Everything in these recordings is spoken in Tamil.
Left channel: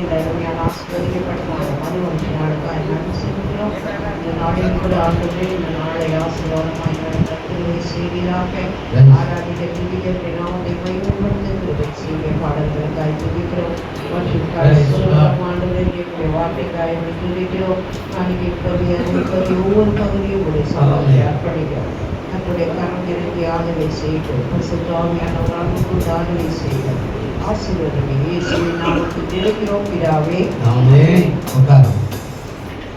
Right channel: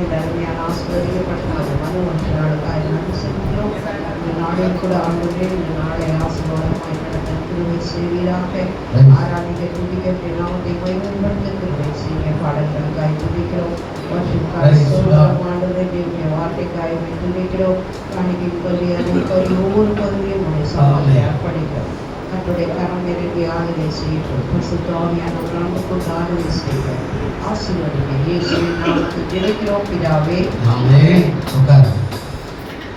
இந்த அருமையான ஆசீர்வதிக்கப்பட்டதாக நாளுக்காக நன்றி செலுத்துகிறோம். இந்த நாளில் கூட ஆண்டவரே இந்த நாளை ஆசீர்வாதமாய் நடத்த கிருபை செய்வீராக. ஆராதிக்க துதிக்க நாமத்தை பயன்படுத்த கிருபை செய்ய பாடல்களுக்காய் துதிக்கிறோம். ஆண்டவரே தேவனுடைய வார்த்தைக்காய் துதிக்கிறோம். காணிக்கை ஒவ்வொரு பகுதியும் உங்களை சவாலை அர்ப்பணிக்கிறோம். தன்னுடைய கரம் இறங்கி ஆளுகை செய்கிறோம். பரிசுத்தமானவர்களுக்கு ஆளுகை செய்கிறோம். ஆசீர்வதிங்க இயேசுவின் நாமத்தில் ஜெபிக்கிறோம் பிதாவே. ஆமென். உட்காருங்க.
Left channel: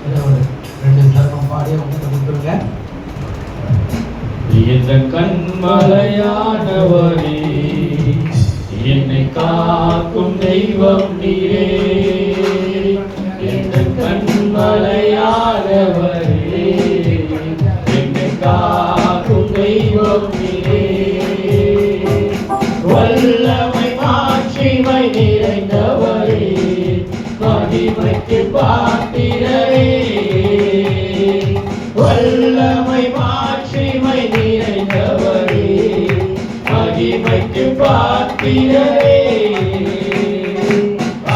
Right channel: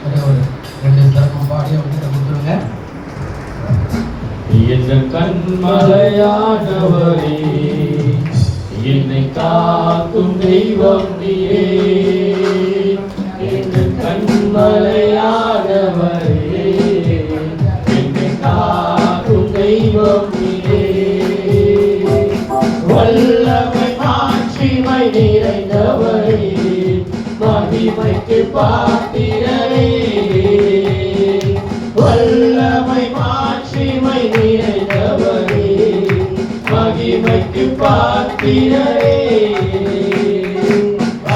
ஒரு ரெண்டு சரணம் பாடி அவங்க கொடுத்துருங்க. என் கண்மலையானவரே, என்னை காக்கும் தெய்வம் நீரே. என் கண்மலையானவரே, என்னை காக்கும் தெய்வம் நீரே. வல்லமை மாட்சிமை நிறைந்தவரே, மகிமைக்கு பாத்திரரே. வல்லமை மாட்சிமை நிறைந்தவரே, மகிமைக்கு பாத்திரரே.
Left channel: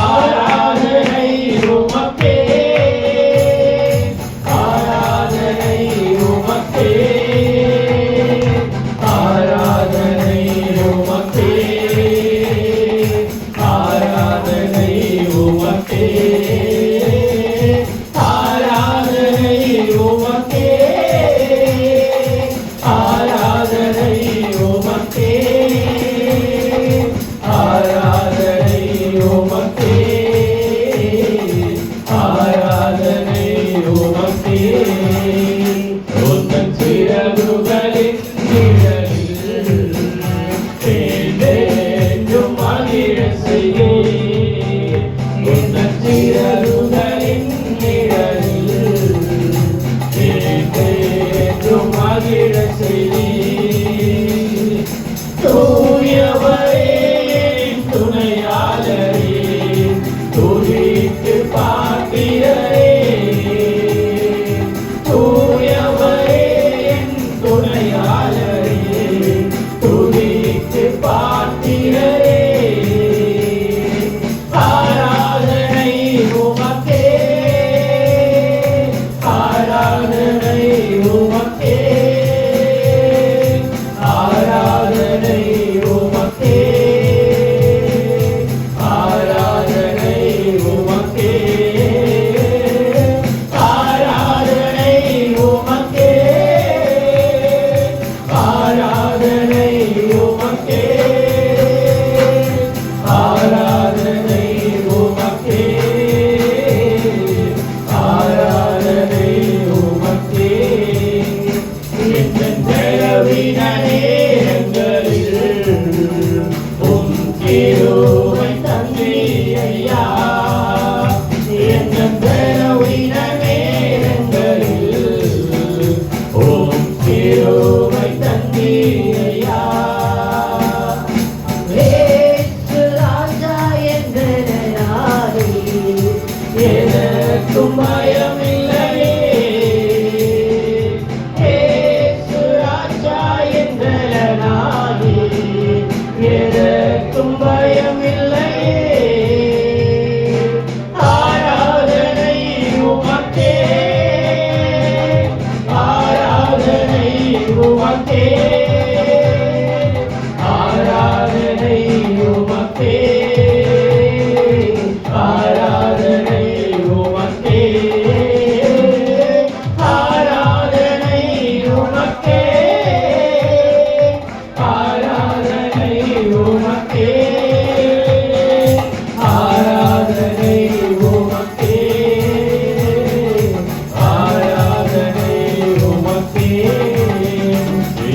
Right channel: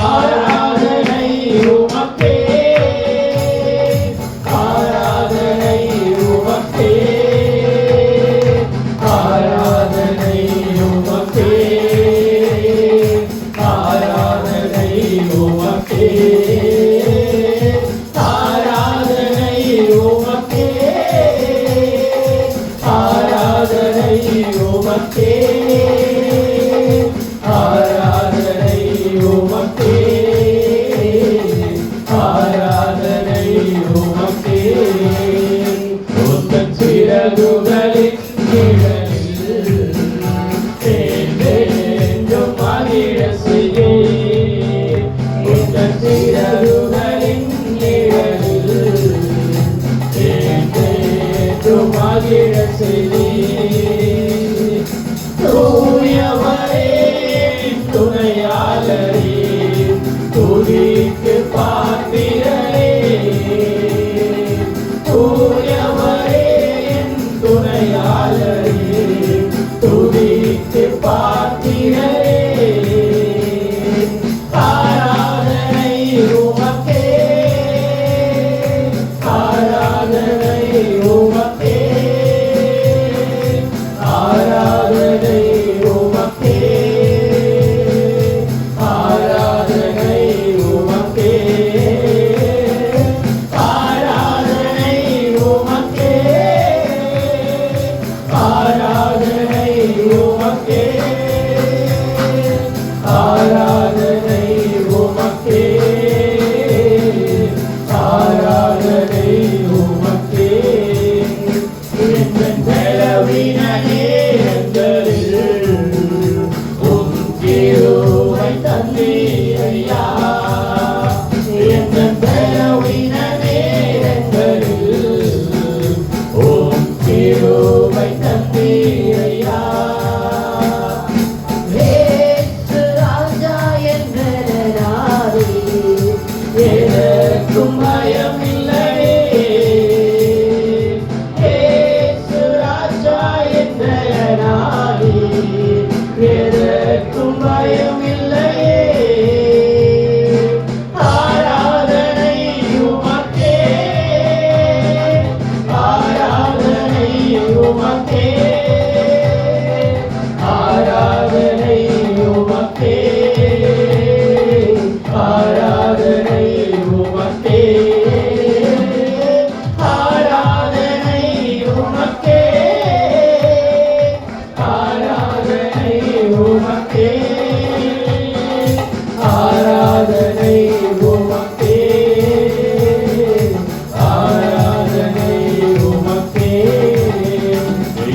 ஆராதனை உமக்கே, ஆராதனை உமக்கே, ஆராதனை உமக்கே, ஆராதனை உமக்கே, ஆராதனை உமக்கே, ஆராதனை உமக்கே, ஆராதனை உமக்கே, ஆராதனை உமக்கே. உந்தன் சிறகுகளின் நிழலில் என்றென்றும் மகிழச் செய்தீர். உந்தன் சிறகுகளின் நிழலில் என்றென்றும் மகிழச் செய்தீர். தூயவரே, துணையாளரே, துதிக்கு பாத்திரரே. தூயவரே, துணையாளரே, துதிக்கு பாத்திரரே. ஆராதனை உமக்கே, ஆராதனை உமக்கே, ஆராதனை உமக்கே, ஆராதனை உமக்கே, ஆராதனை உமக்கே, ஆராதனை உமக்கே, ஆராதனை உமக்கே, ஆராதனை உமக்கே. என் பலவீன நேரங்களில் உம் கிருபை தந்தீர் ஐயா. என் பலவீன நேரங்களில் உம் கிருபை தந்தீர் ஐயா. இயேசு ராஜா என்றாரே, எனக்கும் பயமில்லையே. இயேசு ராஜா என்றாரே, எனக்கும் பயமில்லையே. ஆராதனை உமக்கே, ஆராதனை உமக்கே, ஆராதனை உமக்கே, ஆராதனை உமக்கே, ஆராதனை உமக்கே, ஆராதனை உமக்கே, ஆராதனை உமக்கே, ஆராதனை உமக்கே.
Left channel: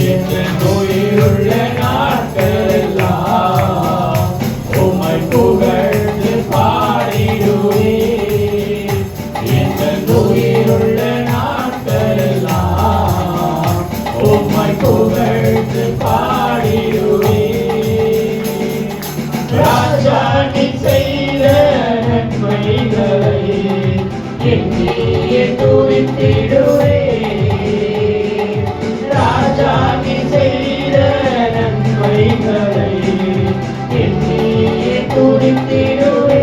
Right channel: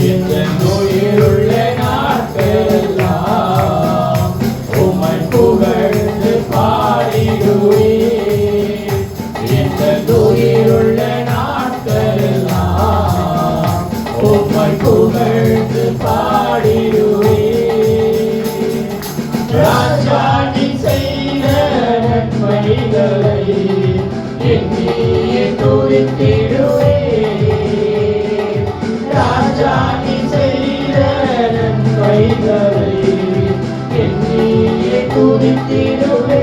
என் உயிருள்ள நாட்களெல்லாம் உம்மை புகழ்ந்து பாடிடுவேன். என் உயிருள்ள நாட்களெல்லாம் உம்மை புகழ்ந்து பாடிடுவேன். ராஜா நீ செய்த நன்மைகளை எண்ணியே துதித்திடுவேன். ராஜா நீ செய்த நன்மைகளை துதித்திடுவேன்.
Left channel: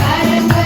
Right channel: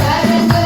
கரங்கள்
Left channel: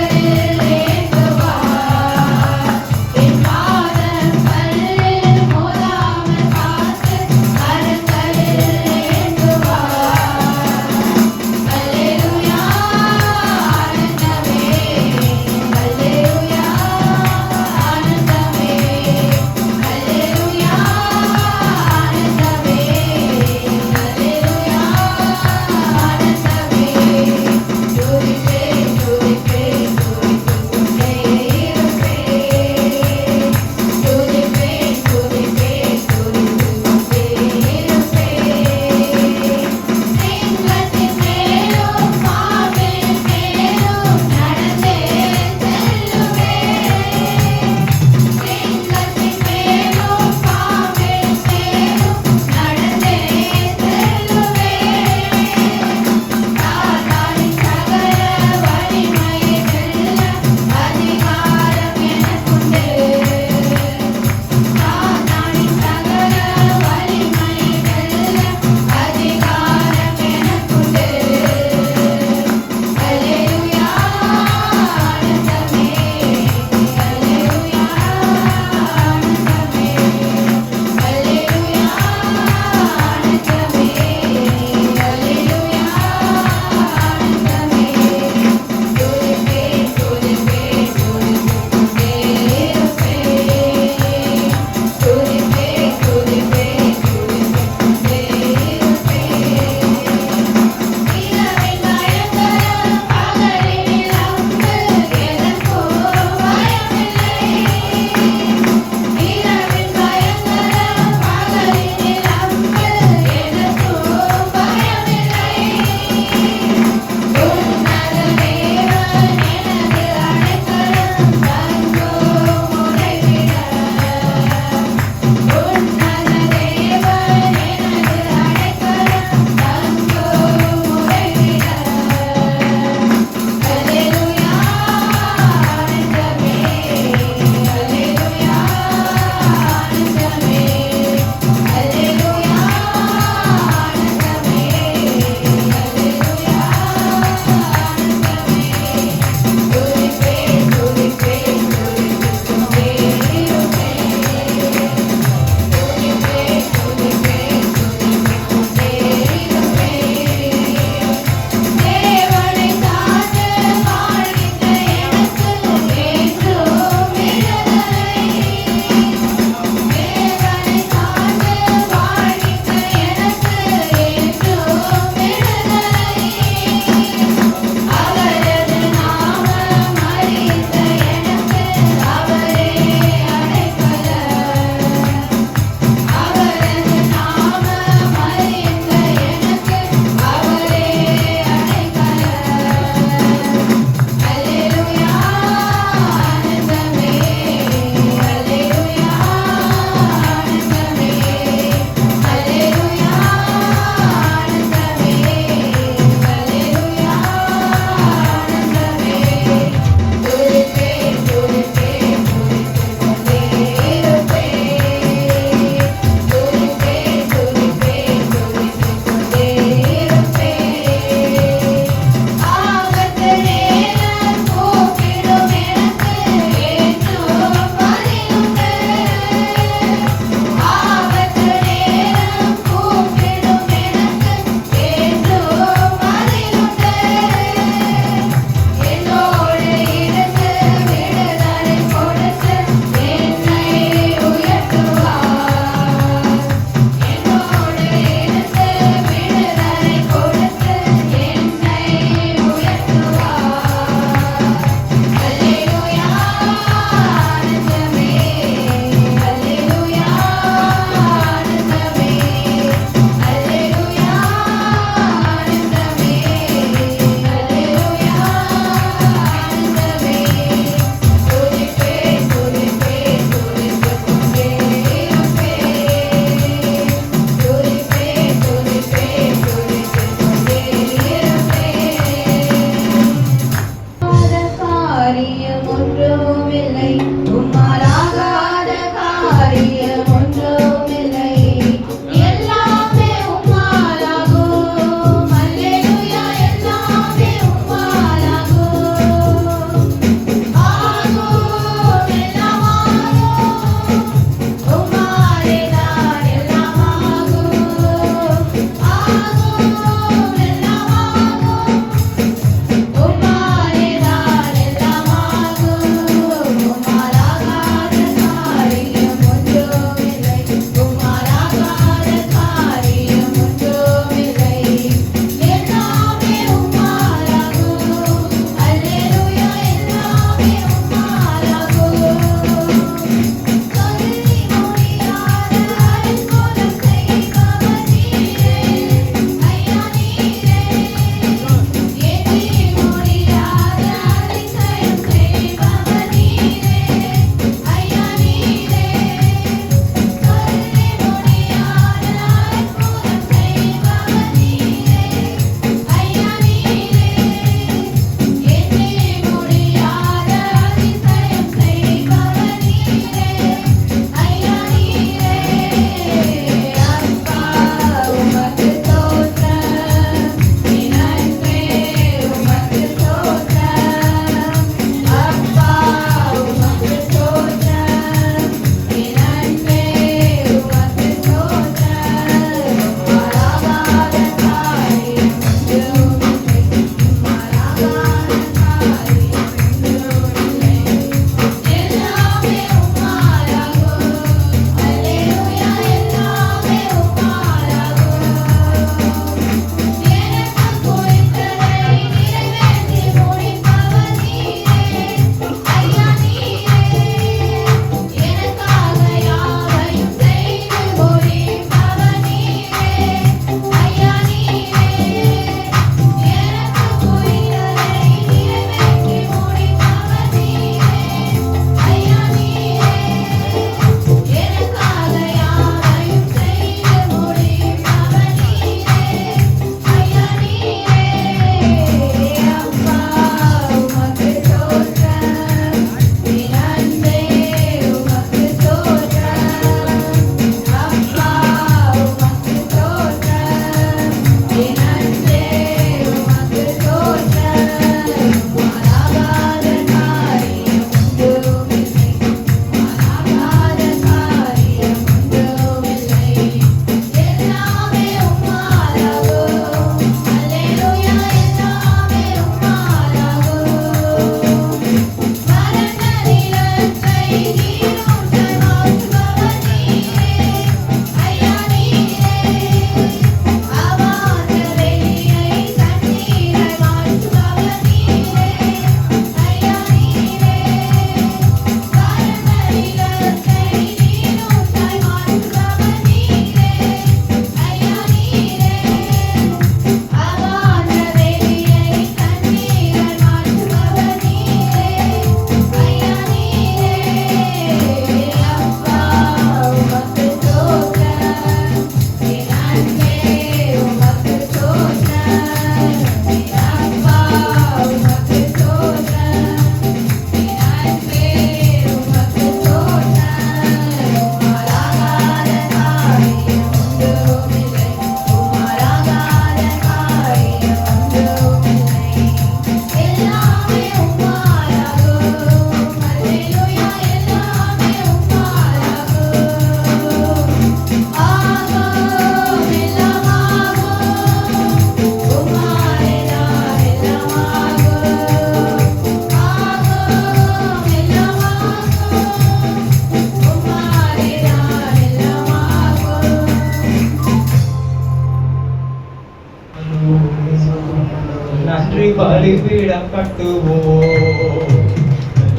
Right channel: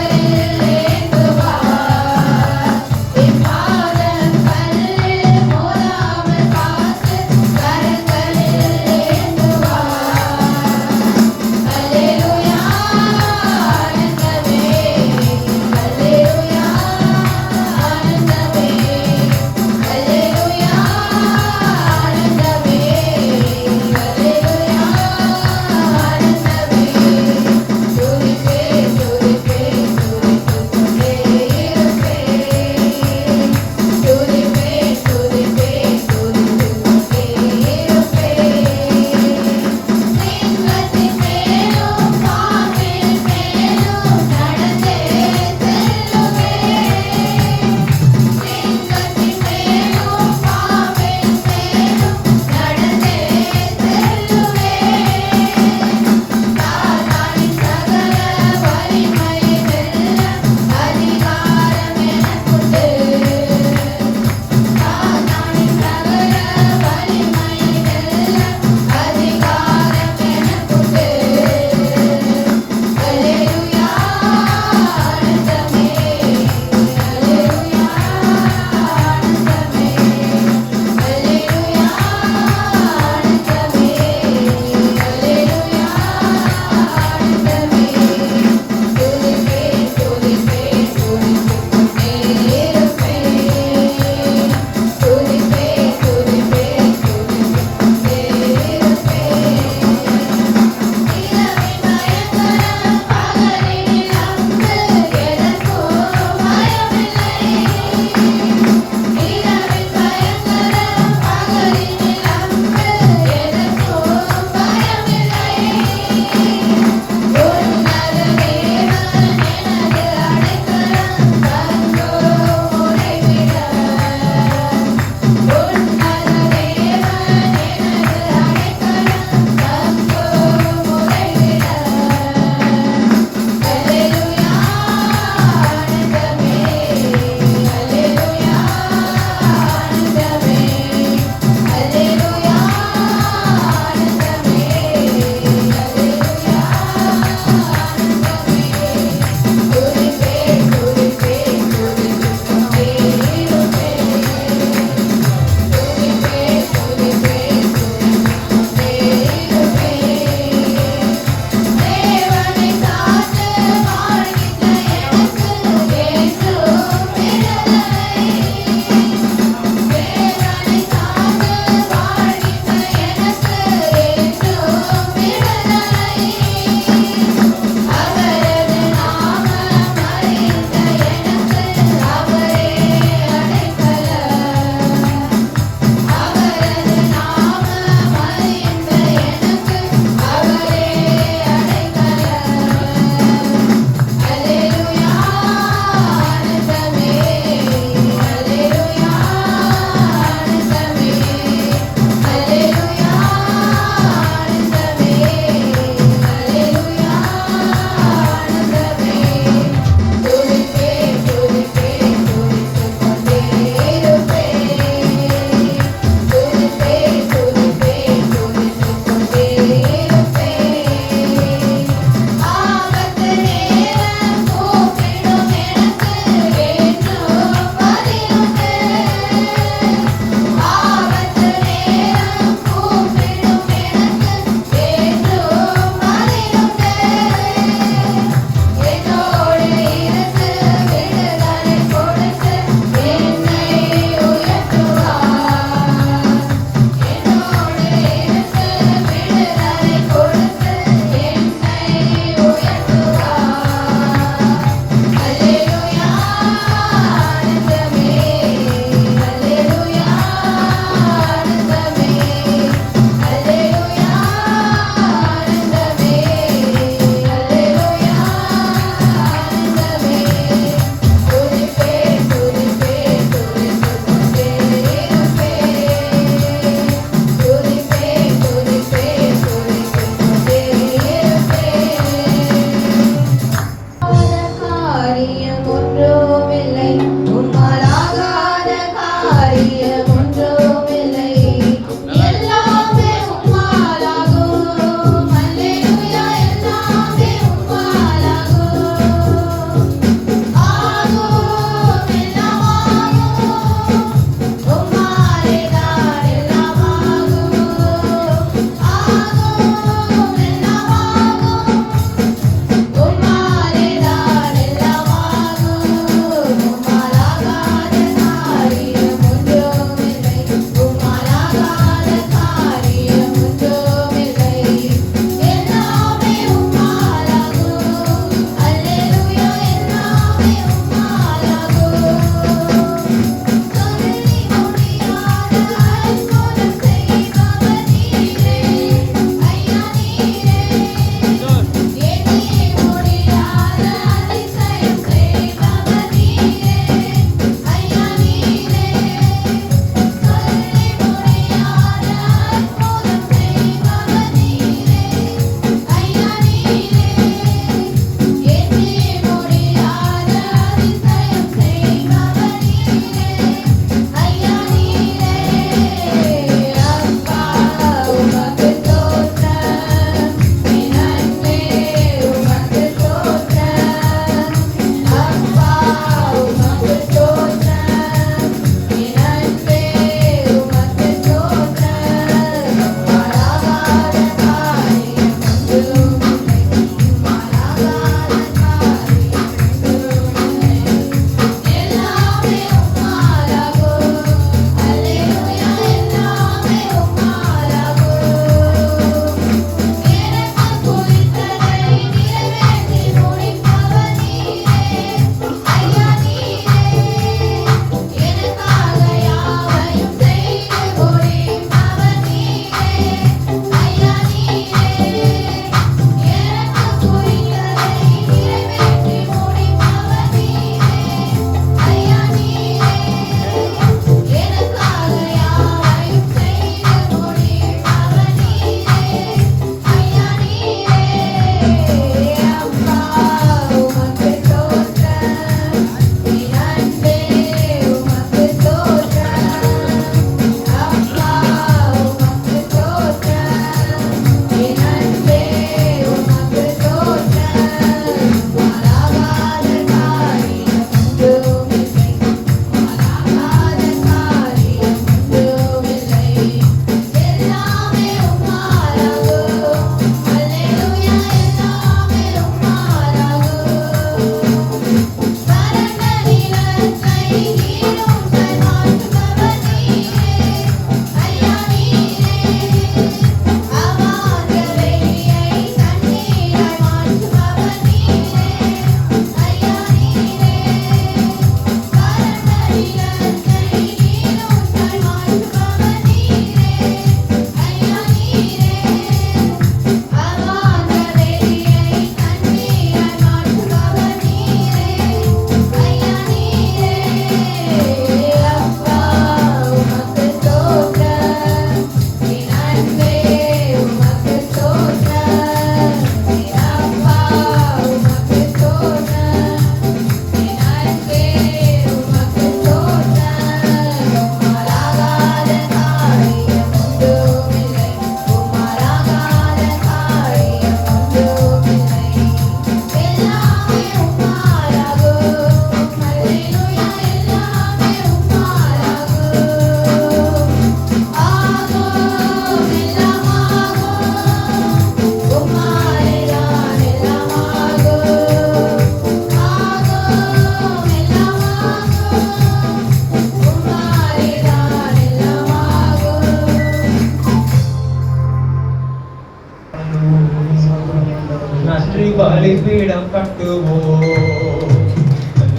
கட்டுவோம்.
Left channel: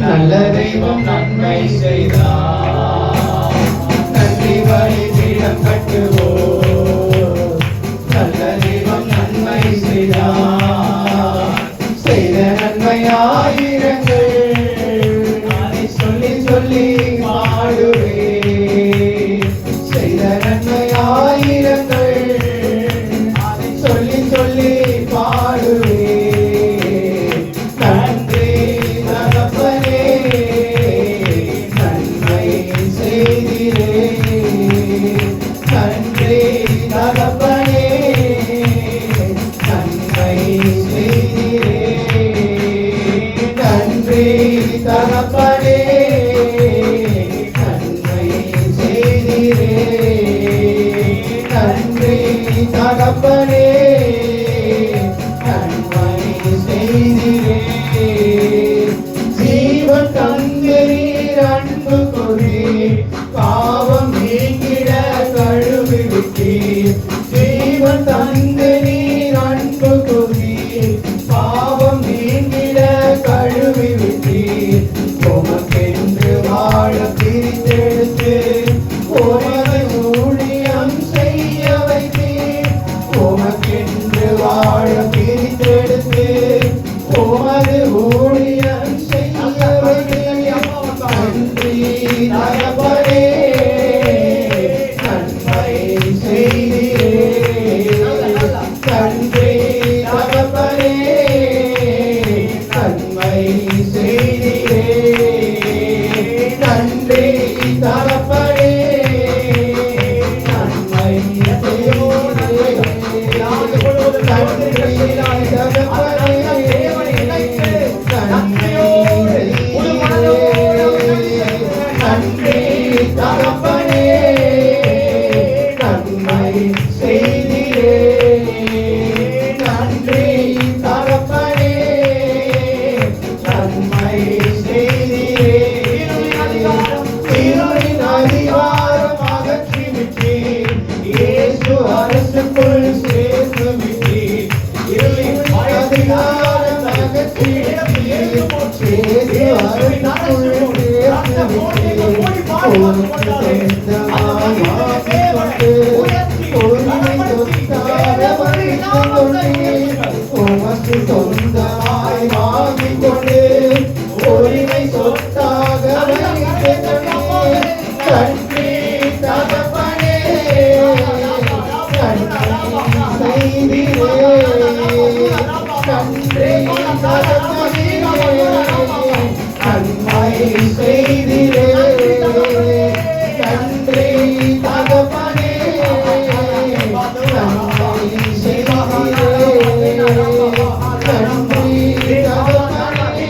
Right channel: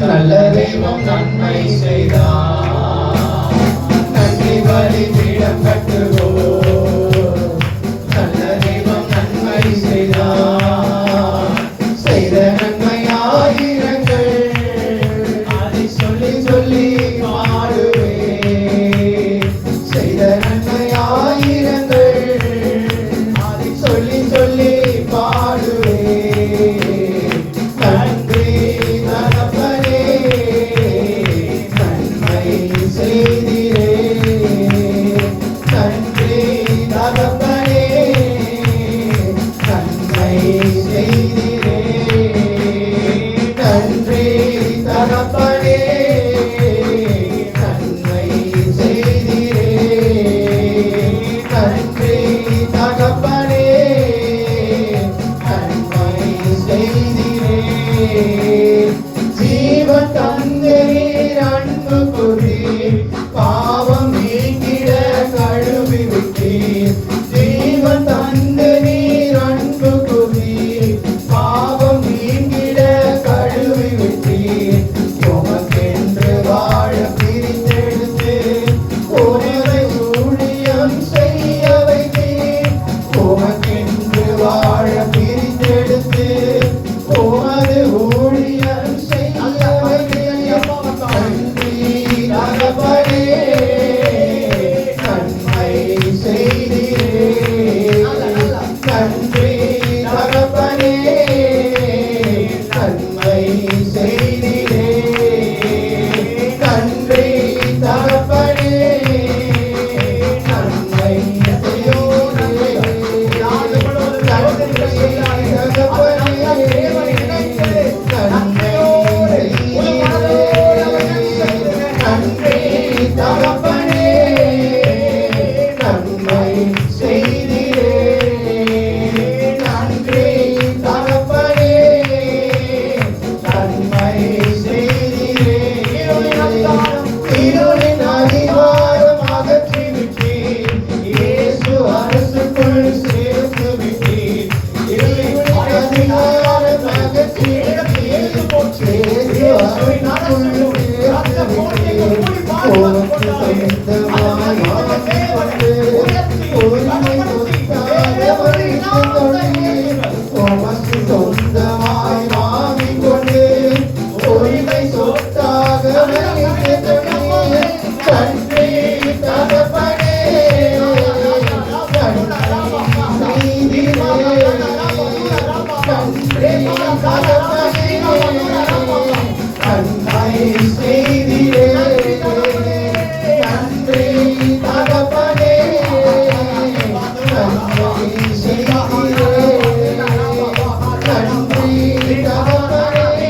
நல்ல தெய்வம் நன்மை செய்தார், நன்றி பலிபீடம் கட்டுவோம். நல்ல தெய்வம் நன்மை செய்தார், செய்த நன்மை ஆயிரங்கள், அதை சொல்லி சொல்லி பாடுவேன். செய்த நன்மை ஆயிரங்கள், அதை சொல்லி சொல்லி பாடுவேன். நன்றி தகப்பனே, நன்மை செய்திரே. நன்றி தகப்பனே, நன்மை செய்திரே. நன்றி தகப்பனே, நன்மை செய்திரே. நன்றி தகப்பனே, நன்மை செய்திரே. ஜீவன் தந்தீர் அன்பு கூறீர், பாவம் நீங்கிட கழுவி விட்டீர். ஜீவன் தந்தீர் அன்பு கூறீர், பாவம் நீங்கிட கழுவி விட்டீர். உமக்கென்று வாழ பிரித்தெடுத்து உமது ஊழியம் செய்ய வைத்தீர். உமக்கென்று வாழ பிரித்தெடுத்து உமது ஊழியம் செய்ய வைத்தீர். நன்றி தகப்பனே, நன்மை செய்திரே. நன்றி தகப்பனே, நன்மை செய்திரே. நன்றி தகப்பனே, நன்மை செய்திரே. நன்றி தகப்பனே, நன்மை செய்திரே. இருளின் அதிகாரம் அகற்றி விட்டீர், இயேசு அரசுக்குள் சேர்த்து விட்டீர். இருளின் அதிகாரம் அகற்றி விட்டீர், இயேசு அரசுக்குள் சேர்த்து விட்டீர். உமக்கு சொந்தமாய் வாங்கிக் கொண்டு, உரிமை சொத்தாக வைத்துக் கொண்டீர். உமக்கு சொந்தமாய் வாங்கிக் கொண்டு, உரிமை சொத்தாக வைத்துக் கொண்டீர். நன்றி தகப்பனே, நன்மை செய்திரே. நன்றி தகப்பனே, நன்மை செய்திரே. நன்றி தகப்பனே, நன்மை செய்திரே. நன்றி தகப்பனே,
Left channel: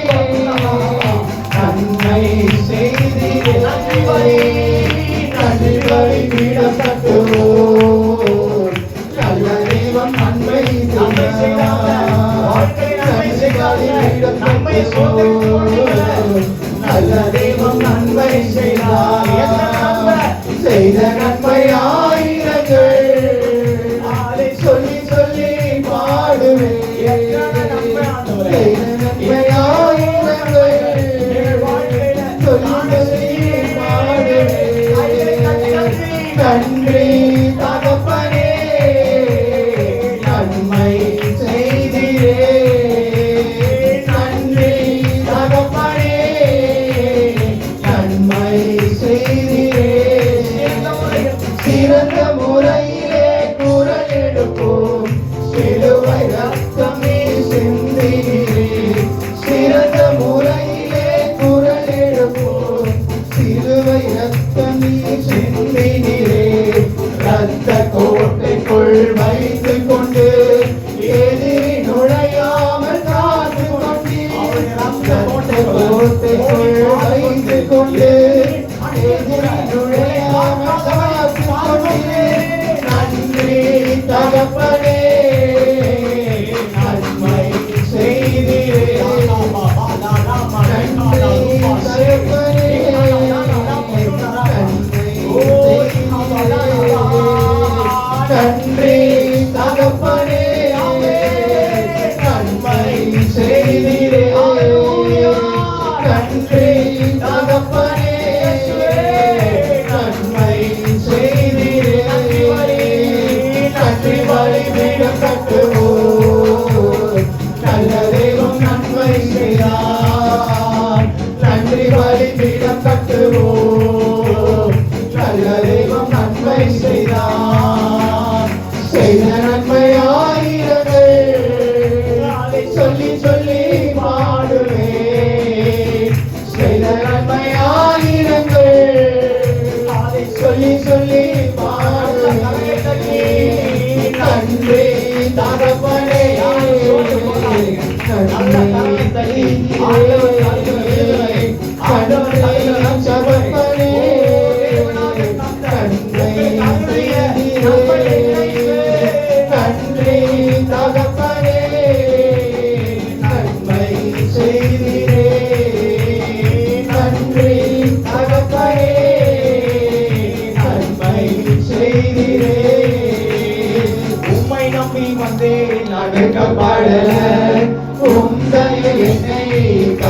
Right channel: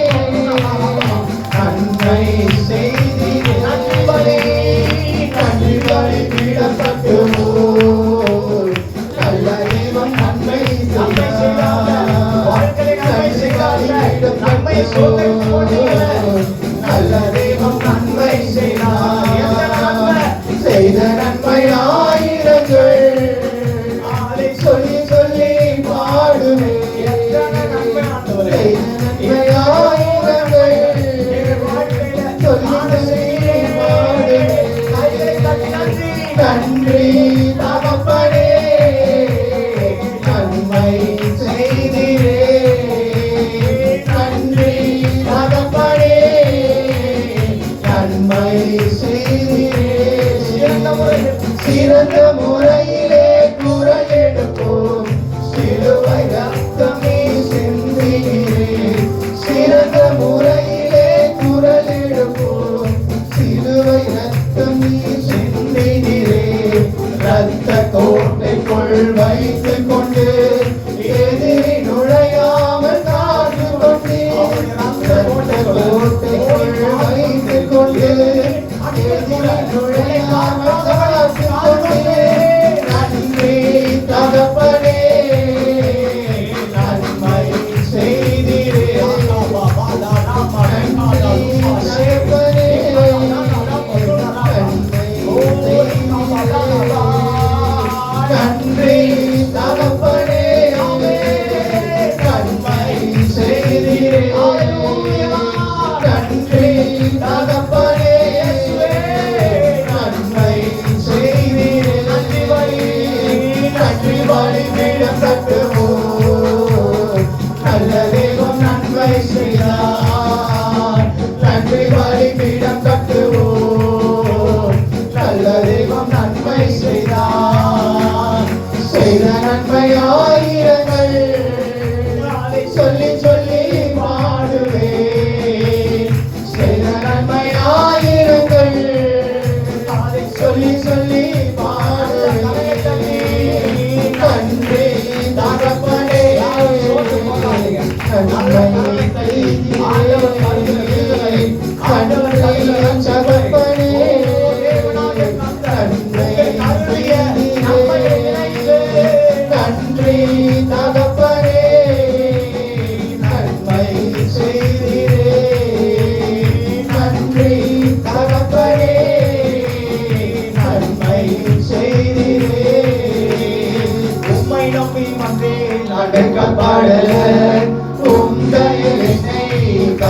நன்மை செய்திரே. நன்றி பலிபீடம் கட்டுவோம். நல்ல தெய்வம் நன்மை செய்தார், நன்றி பலிபீடம் கட்டுவோம். நல்ல தெய்வம்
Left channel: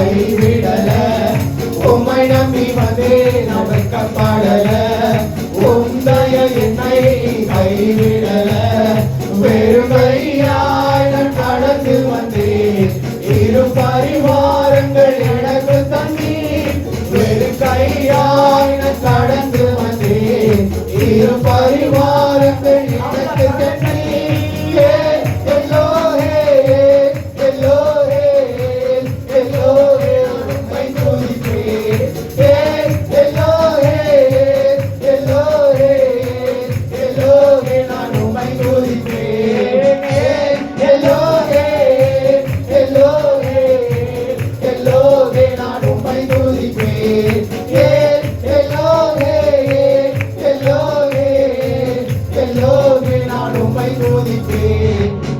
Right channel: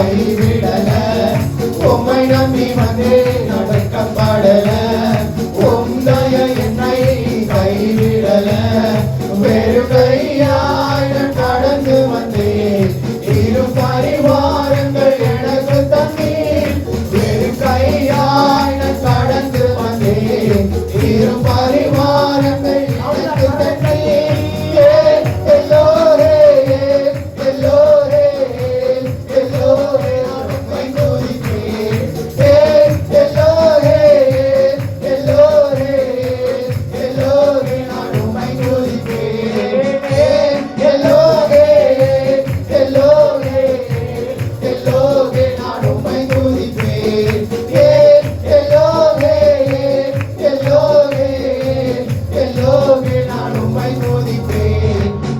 கைவிடல உம்மை நம்பி வந்தே நான் வெட்கப்படல உம்தய என்னை கைவிடல வெறும் கையாய் நான் கடந்து வந்தேன் இரு பரிவாரங்கள் எனக்கு தந்தீர் வெறும் கையாய் நான் கடந்து வந்தேன் இரு பரிவாரங்கள் எனக்கு தந்தீர்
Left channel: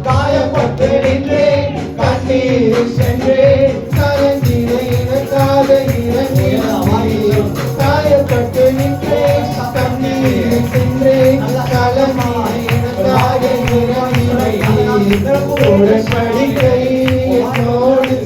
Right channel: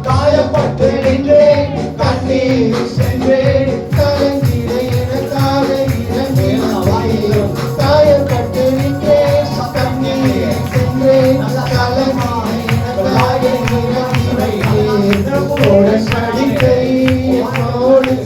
காயப்பட்டு நின்றேன் கண்ணீர் சென்றேன் கலந்திட எனக்காக இறங்கினேன் காயப்பட்டு நின்றேன் கண்ணீர் சென்றேன் கலந்திட எனக்காக இறங்கினேன் உடன்படிக்கை என்னோடு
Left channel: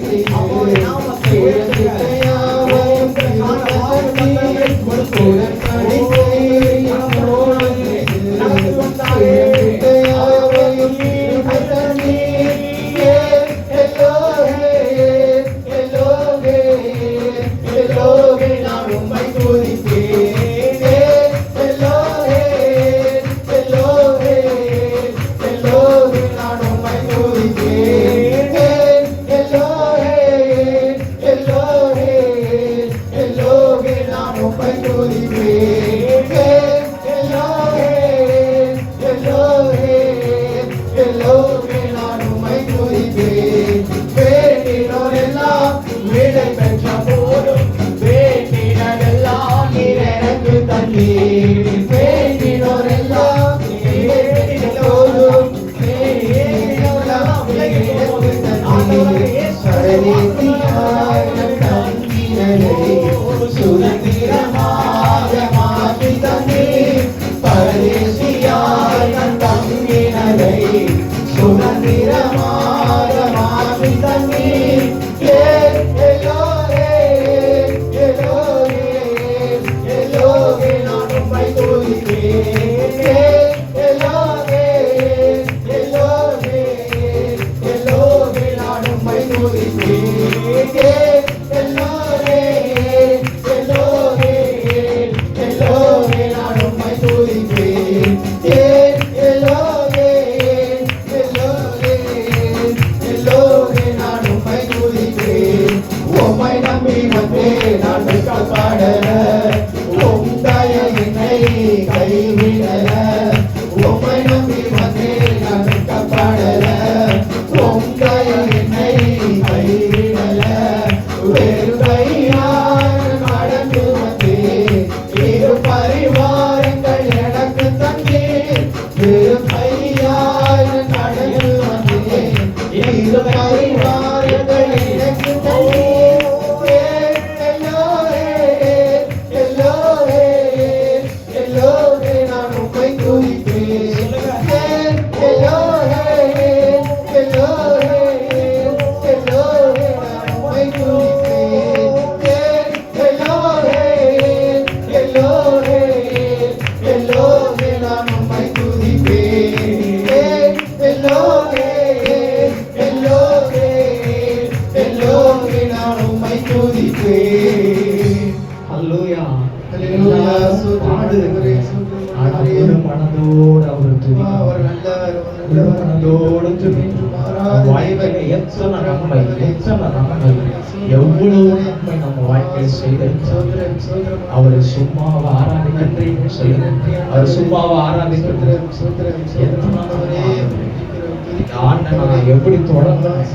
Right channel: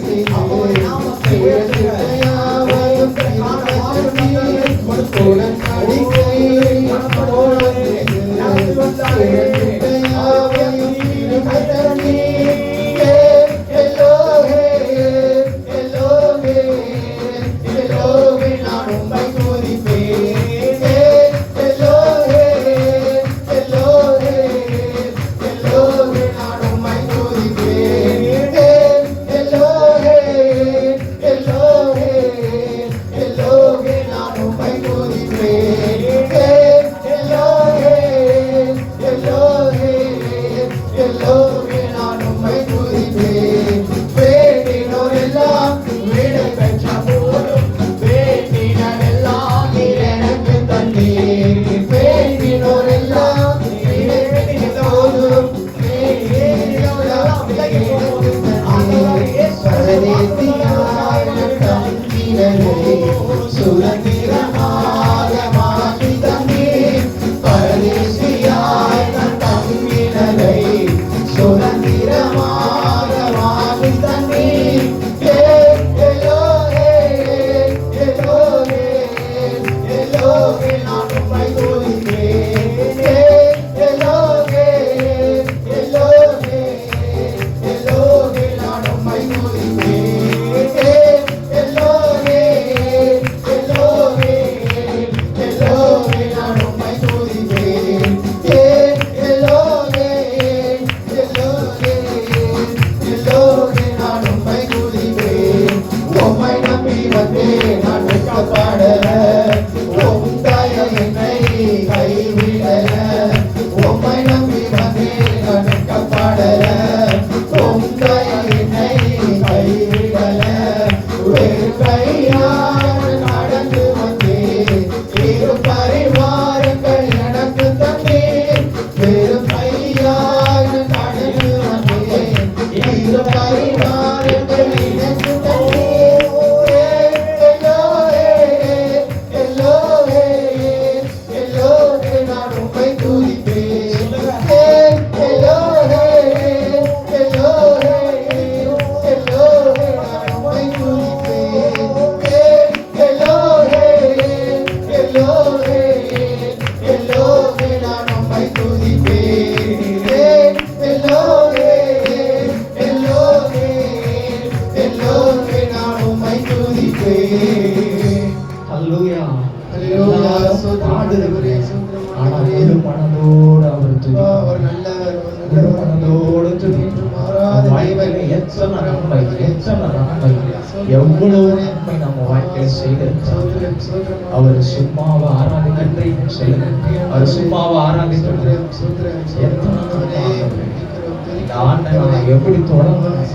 எவ்வளவு நன்மை நம்ம வாழ்க்கையில செய்திருக்கிறார். அவர் சும்மாவை ஆராதிக்கின்ற அவர் சும்மாவை ஆராதிக்கின்ற ஆண்டவரை எப்படி தொடங்கணும்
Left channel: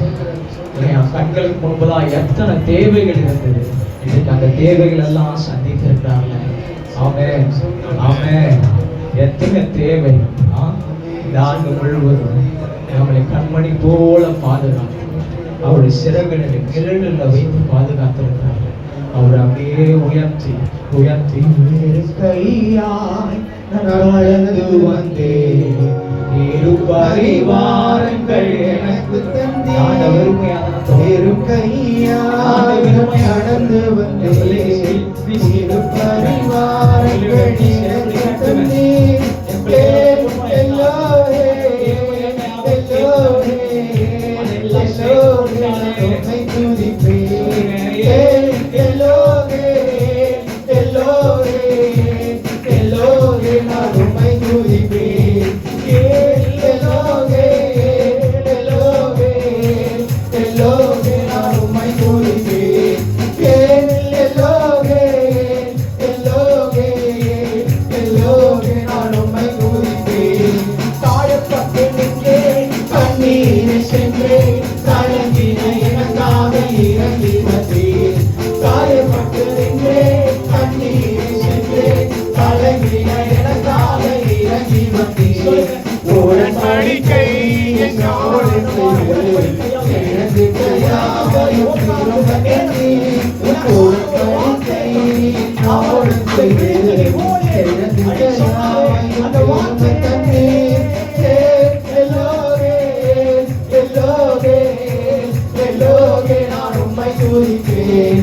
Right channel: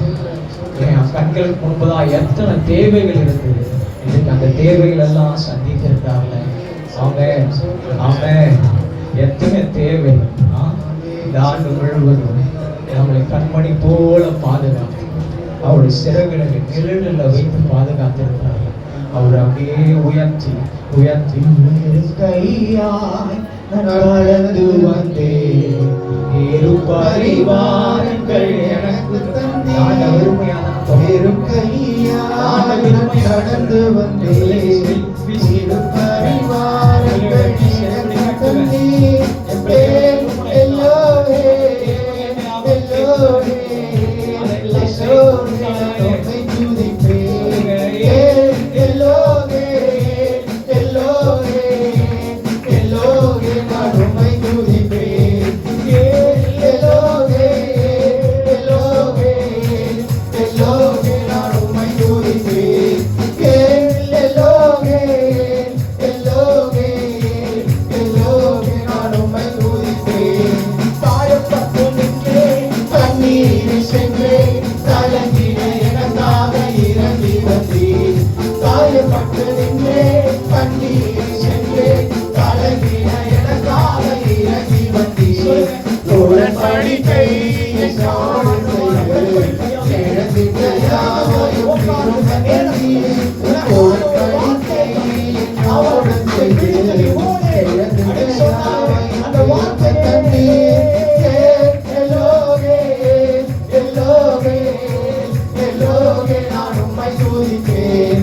என் கண்களுக்கு முன்பதான் எத்தனை தேவைகள் இருந்தது. இன்னைக்கு அந்த தேவைகள் எல்லாம் சந்தித்திருக்கிறாங்க. அவன் எத்தனை தேவை இந்த ஆண்டு முழுவதும் நம்மளை கண்மணி போல பாதுகாத்து அவருடைய சிறகுகளை கிரீடல வைத்து பாதுகாத்திருக்கிறார். அவர் அப்படியே உயர்த்தி உயர்த்தி கையாய் நடந்து வந்தேன் இரு பரிவாரங்கள் எனக்கு தந்தீர் வெறும் கையால் நடந்து வந்தேன் இரு பரிவாரங்கள் எனக்கு தந்தீர் எல்லோரே எல்லோரே எல்லோரே உம்மை துதிப்பேன் எல்லோரே எல்லோரே எல்லோரே நான் உம்மை துதிப்பேன் எல்லோரே எல்லோரே எல்லோரே நான் உம்மை துதிப்பேன் எல்லோரே எல்லோரே எல்லோரே நான் உம்மை துதிப்பேன் காயப்பட்டு நின்றேன் கண்ணீரில் சென்றேன் கலங்கின எனக்காக இறங்கி வந்தேன் காயப்பட்டு நின்றேன் கண்ணீரில் சென்றேன் கலங்கின எனக்காக இறங்கி வந்தேன் உடன்படிக்கை என்னோடு செய்கள் இழந்திட்ட யாவையும் திரும்பி உடன்படிக்கை என்னோடு செய்கள் இழந்திட்ட யாவையும் திரும்ப தந்தீர் எல்லோரே எல்லோரே எல்லோரே நான் உம்மை துதிப்பேன்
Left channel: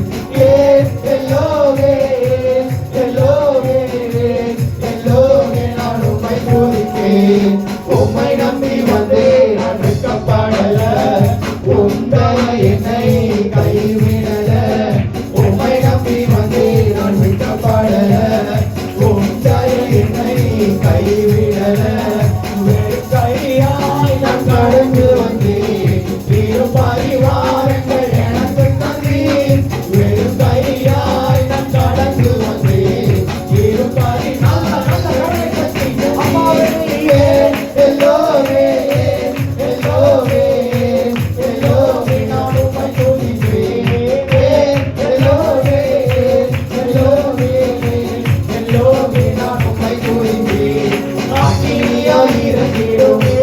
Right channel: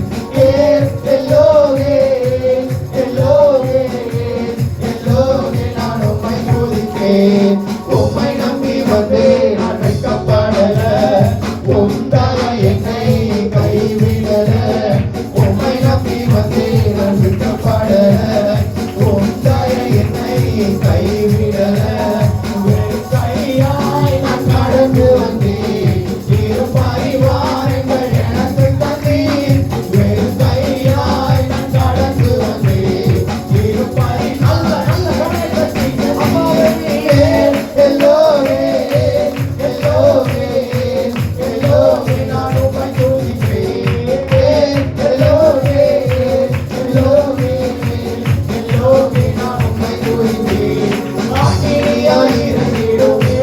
எல்லோரே எல்லோரே எல்லோரே நான் உம்மை துதிப்பேன் உம்மை நம்பி வந்தேன் நான் வெட்கப்படல உம்தான என்னை கைவிடல உம்மை நம்பி வந்தேன் நான் வெட்கப்படல உம்தான என்னை கைவிடல கையாய் நான் கடந்து வந்தேன் இரு பரிவாரங்கள் எனக்கு தந்தீர் வெறும் கையாய் நான் கடந்து வந்தேன் இரு எல்லோரே எல்லோரே எல்லோரே நான் உம்மை துதிப்பேன் எல்லோரே எல்லோரே எல்லோரே நான் உம்மை துதிப்பேன் அக்கினியாய் இறங்கிடுமே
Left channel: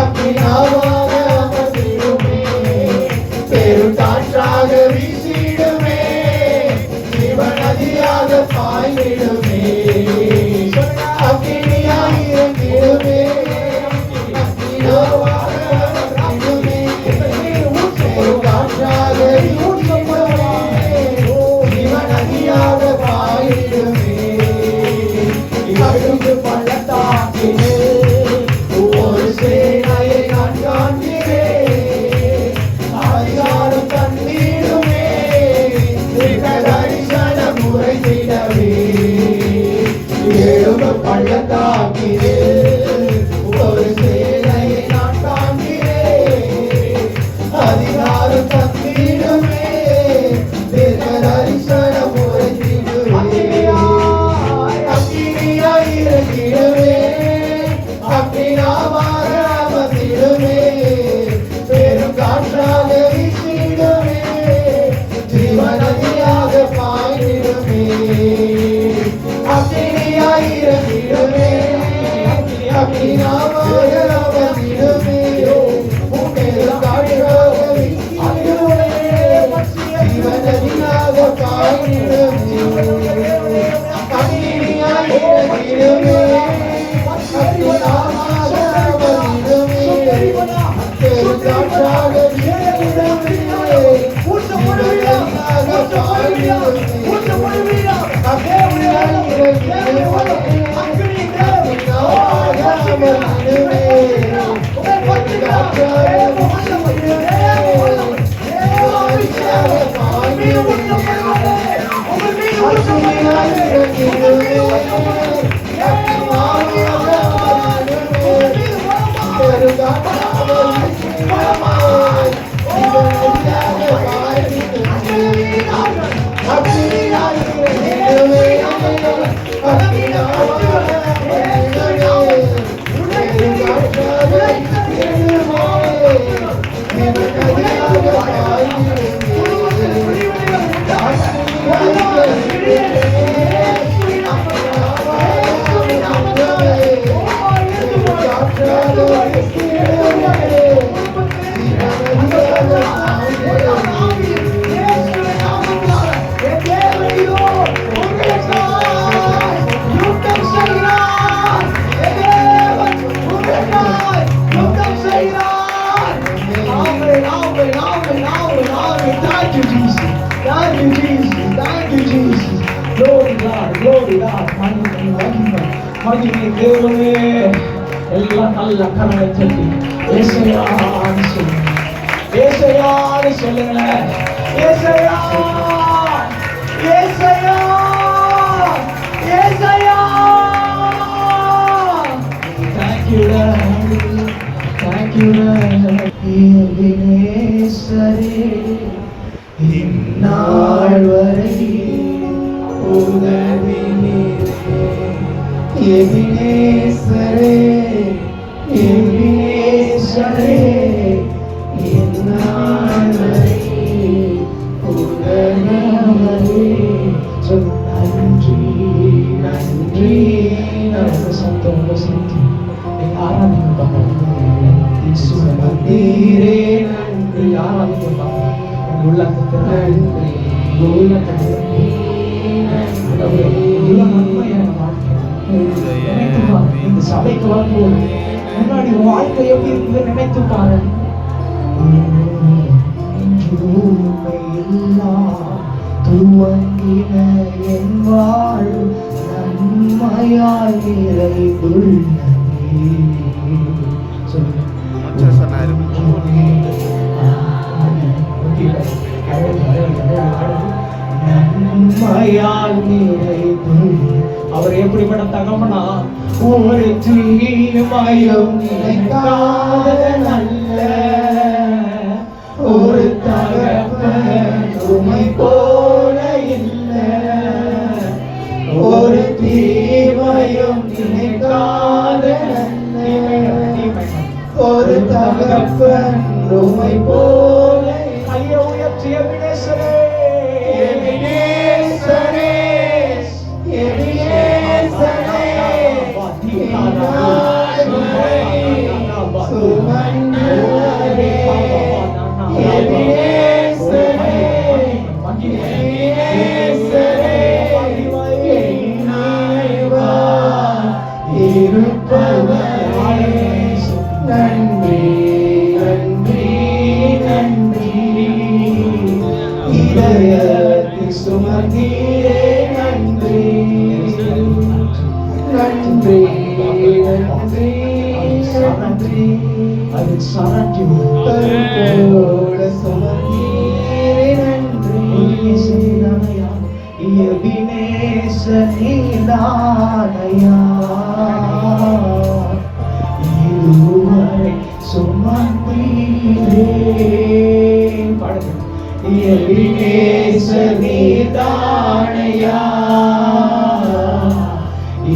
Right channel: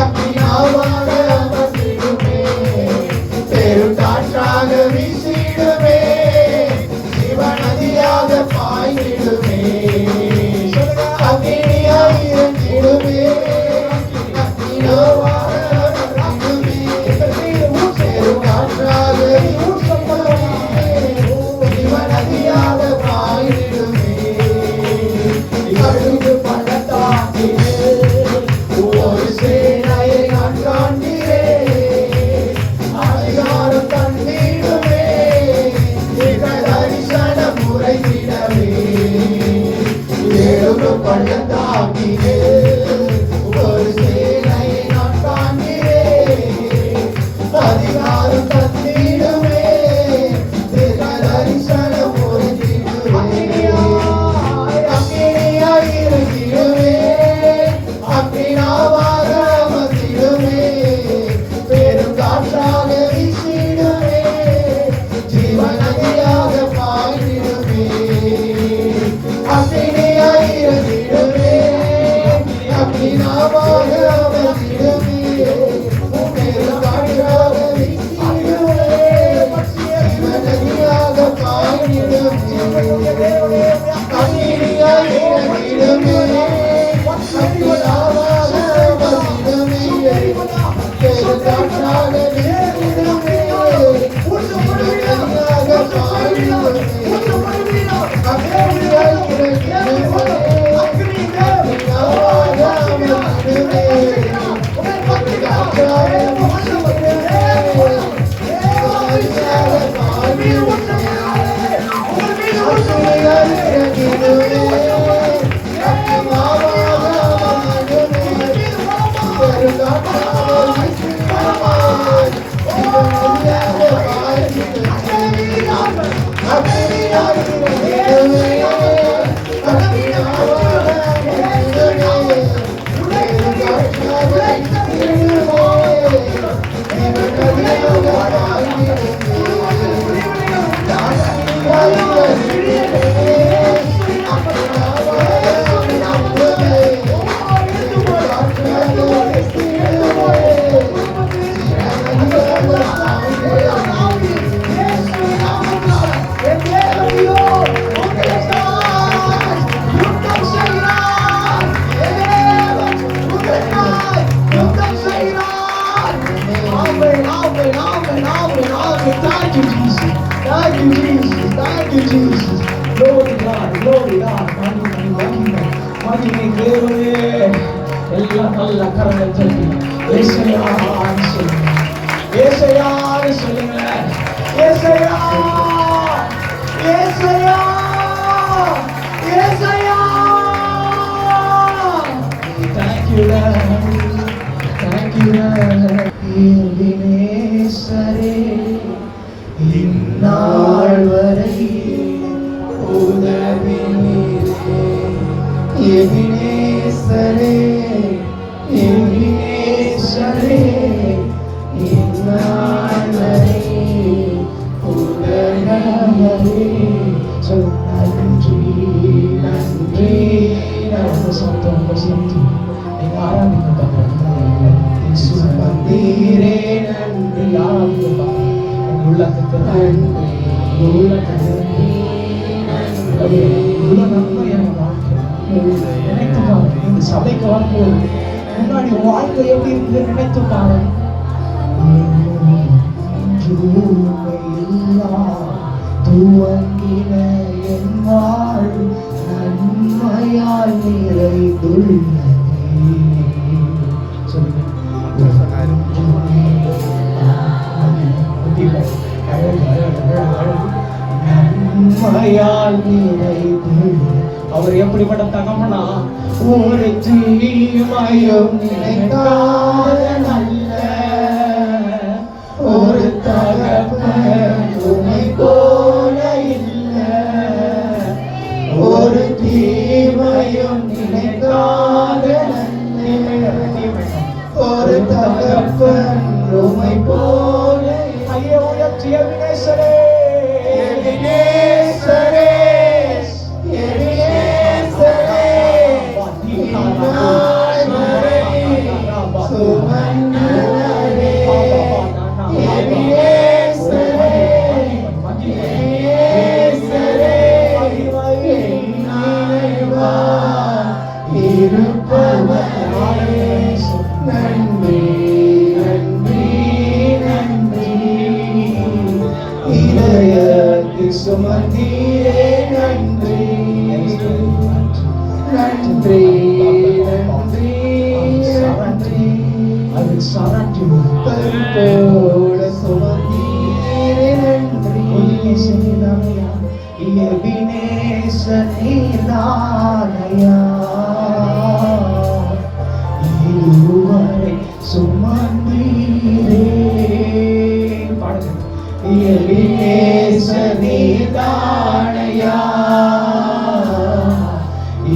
அக்கினாவாக அமர்ந்திடுமே பெருங்காற்றாக வீசிடுமே சிவநதியாக பாய்ந்திடுமே அக்கினியாய் இறங்கிடுமே அக்கினாவாக அமர்ந்திடுமே பெருங்காற்றாக வீசிடுமே சிவநதியாக பாய்ந்திடுமே கடுகு பள்ளத்தாக்கிலே ஒரு சேனையை நான் காண்கிறேன் அதிகாரம் தந்திடுமே தரிசனம் உரைத்திடவே எழுபு பள்ளத்தாக்கிலே ஒரு சேனையை நான் காண்கிறேன் அதிகாரம் தந்திடுமே தரிசனம் உரைத்திடுவே அக்கினியாய் இறங்கிடுமே அக்கினாவாக அமர்ந்திடுமே பெருங்காற்றாக வீசிடுமே ஜீவநதியாக பாய்ந்திடுமே அக்கினியாய் இறங்கிடுமே அக்கினாவாக அமர்ந்திடுமே பெருங்காற்றாக வீசிடுமே ஜீவநதியாக பாய்ந்திடுமே அக்கினியாய் இறங்கிடுமே அக்கினாவாக அமர்ந்திடுமே பெருங்காற்றாக வீசிடுமே ஜீவநதியாக பாய்ந்திடுமே அக்கினியாய் இறங்கிடுமே அக்கினாவாக அமர்ந்திடுமே பெருங்காற்றாக வீசிடுமே ஜீவநதியாக பாய்ந்திடுமே you, Jesus. Glory God, glory God. மகிமை தேவனே. எல்லாம் நல்ல கரங்களை தட்டி ஏசையான்னு சொல்லுங்க. ஏசையான்னு சொல்லுங்க. ஏசையா, ஏசையா, ஏசையா. Thank you, Lord. Thank you, Lord. எபினேசரே, இந்நாள் வரை உதவி நீரே. எபினேசரே, எபினேசரே, இந்நாள் வரை உதவி நீரே. சொல் நன்றி, நன்றி. நல்ல சத்தம் வசந்தி நீங்க ஆராதிக்க சுமந்தீரே நன்றி. ஆராதிக்க உள்ளத்தை நன்றி, உள்ளத்தை இந்த சபைக்கு வரும்போது முன்னாடி வாழ்க்கை எப்படி இருந்து நினைத்து பாருங்க. துவங்கின என் வாழ் நன்மையால் நிறைந்துள்ளதே. நன்மையால் நிறைந்து அவர் எப்படிப்பட்ட தகவனா, ஒரு தீமையும் நினைக்காத நல்ல ஒரு தகப்பன் உம்மை போல இல்லை. ஒரு தீமையும் நினைக்காத நல்ல ஒரு தகப்பன் உம்மை போல. ஐயா உயர்த்தி எபினேசரே, எபினேசரே, எபினேசரே. இந்நாள் வரை சுமந்தவரே. எபினேசரே, எபினேசரே, இந்நாள் இருப்பவரே. நன்றி, நன்றி, நன்றி. இதயத்தில் சுமந்தீரே நன்றி, நன்றி, நன்றி, நன்றி. அது சாராட்டியோட சுமந்தீரே நன்றி. எபினேசனிதானையா, எபினேசனிதானையா. இதுவரை சுமந்தீரே. பாடுங்க. எபினேசனிதானையா,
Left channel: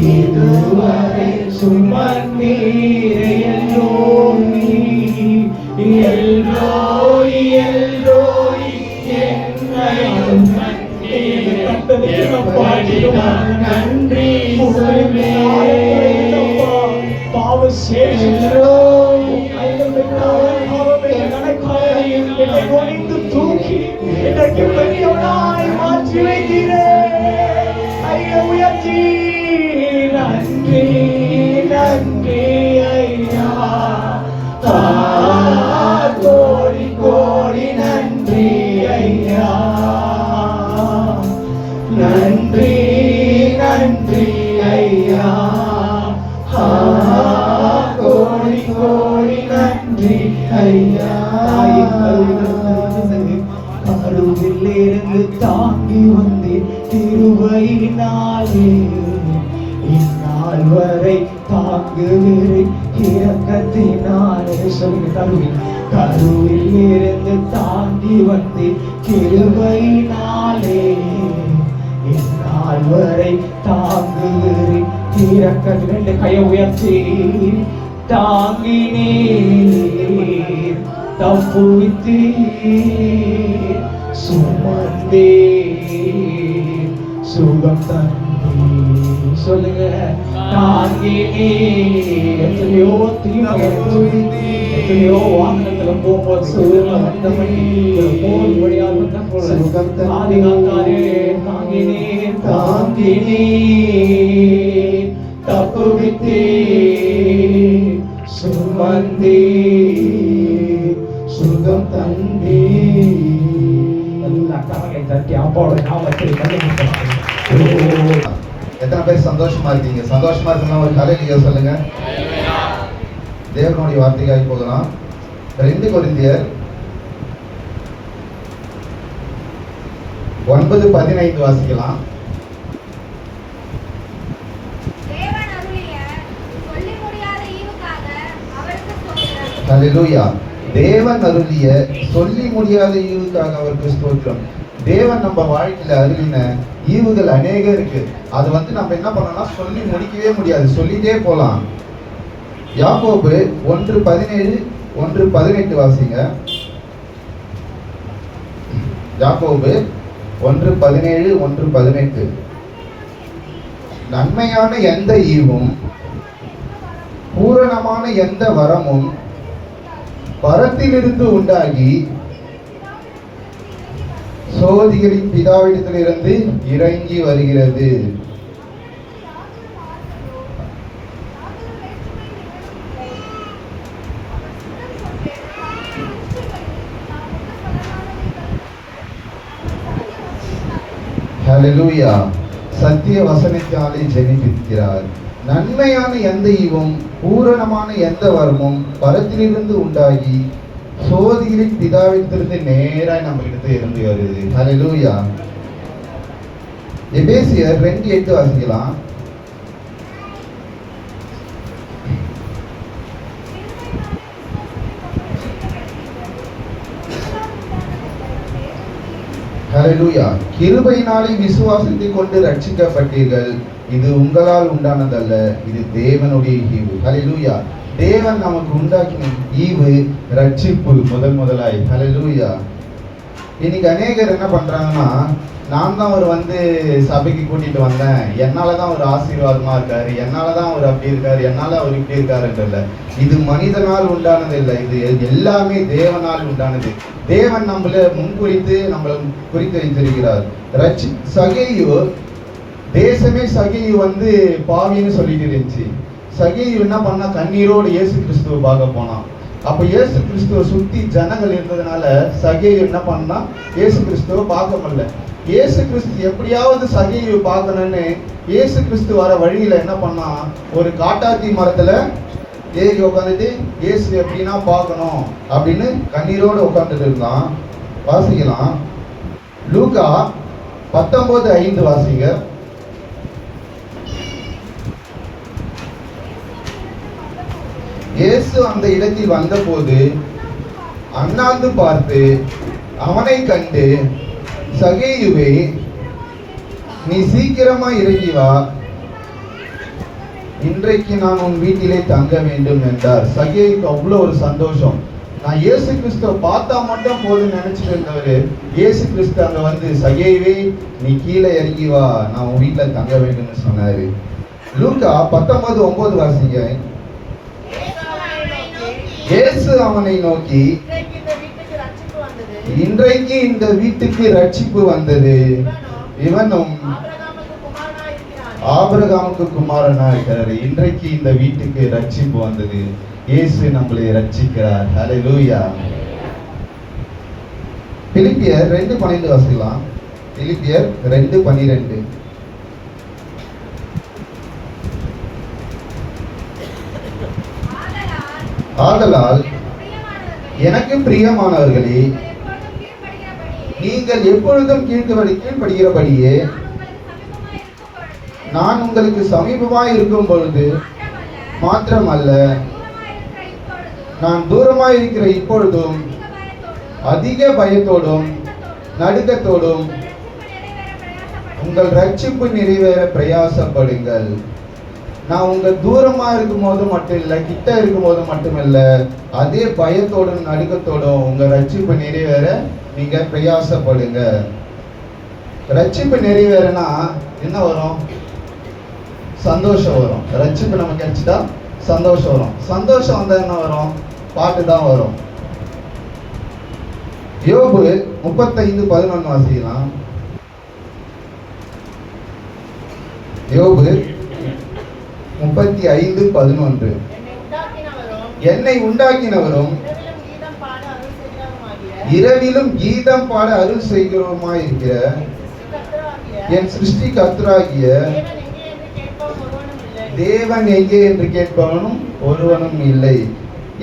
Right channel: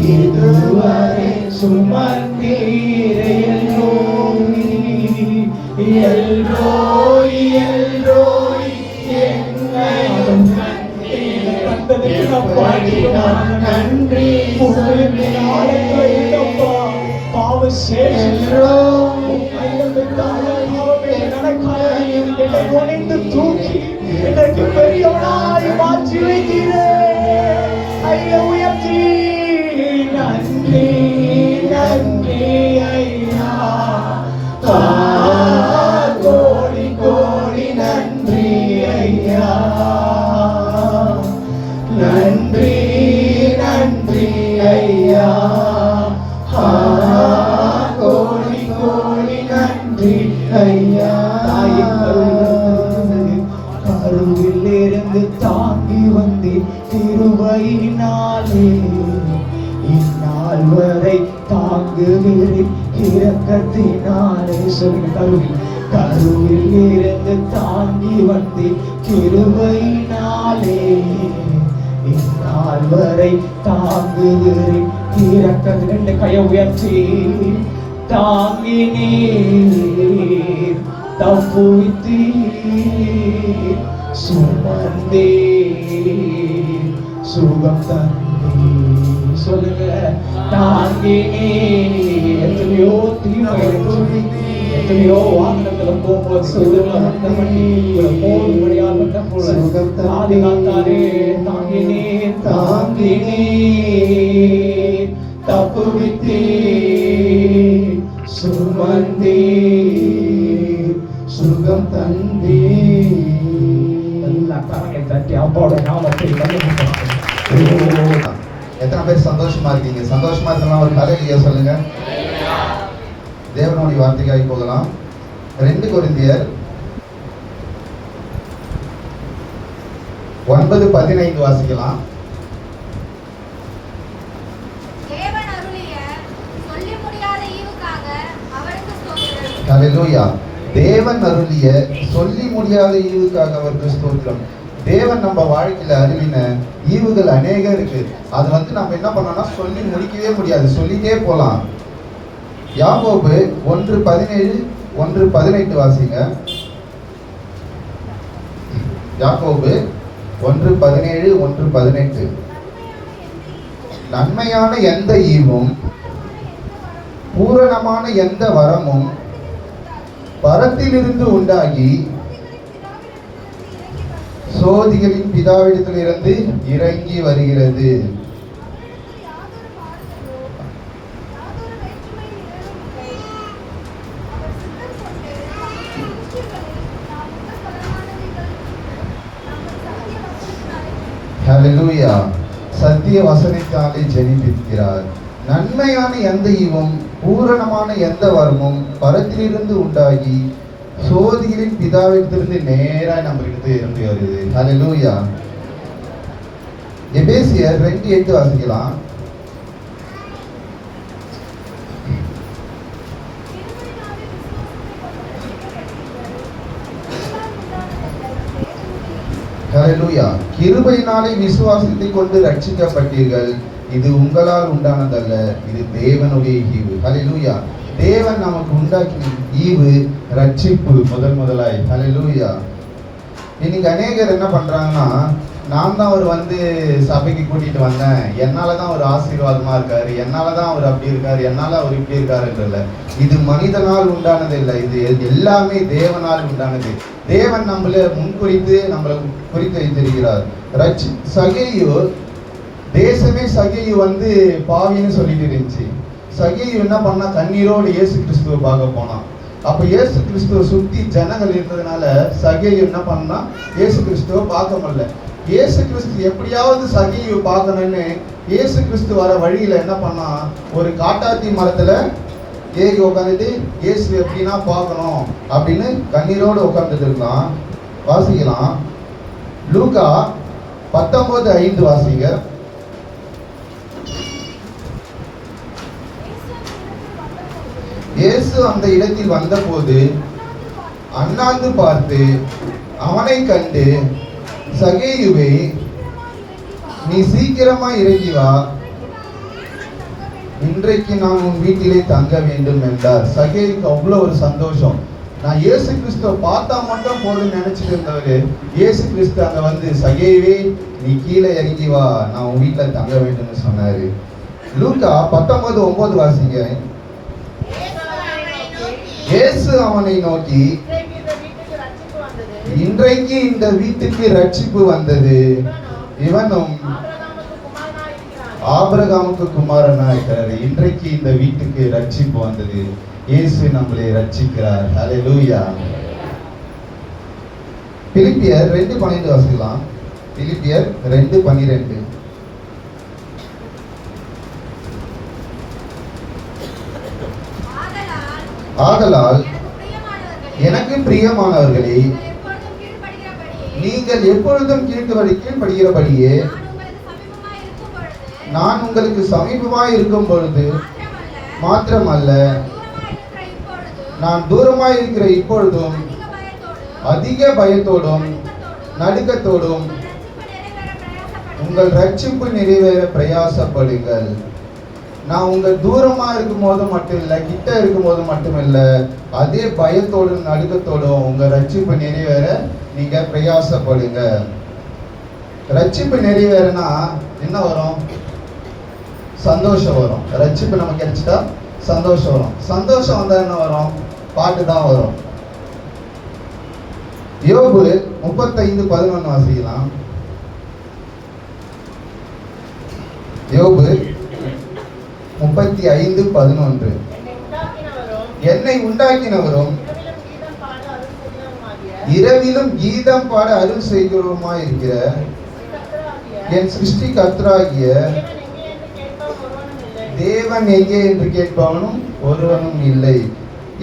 இதுவரை சுமந்தீரே. எல்ரோய், எல்ரோய், என்னை நன்றி பாவ தூக்கி எனக்கு பெரியவனாய் மாற்றி வைக்கிறேன். ஐயா உயர்த்தி நன்றி, நன்றி ஐயா. கோடி கோடி நன்றி ஐயா. நன்றி, நன்றி ஐயா. கோடி கோடி நன்றி ஐயா. கருவிலிருந்து தாங்கி வந்து திருவையினாலே இந்நாள் வரை தாங்குகிற இரக்கத்தினாலே. சொல்லுங்க. கருவில் இருந்து தாங்கி வந்து கிருபையினாலே இந்நாள் வரை தாங்குகிற இரக்கத்தினாலே. ரெண்டு கையை உயர்த்தி தாங்கினீர், தப்புவித்தீர், சுமந்தீர், சுகம் தந்தீர். சொல்லுங்க. தாங்கினீர். எத்தனையோ தீமை, எத்தனையோ வாகனத்துல போகும்போது போன் வழியாக வந்த போல ஆதிகாத்தாரே தாங்கினீர், தாங்கினீர், தப்புவித்தீர், சுமந்தீர், சுகம் தந்தீர். எல்லா கரங்களை தட்டி அப்பாவோட நாமத்தை மகிமைப்படுத்துகிறேன். எத்தனை பேர் சந்தோஷமா இருக்கீங்க? சந்தோஷமா இருக்கலாம் ஒரு ஹல்லேலூயா சொல்லுங்க. தேவனுடைய வார்த்தைக்காய் போகலாம். 2 கொரிந்தியர் 9:15 வாசிக்கலாம். ஹல்லேலூயா. தேவன் அருளிய சொல்லி முடியாத ஈவுக்காக அவருக்கு ஸ்தோத்திரம். தேவன் நம்ம வாழ்க்கையில அருளின ஈவுகள் அநேக இருக்கு. அது நம்ம என்ன பண்ணோம்னா சொல்லி முடிக்கவே முடியாது, சொல்லிட்டே போலாம். யாக்கோபு 1:17 1:18 வாசிங்க. யாக்கோபு 1:17 1:18. நன்மையான எந்த ஈவும் பூரணமான எந்த வரமும் பரத்திலிருந்து உண்டாகி சோதிகளின் பிதாவிடத்திலிருந்து இறங்கி வருகிறது. ஹல்லேலூயா. சத்திய வசனத்தாலே ஜெனிப்பிக்கிறார். நன்மையான எந்த ஈவும் பூரணமான எந்த வரமும் பரத்திலிருந்து உண்டாகி சோதிகளின் பிதாவிடத்திலிருந்து நேராக நம்ம இடத்துல இருந்து வருது. ஹல்லேலூயா. எபேசியர் 2:8 வாசிக்கலாம். ஹல்லேலூயா. கிருபையினாலே விசுவாசத்தை கொண்டு ரட்சிக்கப்பட்டீர்கள். இது உங்களால் உண்டானதல்ல, இது தேவனுடைய ஈவு. ஹல்லேலூயா. தேவன் நமக்கு உண்டாக்கின ஈவு ரட்சிப்பு முதலாய். ஹல்லேலூயா. இன்னைக்கு அநேகர் என்ன பண்றாங்கன்னா, நான் தான் அவர் சபைக்கு கூட்டிட்டு வந்தேன், என்னாலதான் அவர் ஆசீர்வாதமா இருக்காரு, என்னாலதான் அவர் அப்படி இருக்காரு, என்னால அவர் இப்படி இருக்காருன்றல. இது மனிதனால் உண்டானது இல்லை, இது எல்லாமே தேவனால் உண்டானது. தேவன் நம்மள முன்குறித்து நம்மளை குறித்து வைத்திருக்கிறார். சகேயு தேசமே சகேயு பாவின்னு சொல்லிட்டு இருந்துச்சு. சகேயு என்ன பண்ணா, கண்ணீரோடு இயேசு கிறிஸ்துவை பார்க்க போனான். அப்ப இயேசு கிறிஸ்துவை சுத்தி ஜனங்கள் இருந்ததுனால சகேயு என்ன பண்ணா, இயேசு கிறிஸ்துவை பார்க்க முடியல. இயேசு கிறிஸ்து எப்படியாவது சகேயு பார்க்கணும்னு இயேசு கிறிஸ்து வர வழியில என்ன பண்ணா, ஒரு காட்டாத்தி மரத்துல ஏறி உட்காந்துட்டு இயேசு எப்படின்னா பார்க்கணும் அப்படின்னு கண்ணீரோடு உட்காந்துட்டு இருக்கலாம். வாசிக்கலாம். லூக்கா 19:5 வாசிங்க. இயேசு அந்த இடத்தில் வந்தபோது அண்ணாந்து பார்த்து அவனை கண்டு, சகேயுவே, நீ சீக்கிரமா இறங்கி வா, இன்றைக்கு நான் உன் வீட்டிலே தங்க வேண்டும் என்றார். சகேயுக்கு அவ்வளவு ஒரு சந்தோஷம். நான் இயேசு கிறிஸ்துவ பார்த்தா மட்டும் போதும் நினைச்சிட்டு இருந்தவரு, இயேசு கிறிஸ்து அங்க சகேயுவே, நீ கீழே இறங்கி வா, நான் உன் வீட்டுல தங்க வேண்டும்னு சொன்னாரு. லூக்கா 19:9 வாசிங்க. இயேசு அவனை நோக்கி, இன்றைக்கு இந்த வீட்டுக்கு ரட்சிப்பு வந்தது, இவனும் ஆபிரகாமுக்கு குமாரனா இருக்கிறாரு. இன்றைக்கு இந்த வீட்டுக்கு ரட்சிப்பு வந்தது. இயேசு நம்மளை ரட்சிக்கிறார். ஹல்லேலூயா. பிலிப்பியர் 2:12 வாசிக்கலாம். பிலிப்பியர் 2:12. ஆதலால் எனக்கு பிரியமானவர்களே, நீங்கள் எப்பொழுதும் கீழ்ப்படுகிறபடியே நான் உங்களுக்கு சமீபமாய் இருக்கும் பொழுது மாத்திரமல்ல, நான் தூரமாய் இருக்கிற இப்பொழுதும் அதிக பயத்தோடும் நடுக்கத்தோடும் உங்கள் ரட்சிப்பு நிறைவேற பிரயாசப்படுங்கள். நான் உங்க தூரமா இருக்கும் போது மட்டும் இல்ல, கிட்ட இருக்கும் போது மட்டும் இல்ல, அதே பயத்தோடும் நடுக்கத்தோடும் உங்க ரட்சிப்பு நிறைவேற நீங்க பிரயாசப்படுங்க. ரட்சிப்பு நிறைவேறனா என்ன வரும்? சந்தோஷம் வரும். ரட்சிப்பு நமக்கு கிடைச்சிட்டா சந்தோஷம் வரும். சந்தோஷம் வந்தா என்ன வரும்? பாட்டு தான் வரும். யோபு 35:11 வாசிக்கலாம். யோபு 35:11. என்னை உண்டாக்கினவரும் இரவிலும் கீதம் பாட அருள் செய்கிறவருமாய் இருக்கிற என் சிருஷ்டி கர்த்தராகிய தேவன் எங்கே என்று கேட்பவனும் ஒருவனும் இல்லை.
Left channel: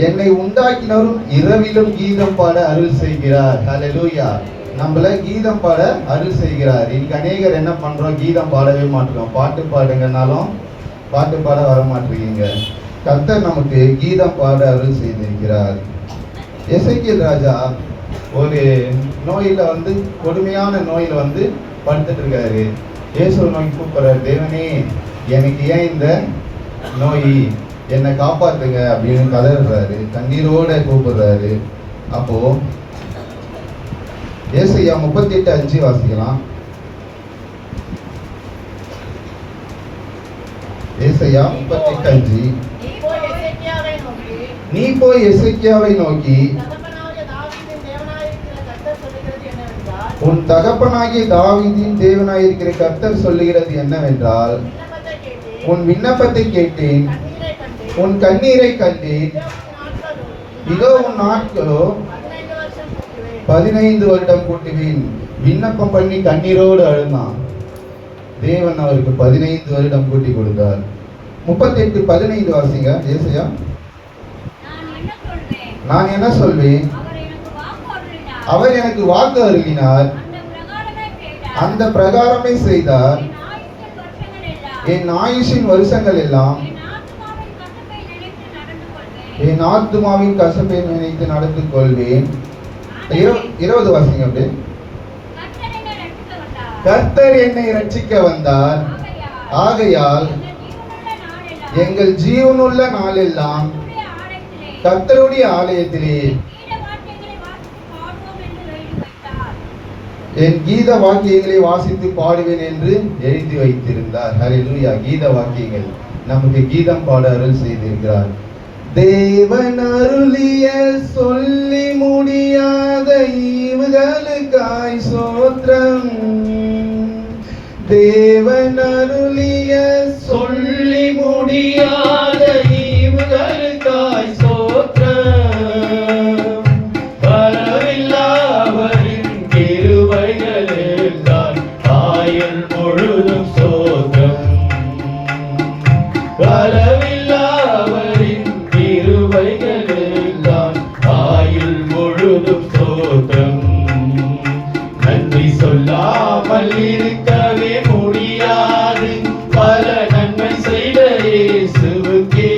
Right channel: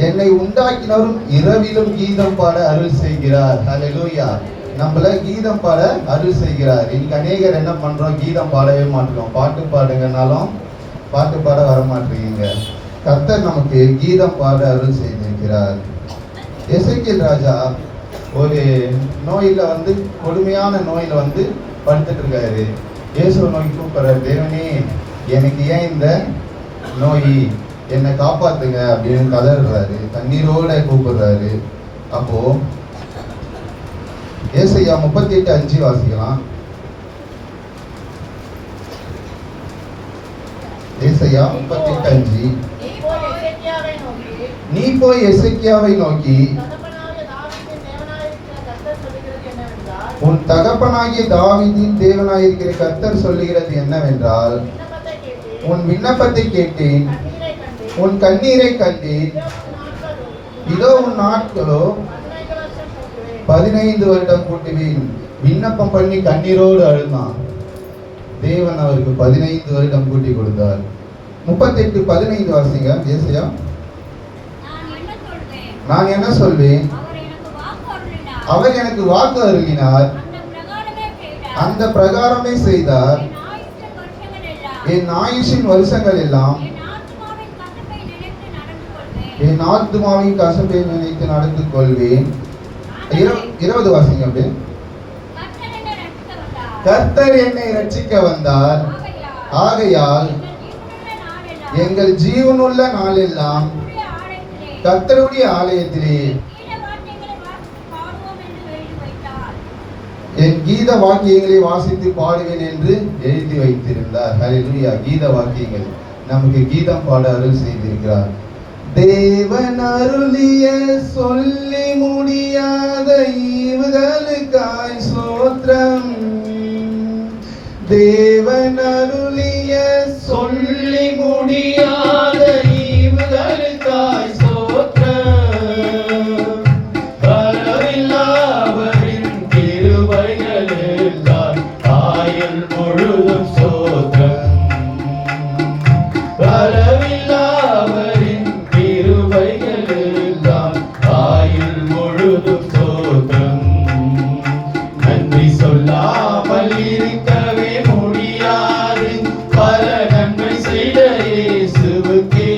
என்னை உண்டாக்கினவரும் இரவிலும் கீதம் பாட அருள் செய்கிறார். ஹல்லேலூயா. நம்மள கீதம் பாட அருள் செய்கிறார். இன்னைக்கு அநேகர் என்ன பண்றோம்? கீதம் பாடவே மாட்டோம். பாட்டு பாடுங்கனாலும் பாட்டு பாட வர மாட்டீங்க. கர்த்தர் நமக்கு கீதம் பாட அருள் செய்திருக்கிறார். எசேக்கியேல் ராஜா ஒரு நோயில கொடுமையான நோயில படுத்துட்டு இருக்காரு. இயேசுவை நோக்கி கூப்பிடுறாரு, தேவனே எனக்கு ஏன் இந்த நோய், என்னை காப்பாத்துங்க அப்படின்னு கதறாரு, கண்ணீரோட கூப்பிடுறாரு. அப்போ ஏசாயா 38:5 வாசிக்கலாம். ஏசாயா 38:5. நீ போய் எசேக்கியாவை நோக்கி உன் தகப்பனாகிய தாவீதின் தேவனாயிருக்கிற கர்த்தர் சொல்லுகிறது என்னவென்றால், உன் விண்ணப்பத்தை கேட்டேன், உன் கண்ணீரை கண்டேன். இதோ உன் நாட்களோ 15 வருடம் கூட்டுவேன். விண்ணப்பம் பண்ணி கண்ணீரோடு அழுந்தான். தேவன் அவருக்கு 15 வருடம் கூட்டி கொடுத்தார். 38:15 வாசிங்க. ஏசாயா. நான் என்ன சொல்வேன்? அவர் எனக்கு வாக்கு அருளினார், அந்த பிரகாரமே செய்தார். என் ஆயுஷின் வருஷங்கள் எல்லாம் என் ஆத்துமாவின் கசப்பை நினைத்து நடந்து கொள்வேன். 20 வாசிங்க. அப்படியே கர்த்தர் என்னை ரட்சிக்க வந்தார், ஆகையால் எங்கள் ஜீவனுள்ள நாளெல்லாம் கர்த்தருடைய ஆலயத்திலே என் கீத வாக்கியங்களை வாசித்து பாடுவேன் என்று எழுதி வைத்திருந்தார். ஹல்லேலூயா. கீத வாக்கியங்கள் நமக்கு கீதம் பாட அருள் செய்திருக்கிறார். தேவன் அருளிய சொல்லி முடியாத ஈவுகளுக்காய் ஸ்தோத்திரம். தேவன் அருளிய சொல்லி முடியாத ஈவுகளுக்காய் ஸ்தோத்திரம். வரவில்லாவரின் கிருபைகளுக்காய் ஆயுள் முழுதும் ஸ்தோத்திரம். வரவில்லாவரின் கிருபைகளுக்காய் ஆயுள் முழுதும் ஸ்தோத்திரம். நன்றி சொல்லாமல் இருக்கவே முடியாது, பல நன்மை செய்த இயேசுவுக்கே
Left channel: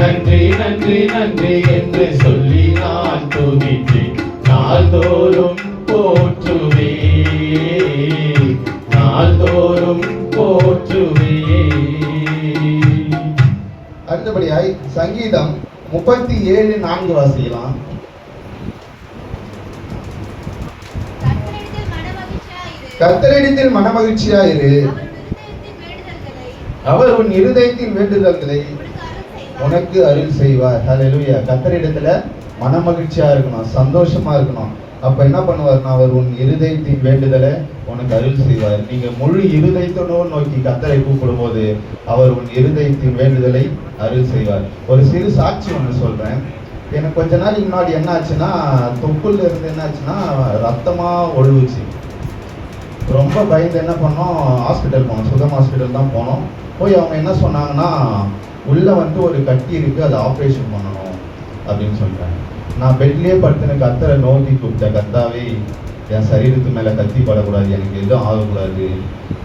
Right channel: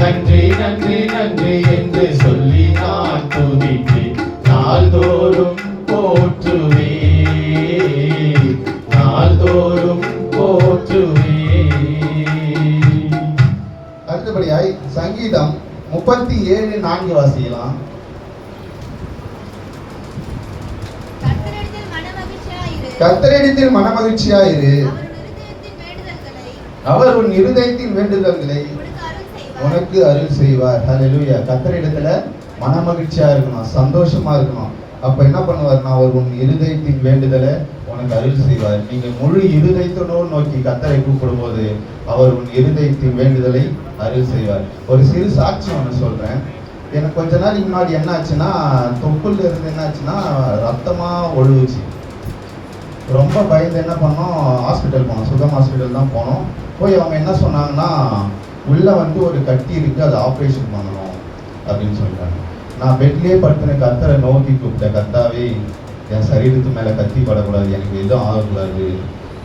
நன்றி நன்றி நன்றி என்று சொல்லி நான் துதித்து நாள்தோறும் போற்றுவே, நாள்தோறும் போற்றுவே. அடுத்தபடியாய் சங்கீதம் 37:4 வாசிக்கலாம். கர்த்தரிடத்தில் மனமகிழ்ச்சியாயிரு, அவர் உன் இருதயத்தின் வேண்டுதல்களை உனக்கு அருள் செய்வார். ஹல்லேலூயா. கர்த்தரிடத்துல மனமகிழ்ச்சியா இருக்கணும், சந்தோஷமா இருக்கணும். அப்ப என்ன பண்ணுவார்னா, அவர் உன் இருதயத்தின் வேண்டுதலை உனக்கு அருள் செய்வார். நீங்க முழு இருதயத்தோடு நோக்கி கர்த்தரை கூப்பிடும் போது அவர் உன் இருதயத்தின் வேண்டுதலை அருள் செய்வார். ஒரு சிறு சாட்சி ஒன்று சொல்றேன். எனக்கு கொஞ்ச நாளைக்கு முன்னாடி என்ன ஆச்சுன்னா, தொப்புல இருந்து என்ன ஆச்சுன்னா ரத்தமா ஒழுகுச்சு. ரொம்ப பயந்து என்ன பண்ணோம், ஹாஸ்பிட்டல் போனோம். சுகம் ஹாஸ்பிட்டல் தான் போனோம். போய் அவங்க என்ன சொன்னாங்கன்னா, உள்ள ஒரு கட்டி இருக்கு, அதை ஆப்ரேஷன் பண்ணணும் அப்படின்னு சொல்லிட்டாங்க. நான் பெட்லேயே படுத்துன கர்த்தரை நோக்கி கூப்பிட்டேன், கர்த்தாவே என் சரீரத்து மேலே கத்தி படக்கூடாது, எனக்கு எதுவும் ஆகக்கூடாது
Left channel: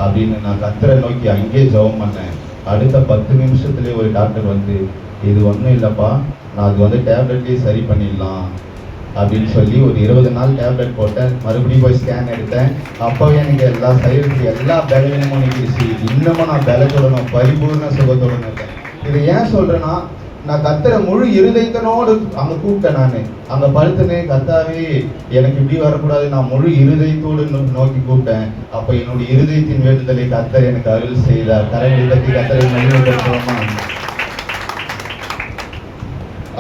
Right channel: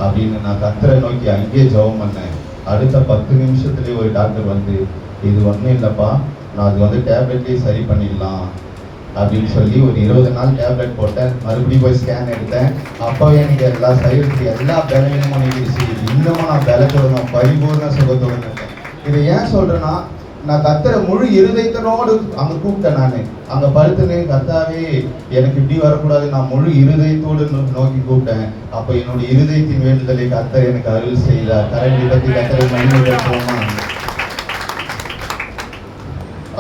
அப்படின்னு நான் கர்த்தரை நோக்கி அங்கேயே ஜெபம் பண்ணேன். அடுத்த 10 நிமிஷத்துலேயே ஒரு டாக்டர் இது ஒன்றும் இல்லைப்பா, நான் அது டேப்லெட்லேயே சரி பண்ணிடலாம் அப்படின்னு சொல்லி ஒரு 20 நாள் டேப்லெட் போட்டேன். மறுபடியும் போய் ஸ்கேன் எடுத்தேன். அப்போவே எனக்கு எல்லா சரீரத்துக்கு எல்லா பலவீனமும் நீக்கிடுச்சு. இன்னமும் நான் பலத்துடனும் பரிபூர்ண சுகத்துடன் இருக்கேன். இதை ஏன் சொல்றேன்னா, நான் கர்த்தரை முழு இருதயத்தனோடு அங்கே கூப்பிட்டேன். நான் அங்கே படுத்துனேன், கர்த்தாவே எனக்கு இப்படி வரக்கூடாது, நான் முழு இருதயத்தோடு நோக்கி கூப்பிட்டேன். அப்போ என்னுடைய இருதயத்தின் வேண்டுதலை கர்த்தர் எனக்கு அருள் செய்தார். கரைகளை பற்றி கர்த்தரை மகிழ்ச்சியோமா.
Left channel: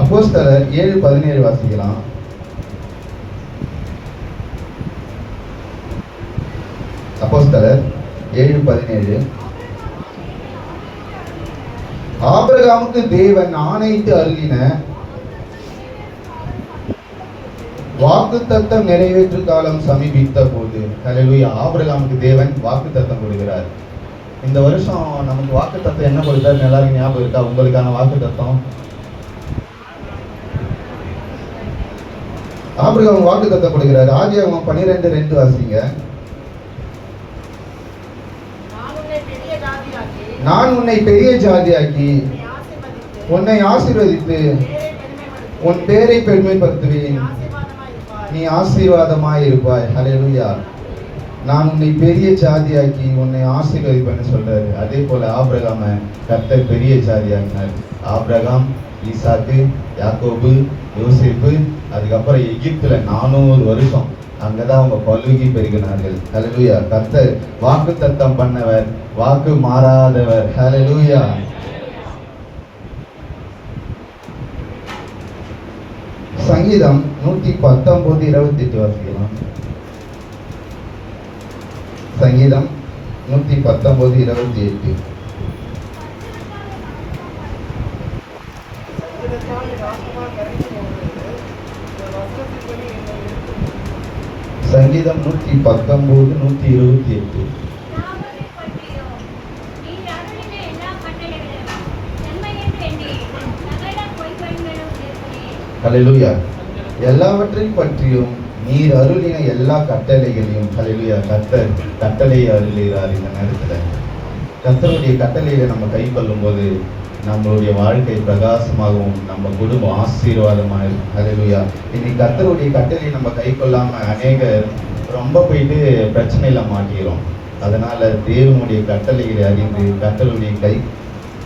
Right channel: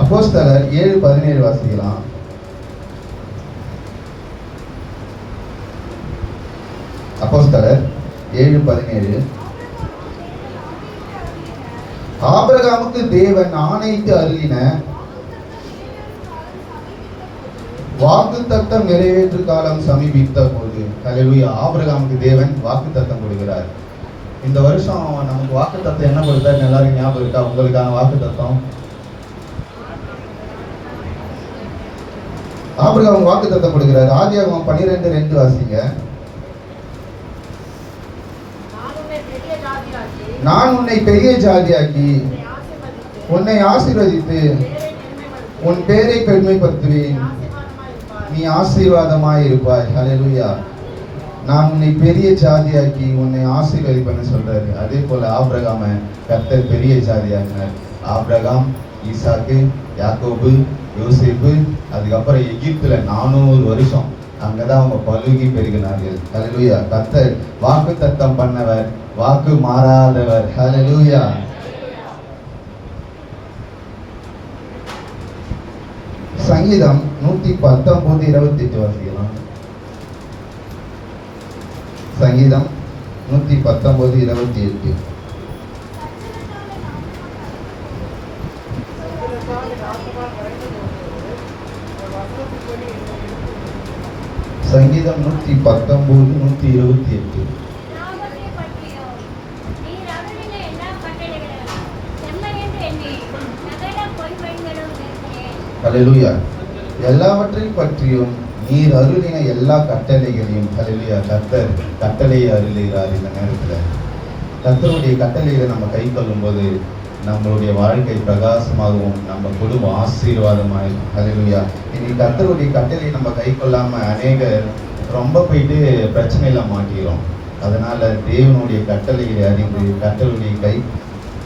அப்போஸ்தலர் 7:17 வாசிக்கலாம். அப்போஸ்தலர் 7:17. ஆபிரகாமுக்கு தேவன் ஆணையிட்டு அருளின வாக்குத்தத்தம் நிறைவேற்று காலம் சமீபித்த போது. ஹல்லேலூயா. ஆபிரகாமுக்கு தேவன் வாக்குத்தத்தம் கொடுக்கிறார். இந்த வருஷம் நமக்கு வாக்குத்தத்தம் என்ன கொடுத்தாரு எல்லாருக்கும் ஞாபகம் இருக்கா? உங்களுக்கான வாக்குத்தத்தம் ஆபிரகாம் வாக்குத்தத்தம் கொடுக்கிறார். ஆதியாகமம் 12:2 வாசிங்க. நான் உன்னை பெரிய ஜாதியாக்கி உன்னை ஆசீர்வதித்து உன் பேரை பெருமைப்படுத்துவேன், நீ ஆசீர்வாதமாய் இருப்பாய். ஹல்லேலூயா. நான் உன்னை பெரிய ஜாதியாக்கி உன்னை ஆசீர்வதிப்பேன்னு சொல்றாரு. அதே போல ஆபிரகாம கர்த்தர் பெரிய ஜாதியாக்கினார். ஆபிரகாம், ஈசாக்கு, யாக்கோபு, யோசேப்பு, அதுக்கப்புறம் எகிப்துல 400 வருஷம் அங்கதான் அவங்க பலுகி பெருகினார்கள். ஹல்லேலூயா. கர்த்தர் வாக்கு தத்தம் பண்ணவர், வாக்கு மாறாதவர். ஹல்லேலூயா. சங்கீதம் 119:28 வாசிக்கலாம். சங்கீதம் 119:28. சங்கீதம் 119:128. ஹல்லேலூயா. எல்லாவற்றையும் பற்றியும் நீர் அருளின எல்லா கட்டளைகளையும் ஹல்லேலூயா கர்த்தர் கட்டளையை அருளுகிறார். இந்த நேரத்தில் கர்த்தருடைய கட்டளைகளை நம்ம கை கொள்ளும் போது நம்மளுடைய வாழ்க்கை பிரகாசமாகவும் நம்ம குடும்பம் ஆசீர்வாதமாய். ஹல்லேலூயா. இன்னைக்கு கர்த்தருடைய கட்டளையை நம்ம கை கொள்ளாம அநேகர் ரொம்ப போயிட்டு பிரச்சனையில மாட்டிக்கிறோம். அதனால தேவனுடைய கட்டளைகளை அறிந்து கர்த்தருடைய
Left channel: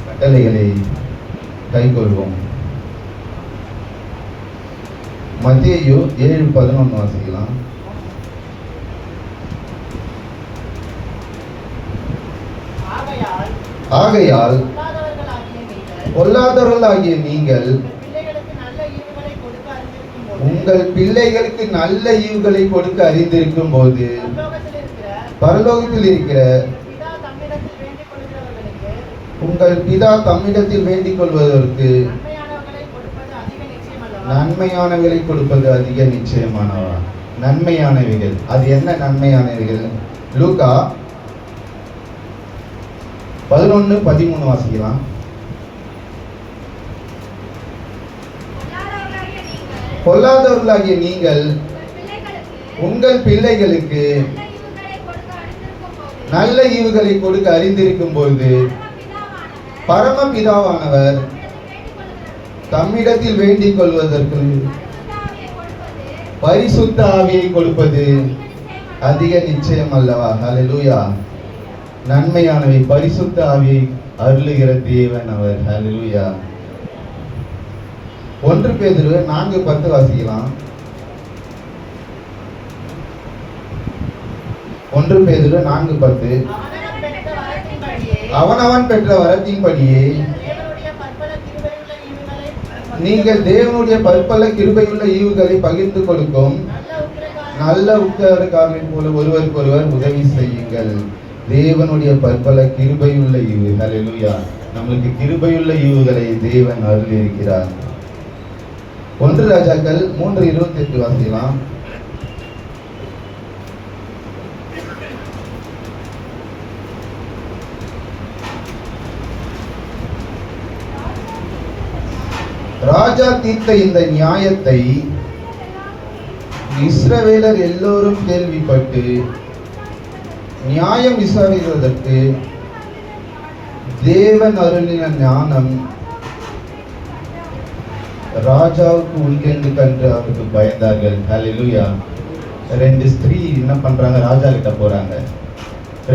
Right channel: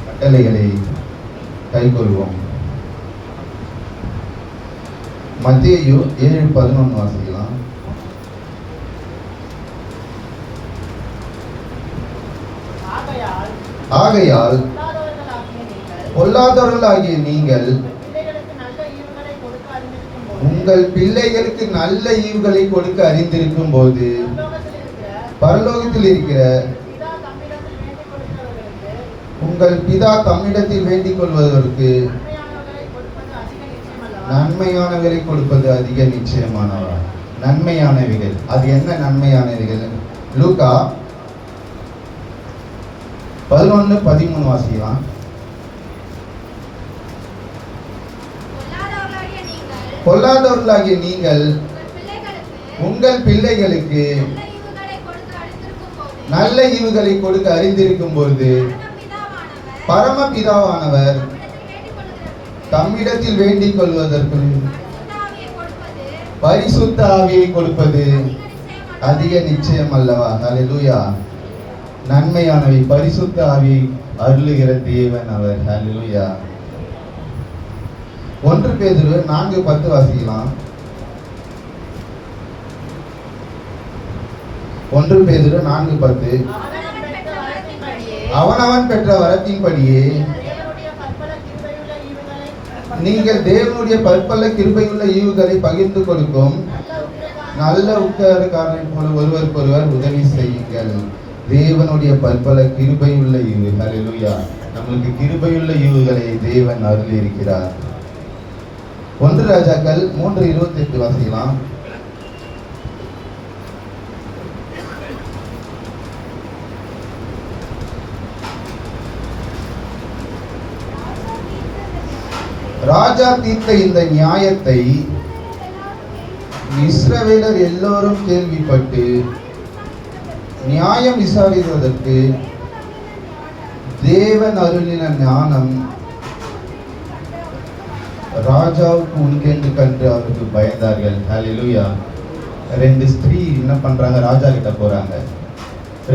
கட்டளைகளை கை கொள்வோம். மத்தேயு 7:11 வாசிக்கலாம். ஆகையால் பொல்லாதவர்களாகிய நீங்கள் உங்கள் பிள்ளைகளுக்கு நல்ல ஈவுகளை கொடுக்க அறிந்திருக்கும் போது பரலோகத்தில் இருக்கிற உங்கள் பிதா தம்மிடத்தில் வேண்டிக் கொள்வதற்கு நன்மையானவைகளை கொடுப்பது அதிக நிச்சயமானவா. நன்மையானவைகள், அது என்ன நன்மையானவைகள்? லூக்கா 11:13 வாசிக்கலாம். பொல்லாதவர்களாகிய நீங்கள் உங்கள் பிள்ளைகளுக்கு நல்ல ஈவுகளை கொடுக்க அறிந்திருக்கும் பொழுது பரமபிதாவானவர் தம்மிடத்தில் வேண்டிக் கொள்வதற்கு பரிசுத்த ஆவியை கொடுப்பது அதிக நிச்சயம் அல்லவா. ஹல்லேலூயா. நன்மையானவை பரிசுத்த ஆவியை அருளுகிற தேவன் அவர். ஹல்லேலூயா. 1 பேதுரு 4:10 வாசிக்கலாம். 1 பேதுரு 4:10. அவனவன் பெற்ற வரத்தின்படியே நீங்கள் தேவனுடைய பற்பல கிருபையுள்ள ஈவுகளை பகிர்ந்து கொடுக்கும் நல்ல உத்தரக்காரரை போல ஒருவருக்கொருவர் உதவி செய்யுங்கள். தேவனுடைய பற்பல கிருபையுள்ள ஈவு. ஹல்லேலூயா. நம்மளுக்கு கிருபையுள்ள ஈவுகளை தேவன் அருளி இருக்கிறார். 1 ராஜாக்கள் 3:28 வாசிக்கலாம். ராஜா தீர்த்த இந்த நியாயத்தை இஸ்ரவேலர் எல்லோரும் கேள்விப்பட்டு நியாயம் விசாரிப்பதற்கு தேவன் அருளின ஞானம் ராஜாவுக்கு உண்டென்று கண்டு அவருக்கு பயந்தார்கள். ஹல்லேலூயா. 2 ஸ்திரீ என்ன பண்றாங்க? ராஜா கிட்ட போறாங்க.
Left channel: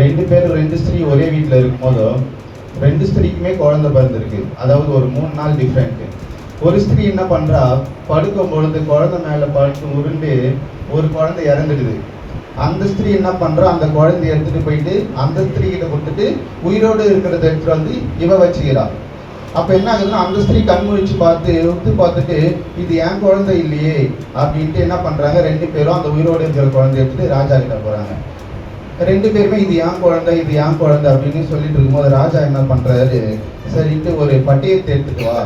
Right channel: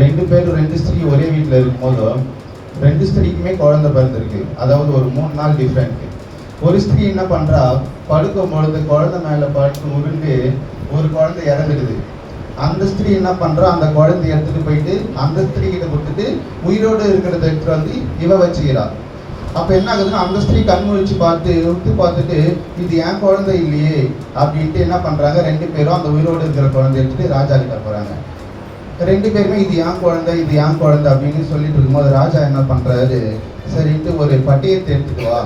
2 ஸ்திரீ ஒரே வீட்டில் இருக்கும்போது 2 ஸ்திரீக்குமே குழந்தை பிறந்திருக்கு. அதாவது ஒரு 3 நாள் டிஃப்ரெண்ட். ஒரு ஸ்திரீ என்ன பண்றா? படுக்கும் பொழுது குழந்தை மேல படுத்து உருண்டு ஒரு குழந்தை இறந்துடுது. அந்த ஸ்திரீ என்ன பண்றா? அந்த குழந்தைய எடுத்துட்டு போயிட்டு அந்த ஸ்திரீ கிட்ட கொடுத்துட்டு உயிரோடு இருக்கிறத எடுத்துட்டு வந்து இவ வச்சுக்கிறா. அப்ப என்ன ஆகுதுன்னா அந்த ஸ்திரீ கண் முழிச்சு பார்த்துட்டு இது என் குழந்தை இல்லையே அப்படின்ட்டு என்ன பண்றாங்க? 2 பேரும் அந்த உயிரோடு இருக்கிற குழந்தை எடுத்துட்டு ராஜா கிட்ட போறாங்க. 2 பேருமே இது என் குழந்தை அப்படின்னு சொல்லிட்டு இருக்கும்போது ராஜா என்ன பண்றாரு? சரின்ட்டு ஒரு பட்டியத்தை எடுத்துட்டு வா,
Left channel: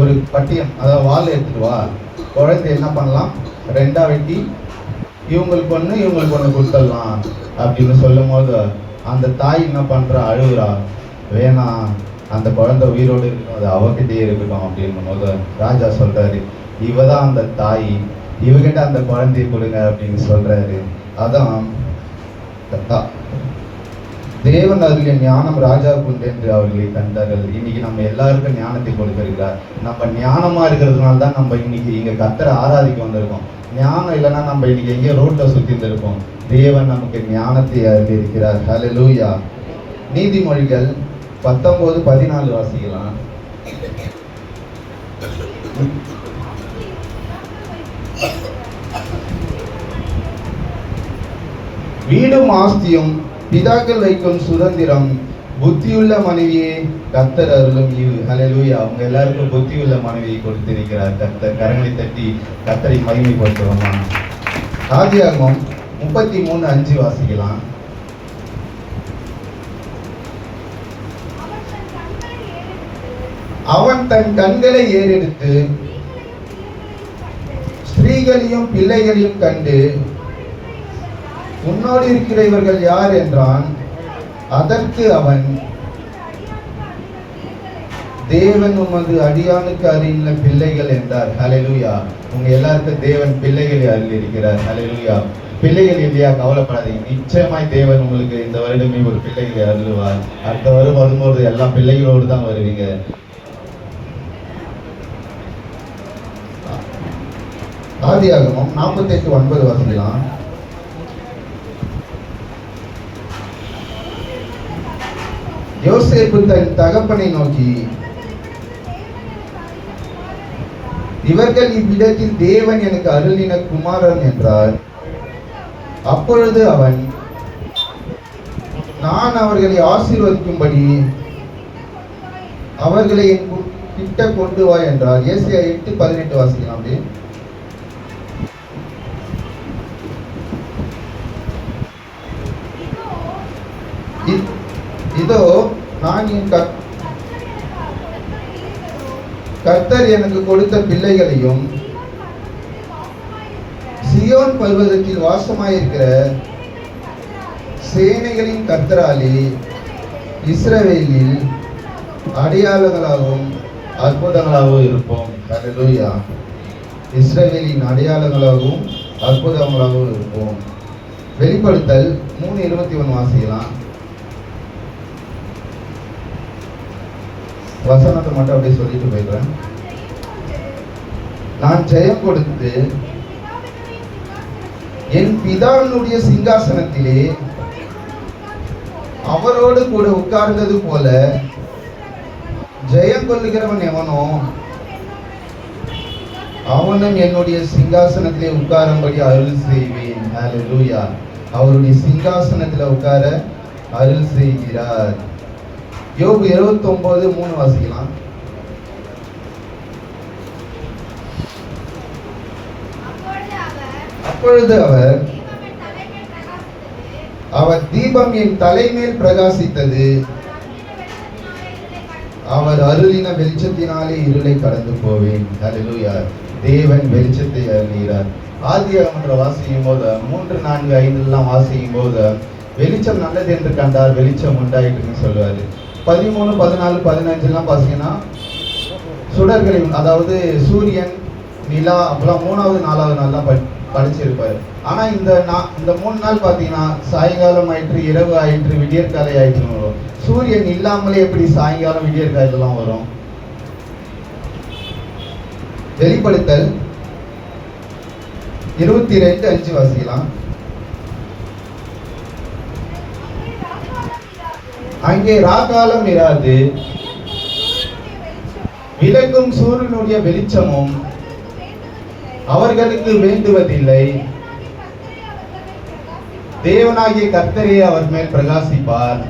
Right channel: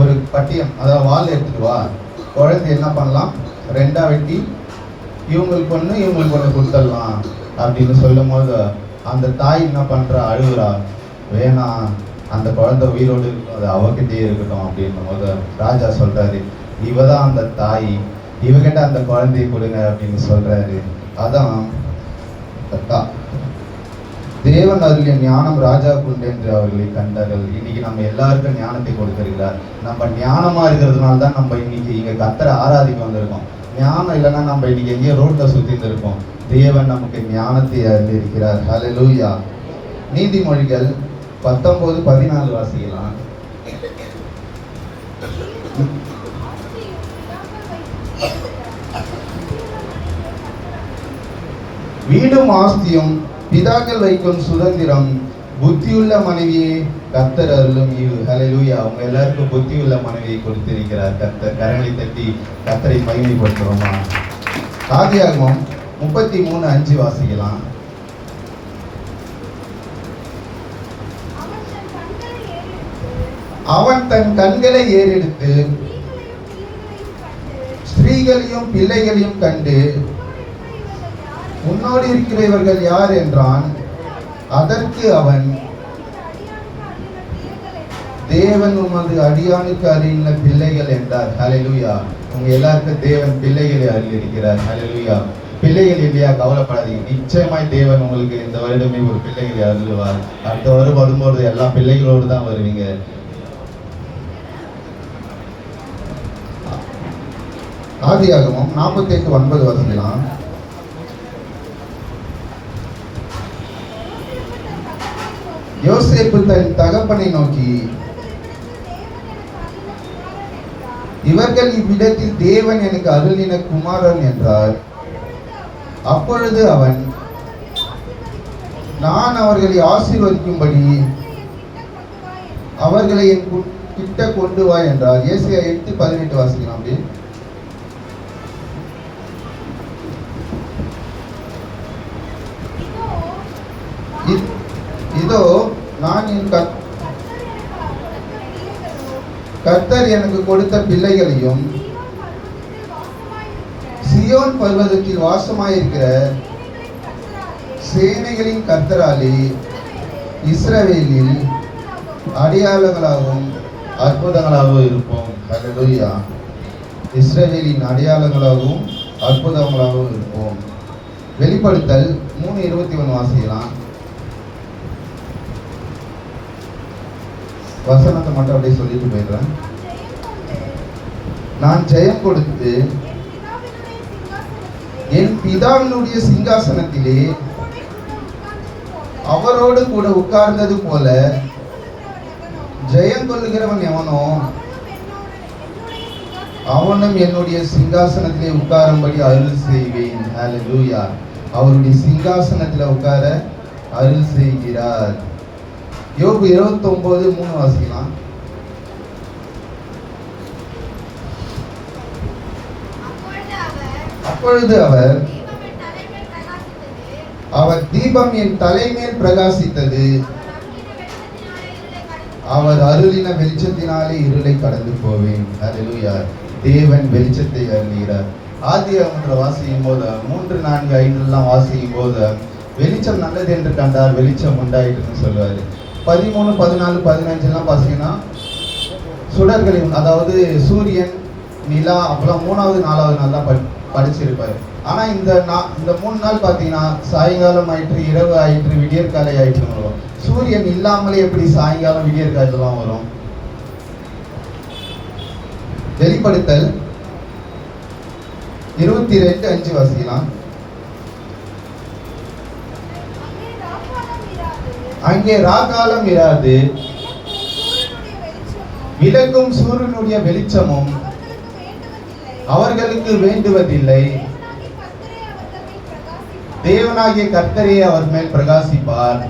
ஒரு பட்டியம், அதாவது வால் எடுத்துட்டு வா. குழந்தை என்ன பண்ணலாம்? 2ஆ வெட்டி இவங்களுக்கு ஒன்று கொடுத்துடலாம் அப்படின்னு சொல்லும் போது அந்த தாய் என்ன பண்றா, அழுகுறா. வேணாம், அந்த குழந்தை உயிரோடு இருக்கும், அது அவகிட்டே இருக்கட்டும் அப்படின்னும் போது ராஜா சொல்றாரு, இவதான் அந்த தாய், இவகிட்ட அந்த குழந்தையை கொடுங்க அப்படின்னு சொல்றாரு. அதான் தேவன் அருளிய ஞானம் ராஜாவுக்கு உண்டு என்று அவர்களை கண்டார்கள். இன்னைக்கு நம்ம எல்லாருக்கும் ஞானத்தை கொடுத்திருக்கிறார். நம்ம ஞானமா இருக்கிறதுனால தான் நம்ம இன்னைக்கு இங்க கர்த்தரை ஆராதிக்க வந்திருக்கோம். ஞானம் இல்லைன்னா நம்ம இன்னைக்கு எங்கேயோ ரோட்ல சுத்தி இருந்திருக்கோம். தேவன் நமக்கு ஞானத்தை அருளி இருக்கிறார். ஹல்லேலூயா. நீதிமொழிகள் 19:14 வாசிக்கலாம். வீடும் ஆஸ்தியும் பிதாக்கள் வைக்கும் சுதந்திரம், புத்தியுள்ள மனைவியே கர்த்தர் அருளும் ஈவு. ஹல்லேலூயா. அவங்க எல்லாருக்கும் புத்தியுள்ள மனைவியை கொடுத்திருக்கிறார் கர்த்தர். கரங்களை தட்டி கர்த்தரை மகிமைப்படுத்துவோமா. ஆதியாகமம் 33:5 வாசிக்கலாம். அவன் தன் கண்களை ஏறெடுத்து ஸ்திரீகளையும் பிள்ளைகளையும் கண்டு, உன்னோடு இருக்கிறவர்கள் யார் என்றான். அதற்கு அவன், தேவன் உமது அடியானுக்கு அருளின பிள்ளைகள் என்றார். ஹல்லேலூயா. உங்க எல்லாருக்கும் தேவன் பிள்ளைகளை அருளி இருக்கிறார். ஹல்லேலூயா. பிள்ளைகள் இல்லையா, கவலைப்படாதீங்க. நிச்சயமாய் தேவன் உங்களுக்கு இந்த வருடமே ஒரு பிள்ளைகளை அருளுவார். அடுத்த வருடம் வரும்போது எல்லா பிள்ளைகளோடு தான் வருவீங்க. ஆதியாகமம் 48:9 வாசிக்கலாம். யோசேப்பு தன் தகப்பனை நோக்கி, இவர்கள் இவ்விடத்தில் தேவன் எனக்கு அருளின குமாரன் என்றார். அப்பொழுது அவன், நான் அவர்களை ஆசீர்வதிக்கும்படி அவர்களை என் கிட்ட கொண்டு வா என்றார். ஏசாயா 8:18 வாசிக்கலாம். அப்படி இதோ நான் என் கர்த்தர் எனக்கு கொடுத்த பிள்ளைகளையும் சியோன் பர்வதத்தில் வாசமாயிருக்கிற சேனைகளின் கர்த்தராலே இஸ்ரவேலில் அடையாளங்களாகவும் அற்புதங்களாகவும் இருப்போம். ஹல்லேலூயா. இஸ்ரவேலின் அடையாளங்களாகவும் அற்புதங்களாகவும் இருப்போம். வெளிப்படுத்தல் 3:21 வாசிக்கலாம். வசனத்தை மட்டும் அப்படியே சொல்லிட்டு போயிடுறேன். நான் ஜெயம் கொடுத்து என் பிதாவினுடைய சிங்காசனத்திலே அவரோடு கூட உட்கார்ந்தது போல ஜெயம் கொள்ளுகிறவன் எவனோ அவனும் என்னுடைய சிங்காசனத்திலே உட்காரும்படி அருள் செய்வேன். ஹல்லேலூயா. அவருடைய சிங்காசனத்துல உட்கார அருள் செய்கிறார். யோபு 29:3 வாசிக்கலாம். அப்பொழுது அவர் தீபம் என் தலைமேல் பிரகாசித்தது, அவர் அருளின வெளிச்சத்தினாலே இருளை கடந்து போவேன். ஹல்லேலூயா. தேவன் வெளிச்சத்தை அருளுகிறார். ஆதியாகமத்துல வாசிக்கும் போது 3, 4, 5 வாசிக்கும் போது வெளிச்சம் நல்லது என்று கண்டார், வெளிச்சம் உண்டாயிட்டுன்னு சொல்லுவாரு. 13, 14, 15 பாத்தீங்கன்னா சுடர்களின், அதாவது சூரியன், நிலா, அப்புறம் 3வது 4வது நாள்லாம் படிச்சிருப்பாரு. ஆனா இந்த 3 நாள் பாத்தீங்கன்னா சாயங்காலம் ஆயிற்று, இரவு ஆயிற்று, விடியற்காலை ஆயிற்று வரும். சூரியன் இல்லாமலே எப்படி சாயங்காலம் விடியற்காலையெல்லாம் வரும்? வெளிப்படுத்தல் 22:5 வாசிக்கலாம். அங்கே ராக்காலம் இராது, விளக்கும் சூரியனுடைய வெளிச்சமும் அவர்களுக்கு வேண்டுவதில்லை. தேவனாகிய கர்த்தரே அவர் மேல் பிரகாசிப்பார்,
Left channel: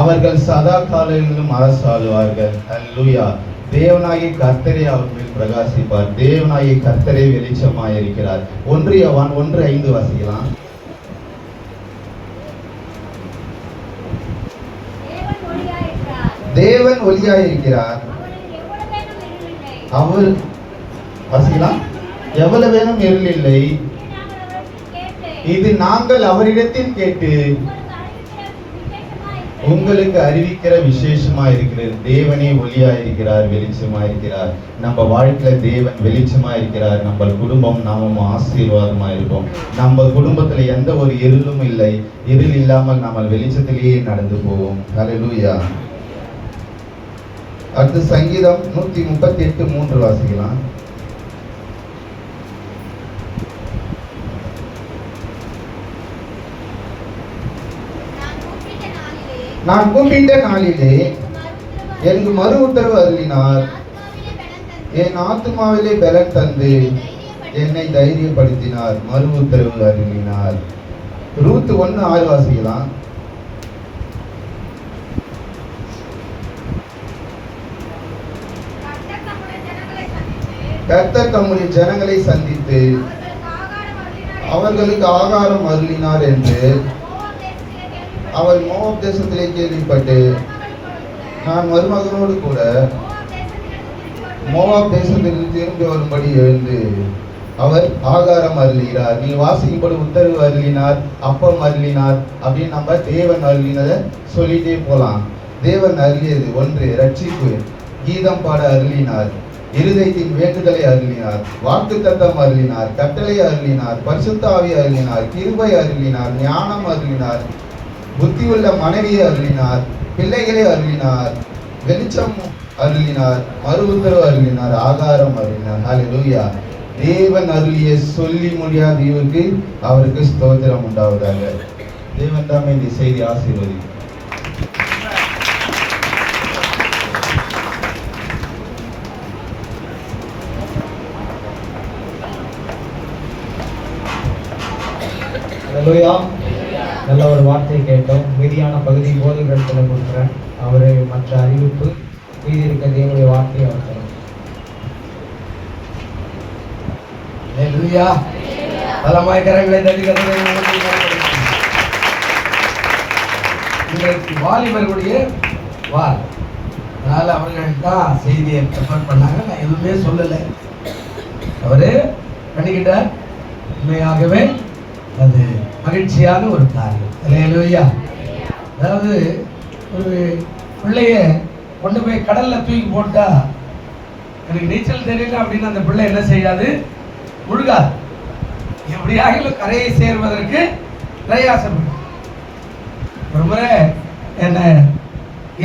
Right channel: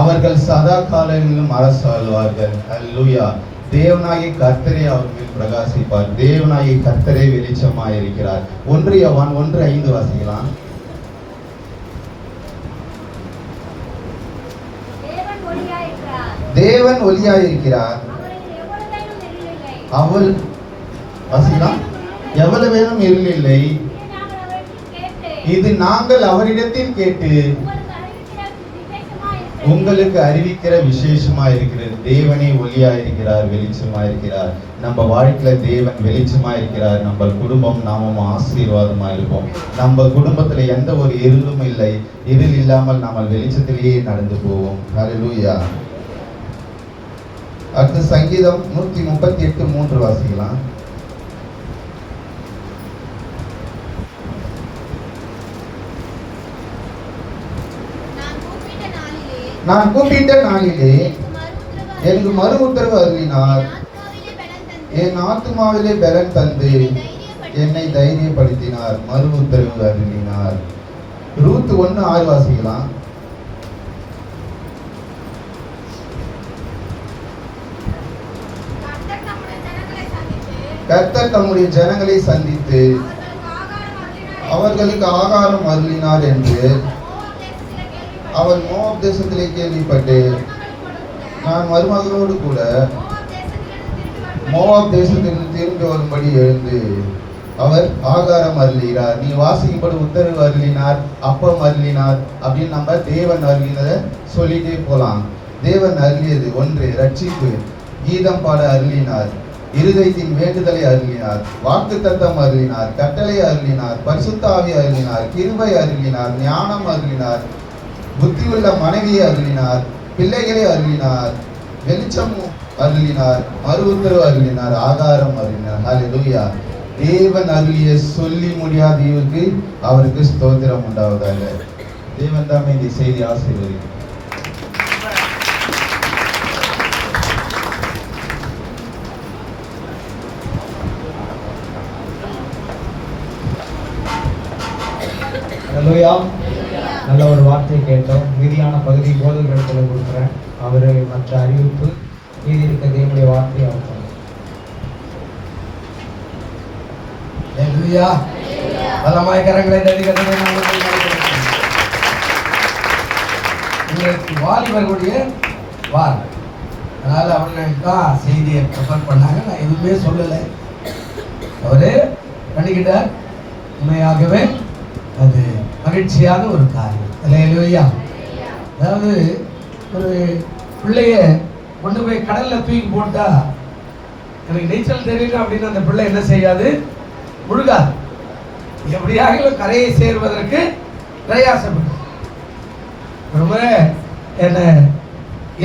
அவர்கள் சதா காலங்களிலும் அரசாளுவார்கள். அல்லேலூயா. தேவனாகிய கர்த்தரே அவர் மேல் பிரகாசிப்பார். தேவனாகிய கர்த்தரே வெளிச்சமாயிருக்கிறார். 1 யோவான் 1:5 வாசிக்கலாம். தேவன் ஒளியாயிருக்கிறார், அவர் வாசிக்கலாம். எவ்வளவு வேணும் இருள் இல்லை, இது நாங்கள் அவரிடத்தில் கேட்டு உங்களுக்கு அறிவிக்கிற விசேஷமா இருக்கிறது. தேவனே ஒளியா இருக்கிறார், வெளிச்சமா இருக்கிறார். நம்ம வாழ்க்கையில தேவன் வெளிச்சமா இருக்கிறார். நம்ம குடும்பம் நாமும் ஆசீர்வாதமா இருப்போம். நம்ம குடும்பத்துல எந்த ஒரு இருளும் இல்லை. இருள் இல்லாமல் நம்ம வெளிச்சத்திலேயே நடந்து போவோம். ஹல்லேலூயா. அடுத்து சங்கீதம் 138:3 வாசிக்கலாம். நான் கூப்பிட்ட நாளிலே எனக்கு மறு உத்தரவு அருளினார். என் ஆத்மாவிலே பலன் தந்து என்னை தைரியப்படுத்தினார். மறு உத்தரவு அருளினார். ரூத் 1:6 வாசிக்கலாம். கர்த்தர் தம்முடைய ஜனங்களை சந்தித்து அவர்களுக்கு ஆகாரம் அருளினார் என்று அவர் மோவாப் தேசத்திலே கேள்விப்பட்டு நான் மருமகளோடு கூட மோவாப் தேசத்திலிருந்து திரும்பி வரும்படி எழுந்து அவர் ஆகாரம் அருளினார். நீ வாசிக்கும்படி உத்தரவு அருளினார், அப்பம் அருளினார் அப்படின்னு நம்ம தேவன் அருளினதை சொல்லிட்டே போலாம். தேவன் அருளியது 1 ரட்சிப்பு, கீதம் பாட அருளினார், இருதயத்தின் வேண்டுதலை அருளினார், வாக்குத்தத்தம் அருளினார், கட்டளை அருளினார், பரிசுத்த ஆவி அருளினார், கிருபை அருளினார், ஞானம் அருளினார், புத்தியுள்ள மனைவியை அருளினார், பிள்ளைகளை அருளினார், வெளிச்சம் அருளினார், மறு உத்தரவு அருளினார், ஆகாரம் அருளினார். ஹல்லேலூயா. தேவன் அருளிய சொல்லி முடியாத ஈவுக்கு அவருக்கு ஸ்தோத்திரம் உண்டாவதாக. தேவன் தாமே இந்த செய்தி ஆசீர்வதிக்கும். ஹல்லேலூயா. நல்ல ஒரு வார்த்தையை கேட்டோம். மீதியான பகுதி போதிகளிடத்துல கொடுக்குறேன். அவரு மற்ற அறிவிப்பு மீதி இருக்க தேவனுடைய வார்த்தையை அவர் ஹல்லேலூயா. பலமாய் கரங்களை தட்டி கர்த்தரை நாமத்தில் இன்றைக்கு வாலிபர்களுடைய வால். அதனால அவர்கள் தான் செய்தியை ப்ரிப்பேர் பண்ணாங்க. நான் எதுவுமே சொல்லலை. அவரு பண்ணிக்கிட்டார். உண்மையாகவே அது மகிழ்ச்சியான ஒரு காரியம். ஹல்லேலூயா. அதாவது ஒரு பிள்ளைய கொண்டு போய் கடல்ல தூக்கி போட்டா எனக்கு நீச்சல் தெரியல அப்படின்னு அந்த பிள்ளை என்ன செய்யாது, முழுகாது. எப்படியாக கரையை சேர்வதற்கு பிரயாசப்படும். ஒரு முறை என்ன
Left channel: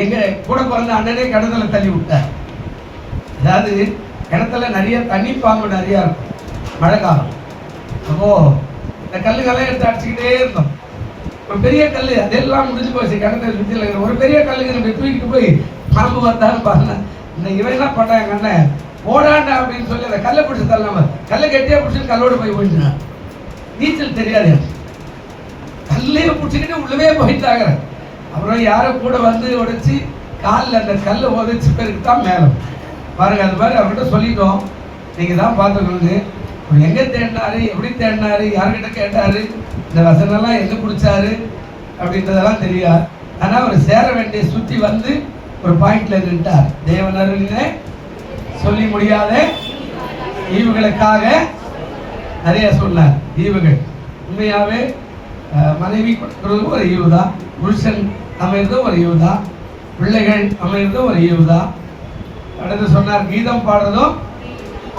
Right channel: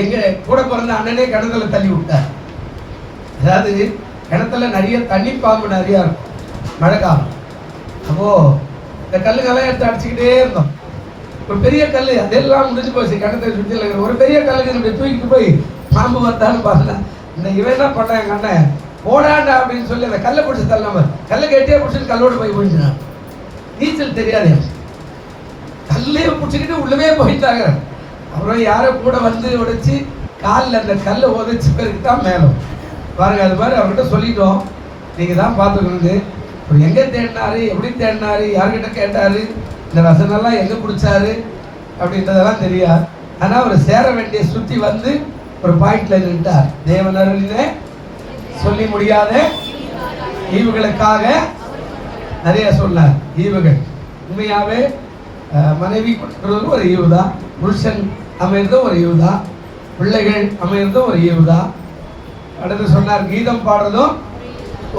எங்க கூட பிறந்த அண்ணனே கிணத்துல தள்ளி விட்டார். அதாவது கிணத்துல நிறைய தண்ணி பாம்பு நிறைய இருக்கும் மழை காலம். அப்போ இந்த கல்லுக்கெல்லாம் எடுத்து அடிச்சுக்கிட்டே இருந்தோம். ஒரு பெரிய கல் அதெல்லாம் முடிஞ்சு போச்சு. கிணத்துல சுற்றி ஒரு பெரிய கல்லுக்கு தூக்கிட்டு போய் பாம்பு வந்தாலும் பாருங்க. இந்த இவன் என்ன பண்ணான், எங்க அண்ணன் போடாண்டா அப்படின்னு சொல்லி அந்த கல்லை பிடிச்சி தள்ளாம கல்லை கட்டியா பிடிச்சிட்டு கல்லோடு போய் போயிட்டுனான். நீச்சல் தெரியாது. கல்லே பிடிச்சிக்கிட்டு உள்ளவே போயிட்டாங்க. அப்புறம் யாரோ கூட வந்து உடைச்சி காலில் அந்த கல்லை உதைச்சி பேருக்கு தான் மேலும் பாருங்க. அது மாதிரி அவர்கிட்ட சொல்லிட்டோம், நீங்க தான் பார்த்துக்கணுங்க. எங்க தேடினாரு, எப்படி தேடினாரு, யார்கிட்ட கேட்டாரு, இந்த வசனெல்லாம் எங்க குடிச்சாரு அப்படின்றதெல்லாம் தெரியாது. ஆனா அவர் சேர வேண்டிய சுத்தி வந்து ஒரு பாயிண்ட்ல நின்றார். தேவன் அருளிலே சொல்லி முடியாத ஈவுகளுக்காக நிறைய சொன்னார். ஈவுகள் உண்மையாவே மனைவி கொடுக்கறதும் ஒரு ஈவு தான், புருஷன் அமைறதும் ஒரு ஈவு தான், பிள்ளைகள் அமைறதும் ஒரு ஈவு தான். அடுத்து சொன்னார் கீதம் பாடுறதும்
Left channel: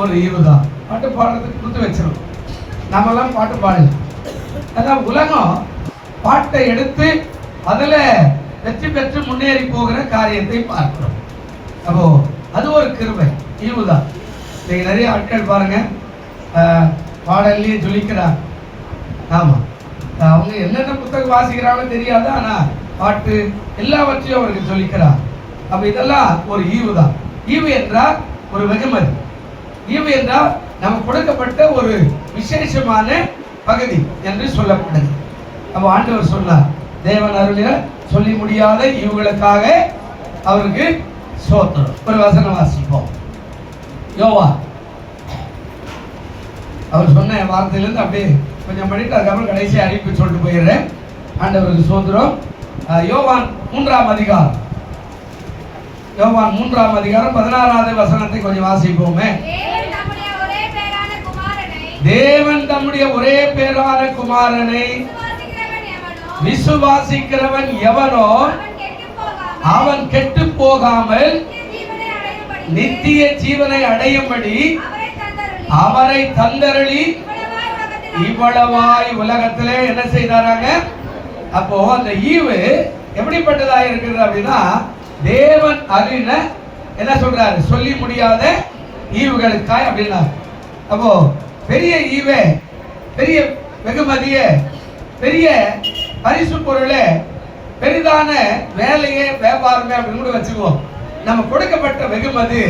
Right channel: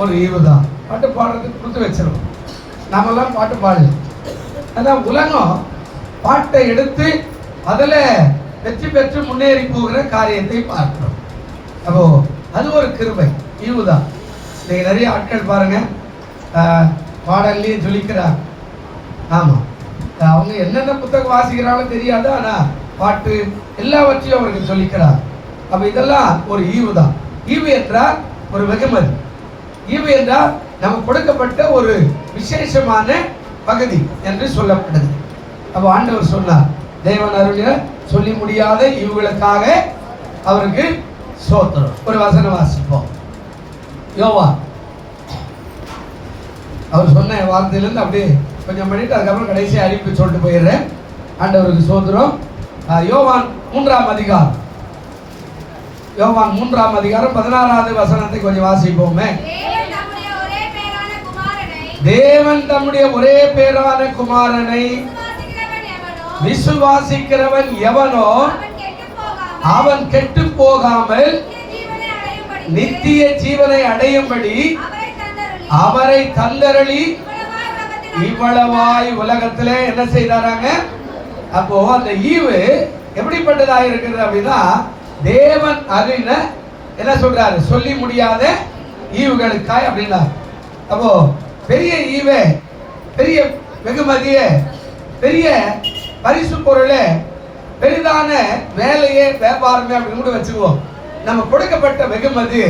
ஒரு ஈவு தான். பாட்டு பாடுறதுக்கு கொடுத்து வச்சிடும். நாமெல்லாம் பாட்டு பாடல. அதான் உலகம் பாட்டை எடுத்து அதில் வெற்றி பெற்று முன்னேறி போகிற காரியத்தை பார்க்கிறோம். அப்போ அது ஒரு கிருபை, ஈவு தான். நீங்க நிறைய ஆட்கள் பாருங்க பாடல்லையே ஜொலிக்கிறார். ஆமா, அவங்க என்னென்ன புத்தகம் வாசிக்கிறாங்கன்னு தெரியாது, ஆனா பாட்டு எல்லாவற்றையும் அவருக்கு சொல்லிக்கிறார். அப்ப இதெல்லாம் ஒரு ஈவு தான். ஈவு என்றால் ஒரு வெகுமதி. ஈவு என்றால் நமக்கு கொடுக்கப்பட்ட ஒரு விசேஷமான பகுதி என்று சொல்லப்படுது. அப்ப ஆண்டவர் சொன்னார், தேவன் அருளின சொல்லி முடியாத ஈவுகளுக்காக அவருக்கு ஸ்தோத்திரம். ஒரு வசனம் வாசிப்போம். யோவா அவர் சொன்ன வார்த்தையிலிருந்து அப்படியே கொஞ்சம் படிட்டு அதுக்கப்புறம் கடைசி அறிவிப்பு சொல்லிட்டு போயிடுறேன். ஆண்டவருக்கு ஸ்தோத்திரம். யோவான் 3ஆம் அதிகாரம், யோவான் 3ஆம் அதிகாரம் 16வது வசனத்தை கொஞ்சம் வாசிப்போமே. தேவன் தம்முடைய ஒரே பேரான குமாரனை விசுவாசிக்கிறவன் எவனோ அவன் கெட்டு போகாமல் நித்திய ஜீவனை அடையும்படி அவரை தந்தருளி இவ்வளவாய் உலகத்திலே என்ன செய்தாராங்க. அப்போ அந்த ஈவு எப்படிப்பட்டதா இருக்குது அப்படின்னா, தேவன் அறின என்ன சொல்றாரு, சொல்லி முடியாத ஈவுகளுக்காய் அப்படின்னா. அப்போ பெரிய ஈவே, பெரிய வெகுமதியே, பெரிய பரிசு பொருளே, பெரிதான வேலையே, வியாபாரமே அப்படின்னு கூட வச்சுக்குவோம். நம்ம கொடுக்கப்பட்ட வெகுமதி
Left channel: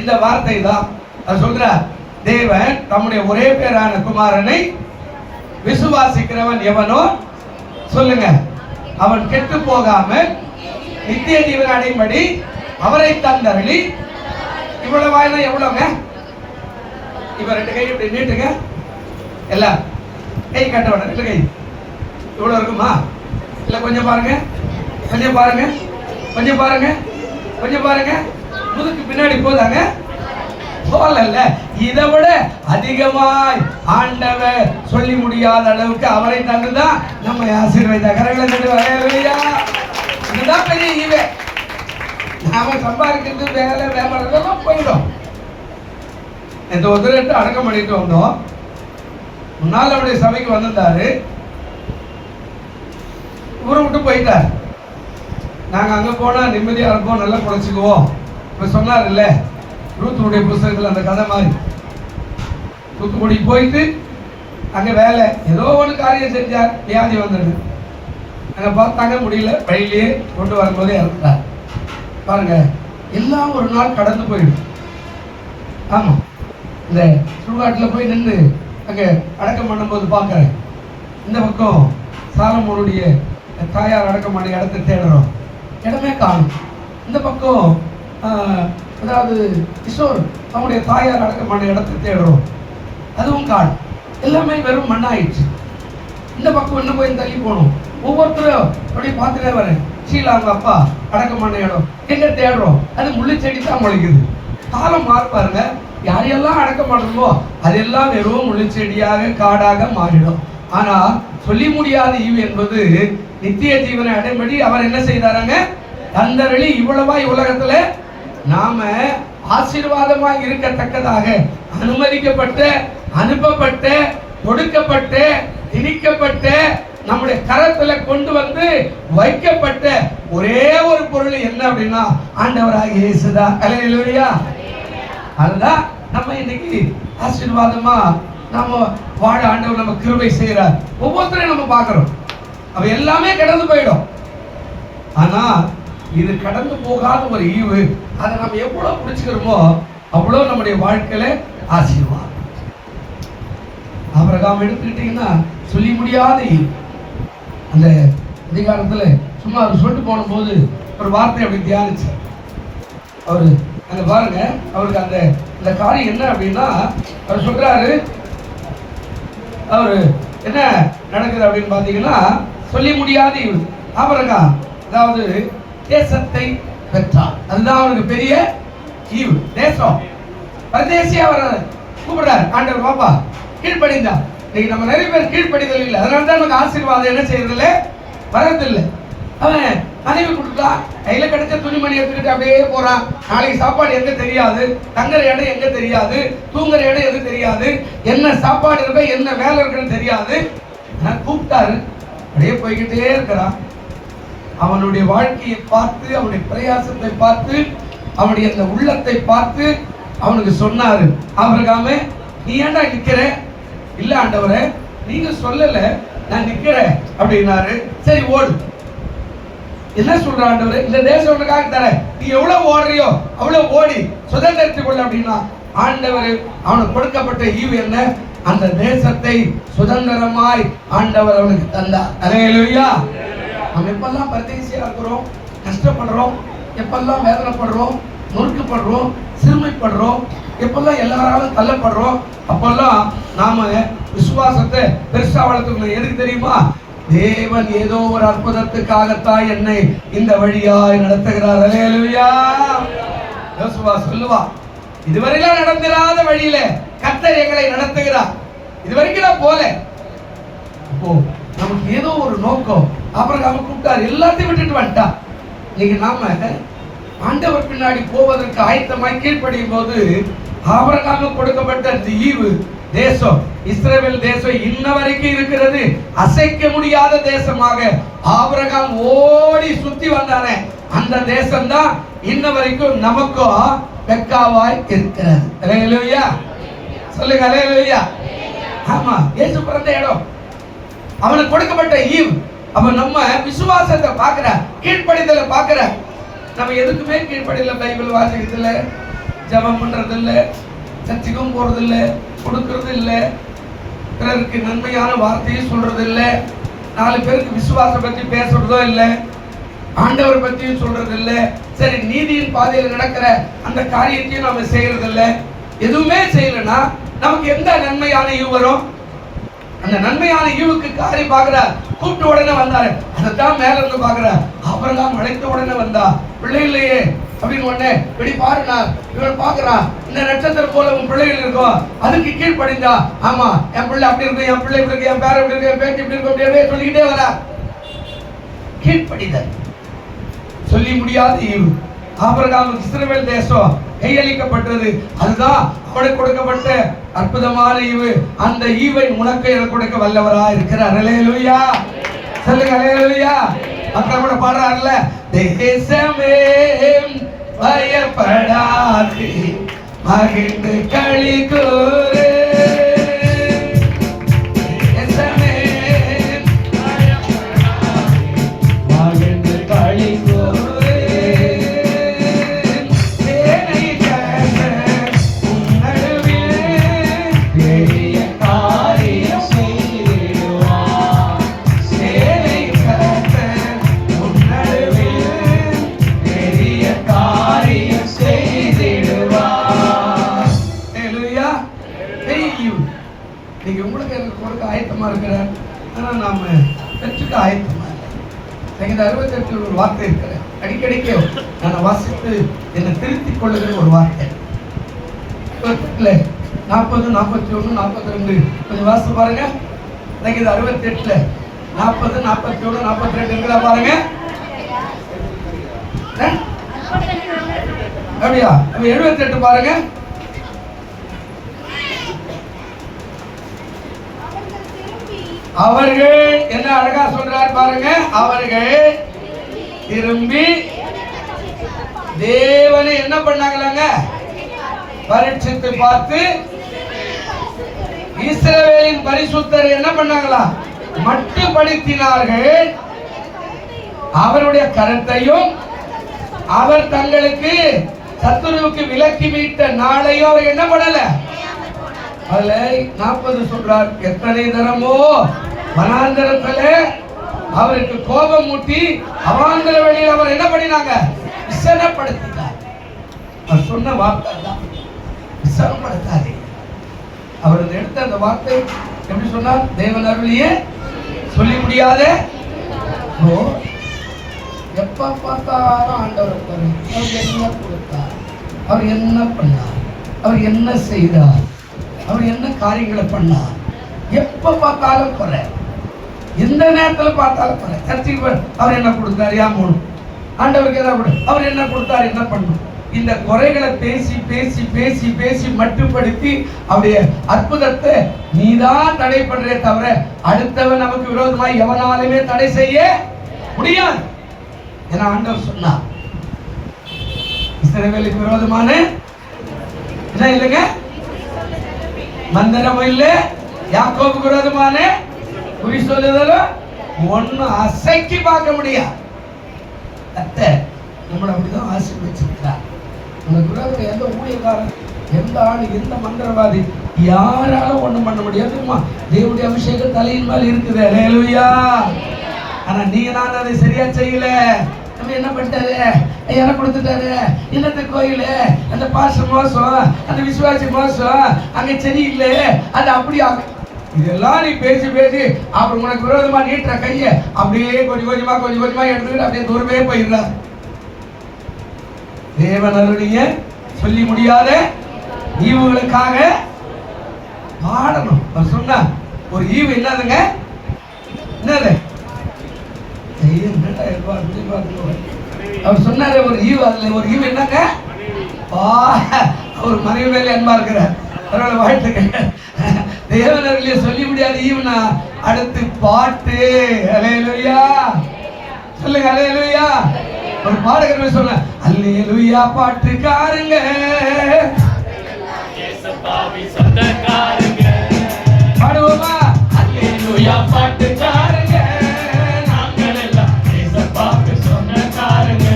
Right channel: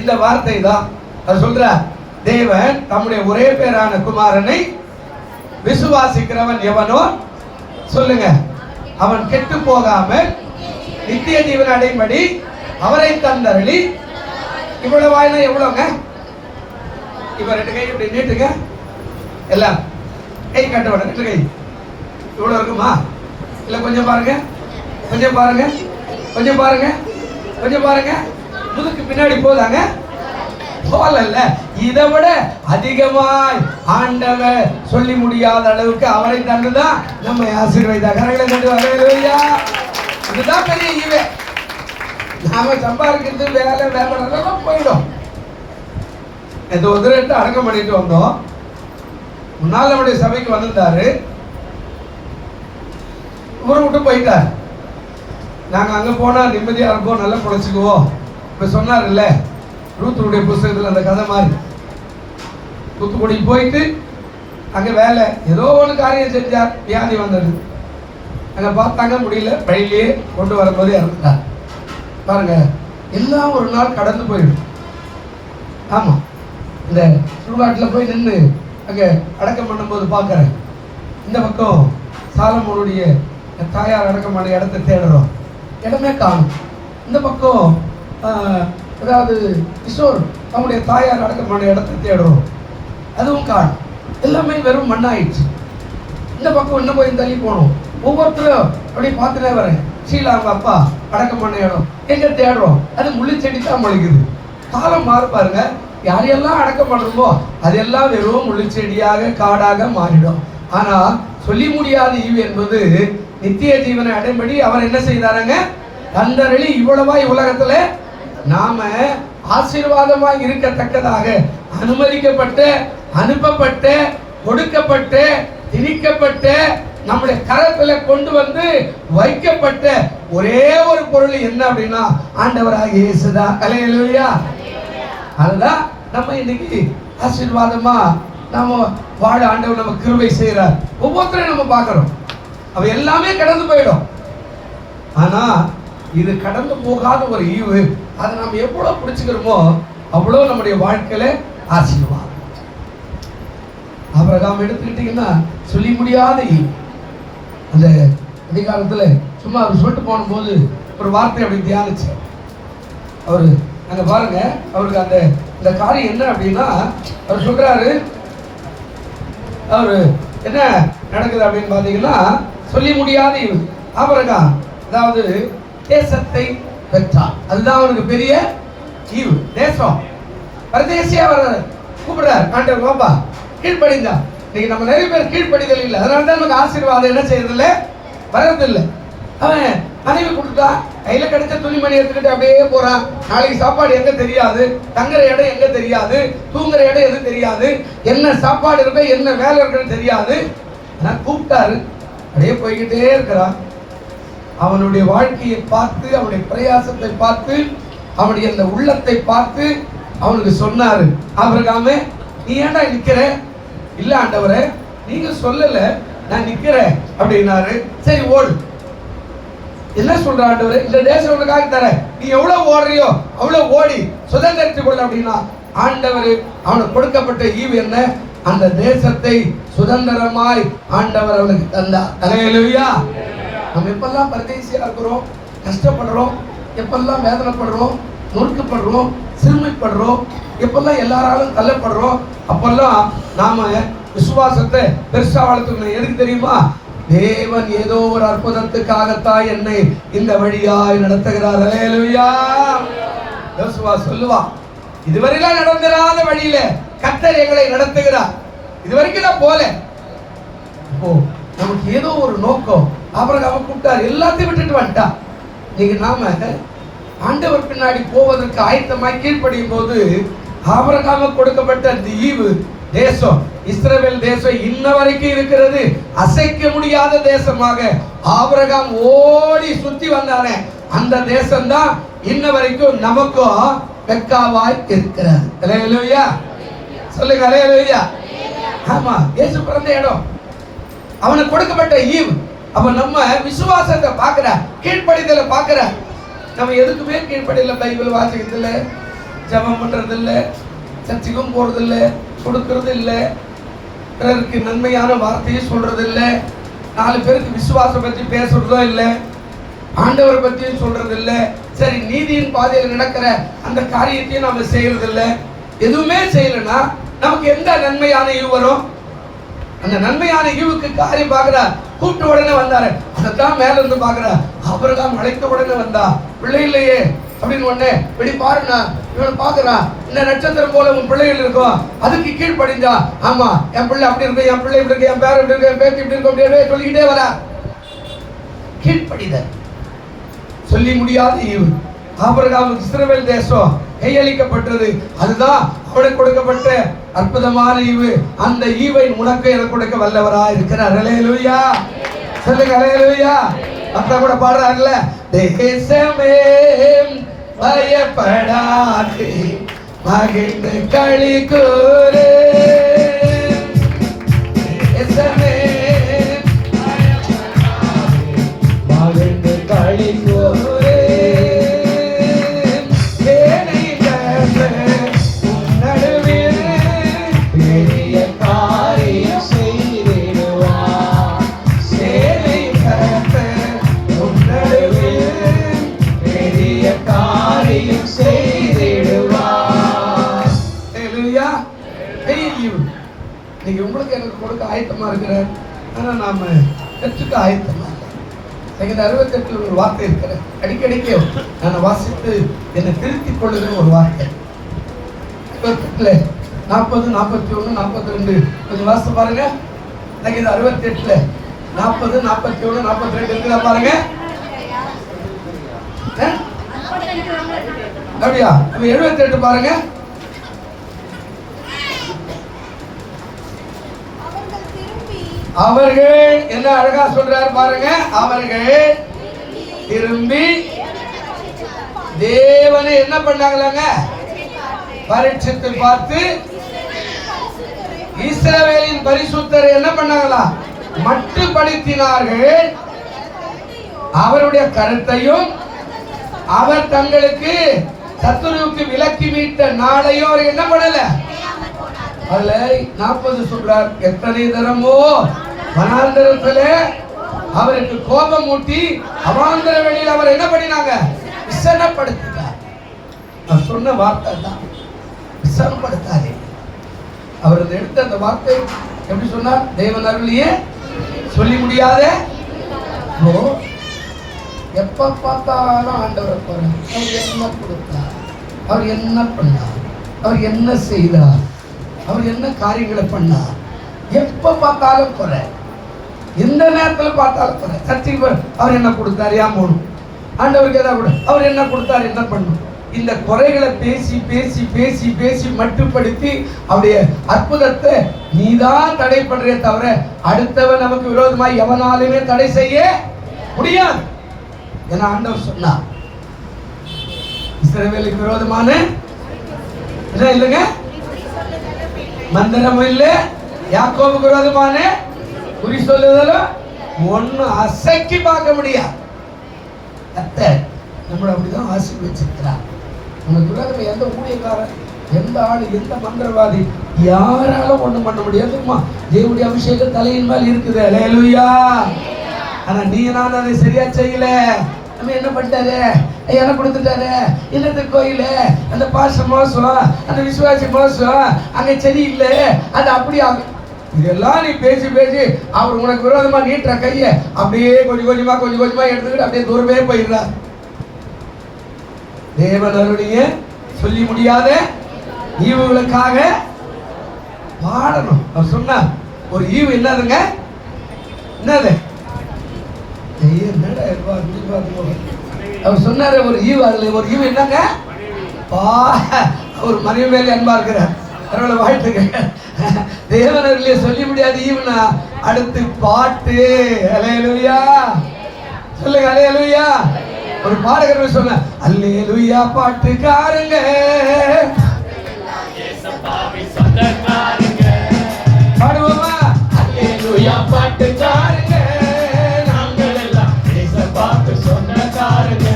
இந்த வார்த்தை தான். அது சொல்ற, தேவன் நம்முடைய ஒரே பேரான குமாரனை விசுவாசிக்கிறவன் எவனோ சொல்லுங்க, அவன் கெட்டு போகாமல் நித்திய ஜீவனை அடையும்படி அவரை தந்தருளி இவ்வளவு வாயினா எவ்வளவுங்க. இப்ப 2 கை இப்படி நீட்டுங்க, எல்லாம் கை கட்ட வேணும். 2 கை இவ்வளவு இருக்குமா? இல்ல கொஞ்சம் பாருங்க, கொஞ்சம் பாருங்க, கொஞ்சம் பாருங்க, கொஞ்சம் பாருங்க. முதுக்கு பின்னாடி போதாங்க, போகல. இதை விட அதிகமாய் ஆண்டவர் சொல்லி முடியாத அளவுக்கு அவரை தந்துதான் நம்ம ஆசீர்வதித்தார். இதுதான் பெரிய ஈவே. நாம சம்பாதிக்கிறது வேலை வியாபாரம் போயிடும். இந்த உதிரத்தை அடக்கம் பண்ணிட்டு வந்தோம். முன்னாள் அவருடைய சபைக்கு வந்திருந்தாரு, ஊரை விட்டு போயிட்டார். நாங்க அங்க போனா நிம்மதியா இருப்போம், நல்லா குறைச்சிக்குவோம். இப்ப சொன்னார் இல்ல, ரூத்துடைய புத்தகத்துல அந்த கதை மாதிரி, தூத்துக்குடி போயிட்டு அங்க வேலை ஏதோ ஒரு காரியம் செஞ்சார், வியாதி வந்தது. அங்க பார்த்தாங்க, முடியல, வழியிலேயே கொண்டு வரும்போதே இறந்துட்டார். பாருங்க, எல்லாம் ஒரு நாள் கடந்து போயிடும். ஆமா, இந்த சுடுகாட்டுல போய் நின்று அங்க அடக்கம் பண்ணும்போது பாக்குறேன், இந்த பக்கம் சாலமோனுடைய தாயார் அடக்கமான இடத்தை தேடுறோம், இடமே காணும். இந்த பக்கம் அதாவது கிஷோர் அவனுடைய தாயார் அடக்கமான இடத்தை தேடுறோம், அதுவும் காணும். எல்லாமே வெறும் மண்ணாயிடுச்சு. இந்த பக்கம் இன்னும் போய் தள்ளி போகணும். ஒவ்வொருத்தரும் அப்படியே பார்த்துட்டே வரேன். ஷீலா அவங்க அப்பா அடக்கமான இடம் எங்க தேடுறோம், அது முள்ளிச்செடி தான் முளைக்குது. காலம் மாற பாருங்க, யாரையெல்லாம் அடக்கம் பண்ணுறோமோ அதெல்லாம் வெறும் முள்ளிச்செடியாக காடாக மாறிடும். ஆனா சொல்லி முடியாத ஈவு என்பது நித்திய ஜீவனை அடைம்படி அவர் என்ன செய்தாராங்க, தந்தருளி இவ்வளவாய் உலகத்துல நாம ஆசீர்வாதமாய் இருக்கத்தக்கதாக அனுமதிக்கப்பட்ட, அனுப்பப்பட்ட, கொடுக்கப்பட்ட, திணிக்கப்பட்ட, நம்முடைய கரத்துல கொண்டு வந்து வைக்கப்பட்ட ஒரே ஒரு பொருள் என்ன அப்படின்னா ஆண்டவராகிய இயேசுதான். அல்லேலூயா. அதுதான் நம்ம இன்னைக்கு ஆசீர்வாதமா நாம வாழ ஆண்டவர் நம்ம கிருபை செய்யறார். ஒவ்வொருத்தரையும் நம்ம பார்க்கிறோம், அவ எல்லாமே கடந்து போயிடும். ஆனா இது கடந்து போகாத ஒரு ஈவு, அதை நம்ம எவ்வளவு பிடிச்சுக்கிறோமோ அவ்வளவு நம்முடைய வாழ்க்கையில ஆசீர்வாதம். ஆபிரகாம் எடுத்துக்கிட்டீங்கன்னா சொல்லி முடியாத ஈவு. அந்த அதிகாரத்துல சும்மா அவர் சொல்லிட்டு போன போது ஒரு வார்த்தை அப்படி தியானிச்சு அவரு அங்க பாருங்க, அவருக்கு அந்த இந்த காரியம் என்ன அப்படின்னா, அவர் சொல்றாரு, அவரு என்ன நடக்குது அப்படின்னு பாத்தீங்கன்னா, சொல்லி முடியாத ஈவு. ஆபிரகாம் அதாவது தேசத்தை பெற்றார், அதுதான் அவருக்கு பெரிய ஈவு. தேசம் பரதேசியா அவர் கூப்பிடுறாரு, ஆண்டவர் பாப்பா கீழ்ப்படிந்தா. இன்னைக்கு நம்ம நிறைய பேர் கீழ்ப்படிதல் இல்லை, அதனாலதான் நமக்கு ஆசீர்வாதம் என்ன செய்யறது இல்லை, வரதில்லை. அவன் மனைவி கொடுத்தா கையில கிடைச்ச துணிமணி எடுத்துக்கிட்டு அப்படியே போறான். நாளைக்கு சாப்பாடு எங்க தெரியாது, தங்குற இடம் எங்க தெரியாது, தூங்குற இடம் எது தெரியாது, என்ன சாப்பாடு இருக்க என்ன வேலை இருக்குன்னு தெரியாது. கூப்பிட்டாரு, அப்படியே போய்கிட்டே இருக்கிறான். அவனுடைய வாழ்க்கையை பார்த்து, அவனுடைய பிரயாசத்தை பார்த்து, அவனுடைய அந்த உள்ளத்தை பார்த்து அவனுக்கு சொன்னாரு, ஆபிரகாமே நீ ஏன்டா நிக்கிற? இல்ல ஆண்டவரே, நீங்க சொல்லல, நான் நிக்கிறேன் அப்படின்னாரு. சரி ஓடு. என்ன சொல்ற ஆண்டவரே, இந்த தேசம் உனக்காக தர, நீ எவ்வளவு ஓடுறியோ அவ்வளவு ஓடி சுதந்திரத்துக் கொள்ள அப்படின்னா. ஆண்டவர் அவனுக்கு கொடுக்கப்பட்ட ஈவு என்ன, அந்த தேசத்தை சுதந்திரமாய் ஆண்டவர் அவனுக்கு தந்தார். அல்லேலூயா. நம்ம எப்பெல்லாம் பரதேசியா இருக்கிறோம், கஷ்டப்படுறோம், எப்பெல்லாம் வேதனைப்படுறோம், நொறுக்கப்படுறோம், சிறுமைப்படுறோம், எப்பெல்லாம் எல்லாராலும் தள்ளப்படுறோம், அப்பெல்லாம் நாம விசுவாசத்தை பெருசா வளர்த்துக்கணும். எதுக்கு தெரியுமா? தேவன் ஏதோ ஒரு அற்புதத்துக்காகத்தான் என்னை இந்த வழியாய் நடத்துகிறார். அல்லேலூயா. யோசுவா சொல்லுவா, இதுவரையிலாம் நடந்திராத வழியில கர்த்தர் எங்களை நடத்துகிறார். இது வரைக்கும் நான் போல. அப்போ நமக்கு ஏதோ ஒரு நோக்கம். ஆபிரகாமை கூப்பிட்டார், எல்லாத்தையும் விட்டுட்டு வந்துட்டான். நீங்க நாம ஆண்டவர் பின்னாடி போவதற்கு ஆயத்தமாய் கீழ்ப்படியும் போது ஆபிரகாமுக்கு கொடுக்கப்பட்ட இந்த ஈவு தேசம், இஸ்ரவேல் தேசம் இன்ன வரைக்கும் இருக்கிறது. அசைக்க முடியாத தேசமாக ஆபிரகாம் ஓடி சுத்தி வந்தானே, அந்த தேசம் தான் இன்ன வரைக்கும் நமக்கும் பெக்காவாய் இருக்கிறது. அல்லேலூயா சொல்லுங்க, அல்லேலூயா. ஆமா, இயேசு பிறந்த இடம், அவனுக்கு கொடுக்கப்பட்ட ஈவு. அவன் நம்ம விசுவாசத்தை பார்க்கிற, கீழ்ப்படிதலை பார்க்கிற. நம்ம எதுக்குமே கீழ்ப்படியில, பைபிள் வாசிக்கிறது இல்லை, ஜபம் பண்றது இல்லை, சர்ச்சைக்கும் போறது இல்லை, கொடுக்கறது இல்லை, பிறருக்கு நன்மையான வார்த்தையை சொல்றது இல்லை, 4 பேருக்கு விசுவாசம் பத்தி பேசுறதோ இல்லை, ஆண்டவரை பத்தியும் சொல்றது இல்லை. சரி, நீதியின் பாதையில் நடக்கிற அந்த காரியத்தையும் நம்ம செய்யறது இல்லை. எதுவுமே செய்யலன்னா நமக்கு எந்த நன்மையான ஈவு வரும்? அந்த நன்மையான ஈவுக்கு காரியம் பார்க்கிறார். கூப்பிட்டு உடனே வந்தாரு, அதைத்தான் மேல இருந்து பார்க்கிறார். ஆபிரகாம் அழைத்த உடனே வந்தா, பிள்ளை இல்லையே அப்படின்னு உடனே வெளி பாருனா, இவன் பார்க்கிறான், இந்த நட்சத்திரம் போல உன் பிள்ளைகள் இருக்கும், அதுக்கு கீழ்ப்படிஞ்சா, ஆமா என் பிள்ளை அப்படி இருக்கு, என் பிள்ளை இப்படி இருக்கு, என் பேர் இப்படி இருக்கு, என் பேச்சு இப்படி இருக்கும் அப்படின்னு சொல்லிக்கிட்டே வரா. கீழ்ப்படிதல் சொல்லி முடியாத ஈவு. ஆபிரகாம் இஸ்ரவேல் தேசம் கையளிக்கப்பட்டது, அதுதான் அவனுக்கு கொடுக்கப்பட்ட அற்புதமான ஈவு. அந்த ஈவை உனக்கு எனக்கு கொடுக்க வல்லவரா இருக்கிறார். அல்லேலூயா சொல்லுங்க, அல்லேலூயா. அப்புறம் கூட பாடுறாங்கல்ல, தேசமே பயப்படாதே மகிழ்ந்து களி கூறு, தேசமே பயப்படாதே மகிழ்ந்து களி கூறு, நீங்க உங்களுக்கு எனக்கு கொடுக்க ஆயத்தமா இருக்கிறார். ஆனா நாம பெற்றுக்க ஆயத்தமா இல்லை. 68 ஒரு வார்த்தை இருக்கிற, அடிக்கடிக்கு நான் வாசித்து என்னை திருத்திக் கொள்ளுகிற ஒரு வார்த்தை. 40, 41, 42 கொஞ்சம் வாசித்து பாருங்க. 68 40, 41, 42 இருக்கிறா பாருங்க. அப்படியா? 78 பாருங்க. அவர்கள் என்ன அழகா சொல்றாரு பாருங்க. அவர்கள் திரும்பி தேவனை என்ன பண்ணாங்களாங்க? பரீட்சித்து பார்த்து இஸ்ரவேலின் பரிசுத்தர் என்ன பண்ணாங்களா? மட்டுப்படுத்தினார்கள். அவருடைய கருத்தையும் அவர் தங்களுக்கு சத்துருவுக்கு விலக்கி மீட்ட நாளையும் அவர் என்ன பண்ணல. அதுல 40 சொல்றார், எத்தனை தரமோ வனாந்தரத்திலே அவருக்கு கோபம் மூட்டி அவாந்தர வெளியில் அவர் என்ன பண்ணினாங்க? விசனப்படுத்தினார். அவர் சொன்ன வார்த்தை தான் விசனப்படுத்தாரு. அவர் எடுத்த அந்த வார்த்தை எப்படி சொன்னார்? தேவன் அருளியே சொல்லி முடியாத. எப்ப பார்த்தாலும் ஆண்டவர் பாருங்க, அவர் என்ன கொடுத்தார், அவர் என்ன பண்ணார், அவர் என்ன செய்தார், அவர் என்ன காரியங்களை பண்ணார். எப்ப பார்த்தாலும் குறை, எந்த நேரத்தில் பார்த்தாலும் குறை. சர்ச்சைக்கு அவர் என்ன கொடுத்தாரு, யாமோனும் ஆண்டவருக்கு எதாவது கொடு, அவர் என்ன கொடுத்தாரு, என்ன பண்ணும். இந்த குறைகளை பேசி பேசி பேசி பேசி மட்டுப்படுத்தி அவருடைய அற்புதத்தை நீதான் தடை பண்றே தவிர அடுத்தவன் நமக்கு விரோதமாய் எவனாலுமே தடை செய்ய முடியாது. ஏன்னா ஆண்டவர் சொன்னார், இஸ்ரவேலுக்கு விரோதமான என்ன இல்லைங்க, மந்திரம் இல்ல, யாக்கோபுக்கு விரோதமான குறி சொல்லுதலும் ஒன்னும் அசைக்கி பார்க்க முடியாது. நம்மள அப்படிதான் ஆசீர்வதிச்சிருக்கிறார். உங்களுக்கு விரோதம் எந்த ஊழியக்காரன், எந்த ஆளு, எந்த மந்திரவாதி யாராலும் ஒண்ணும் பண்ண முடியாதுமா. தேவனுடைய அபிஷேகம் தலையின் மேல் இருக்குது. அல்லேலூயா. ஆனா நீ நான் அதை சரியா செய்யல. நம்ம என்ன பண்ணிட்டாரு, எனக்கு கொடுத்துட்டாரு, என்னது கோயில், அந்த பாசம் மோசம், அந்த விசுவாசி மோசம், அங்க சரியில்லை, அது அப்படி இதெல்லாம் நீ பேசி பேசி அவர் உனக்கு விரோதமா நீட்டுற கைய அப்படியே கொஞ்சம் கொஞ்சமா எடுத்துக்கிட்டு அப்படியே தூரமே போயிடலாம். தேவனுடைய சொல்லி முடியாத ஈவுகளுக்காக பாடணும். அவர் சொன்னா ஒரு ஈவு என்னதுங்க? என்னது? என்னடா அவர் சொன்னாரு ஒரு ஈவு, அதுல ஒரு ஈவு என்னங்க? ஒரு மனைவி மேலே அன்பா இருக்கிறார். அவர்களை வாழ்த்துக்க. தேவனர்களே சொல்லி முடியாது ஈவுனா. அடுத்து பாட்டு. அல்லேலூயா சொல்லுங்க, அல்லேலூயா. ஒரு பாடகர் சொன்ன அல்லேலூயா பாட்டுக்காரங்க பாடுவோமா? அல்லேலூயா பாட்டுக்காரங்க நாங்கள் எல்லாம் ஏசப்பாக்கு சொந்தக்காரங்க.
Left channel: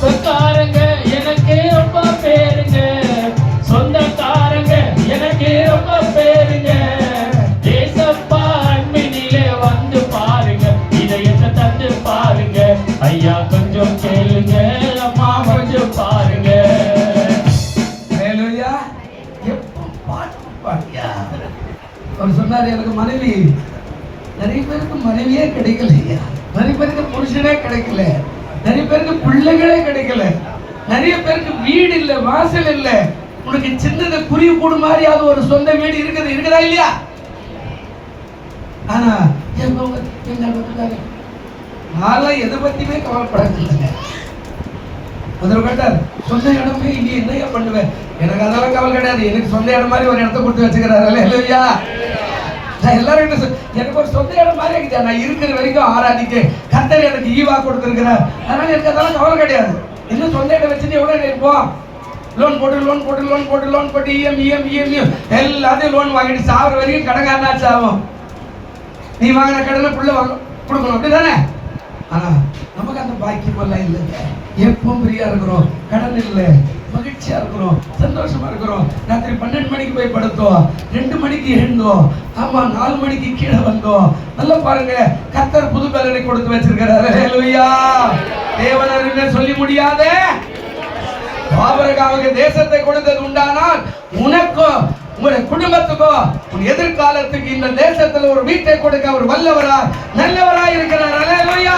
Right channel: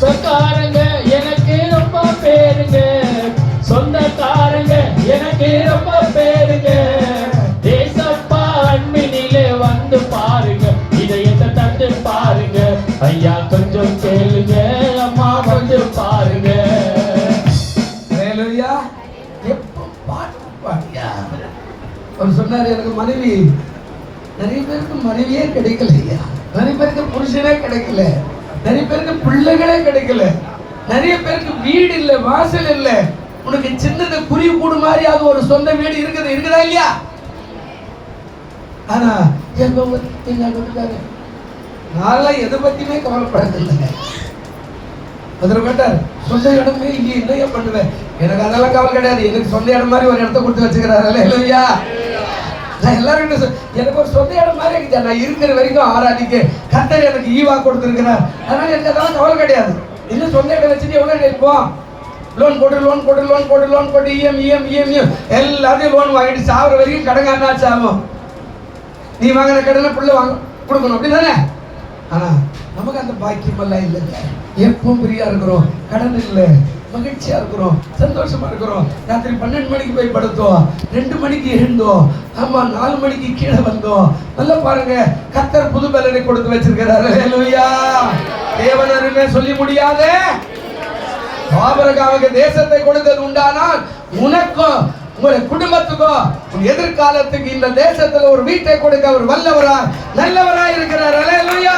சொந்தக்காரங்க எனக்கு ரொம்ப பேருங்க, சொந்தக்காரங்க எனக்கு ரொம்ப பேருங்க. ஏசப்பா அன்பினிலே வந்து பாருங்க, இதயத்தை தந்து பாருங்க. ஐயா கொஞ்சம் கேளுங்க, அம்மா கொஞ்சம் பாருங்க. அல்லேலூயா. எப்போ பாட்டு பாடியா? அவர் சொன்னார் எனக்கு மனைவி, நிறைய பேருக்கு மனைவியே கிடைக்கலையா, நிறைய பேருக்கு புருஷனே கிடைக்கல, நிறைய பேருக்கு பிள்ளைகளே கிடைக்கல, நிறைய பேருக்கு வீடு இல்லை, வாசல் இல்லை. உனக்கு சின்னது குருவி கூடு மாதிரி அது ஒரு சொந்த வீடு இருக்குதா இல்லையா? ஆனா நான் எதை பத்தியுமே கவலைப்படாதில்லைங்க. அதில் கேட்டார் சொந்த இடமே இங்க என்னையா பண்ணுவேன்? எனக்கு அதெல்லாம் கவலை கிடையாது. எனக்கு சொந்த இடம் மாதிரி ஒரு இடத்த கொடுத்து வச்சுக்கிறாரு இல்லையா? நான் எல்லாரும் எனக்கு ஒரு சொந்த இடம் மாதிரி இருக்கு. நான் இருக்கிற வரைக்கும் ஆராதிக்க கர்த்தர் எனக்கு ஈவா கொடுத்துருக்கிறார். அதனால எனக்கு அதெல்லாம் கவலை கிடையாது. இன்னும் சொந்த இடம் வச்சுட்டு எவ்வளவு இருப்போம்? லோன் போட்டு இஎம் எல்லாத்தையும் லோன் வாங்கிட்டு சாப்பிட்ற வரைக்கும் கடங்காச்சு ஆகும். நீ வாங்கின கடனை பிள்ளை வாங்க கொடுக்கணும், அப்படிதானே? ஆனா நமக்கு அந்த பாக்கியம் எல்லாம் இல்லைங்க. எப்பவும் ஃப்ரீயா இருக்கிறோம், கடன் இல்லை, மகிழ்ச்சியா இருக்கிறோம், சந்தோஷமா இருக்கிறோம். ராத்திரி 12 மணிக்கு போய் படுத்தோம், 2 மணிக்கு எழுந்தோம், ஆமா 4 மணிக்கு கீழே வந்தோம். நல்லா பாருங்க, கர்த்தர் புது பலனை கொடுத்து வச்சிருக்கிறார். அல்லேலூயா. தேவனருமே சொல்லி முடியாதே. ஆபிரகாமுக்கு தேசத்தை கொடுத்தது உண்டானால் உனக்கும் உங்களுடைய குடும்பத்துக்கும் எதிர்காலத்துக்கு இந்த தேசத்துல ஒரு வீட்டை கொடுக்க அவர் வல்லவரா நல்லவரா இருக்கிறார். அல்லேலூயா.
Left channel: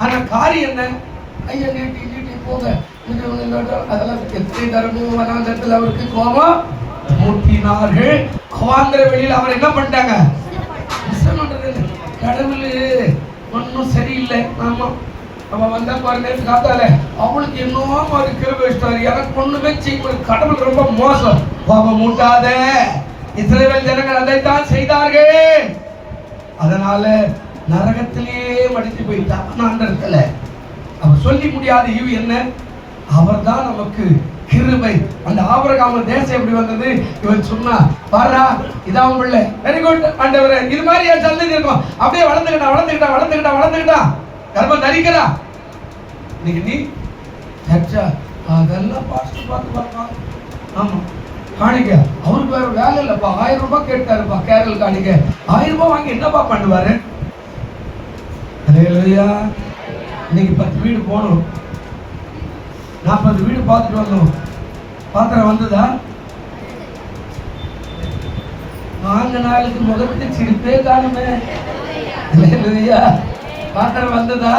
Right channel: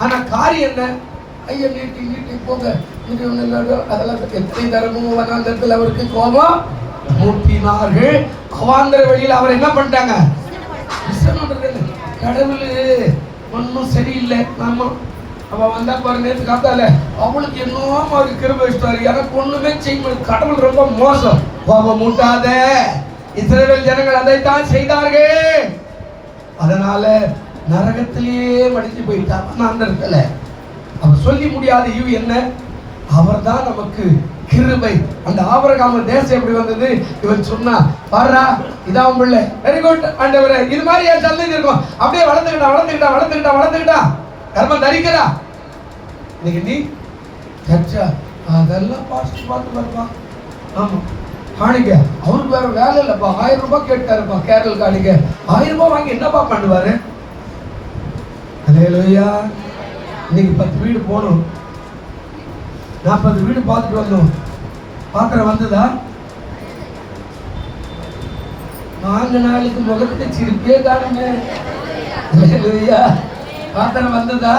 ஆனா காரியம் என்ன? ஐயா நீட்டி போங்க, அதெல்லாம் எத்தனை தரமும் வனாந்தரத்தில் அவருக்கு கோபம் மூட்டினார்கள். அவாந்தர வெளியில் அவர் என்ன பண்ணிட்டாங்க? கடவுள் ஒன்னும் சரியில்லை. நாம அவன் வந்தா பாரு, நேற்று காத்தால அவளுக்கு என்னவோ மாதிரி கிருபை வச்சிட்டாரு, எனக்கு ஒண்ணுமே செய்ய. கடவுள் ரொம்ப மோசம். கோபம் மூட்டாத. இஸ்ரவேல் ஜனங்கள் அதைத்தான் செய்தார்கள். அதனால நரகத்திலேயே மடித்து போயிட்டான். அந்த இடத்துல அவர் சொல்லி முடியாத ஈவு என்ன? அவர் தான் நமக்கு கிருபை. அந்த ஆபிரகாம் தேசம் எப்படி வந்தது? இவன் சொன்னா பாரா இதான் உள்ள வெரி குட் ஆண்டவரே, இது மாதிரி என் சந்ததி இருக்கும். அப்படியே வளர்ந்துக்கிட்டா கர்மம் தரிக்கிறா. இன்னைக்கு நீ சர்ச்சா அதெல்லாம் பாஸ்ட் பார்த்துப்பா. ஆமா காணிக்க அவருக்கு வேற வேலை இல்லப்பா. 1000 ரூபாய் கேட்டாருப்பா கேரள் காணிக்க. 1000 ரூபாய் வாங்கி என்னப்பா பண்ணுவாரு? அல்லேலூயா. இன்னைக்கு 10 வீடு போகணும், 40 வீடு பார்த்துட்டு வந்தோம். பாத்திரம் வந்ததா? 4 நாளுக்கு முகத்தை சிரிப்பே காணுமே. அல்லேலூயா. பாத்திரம் வந்ததா?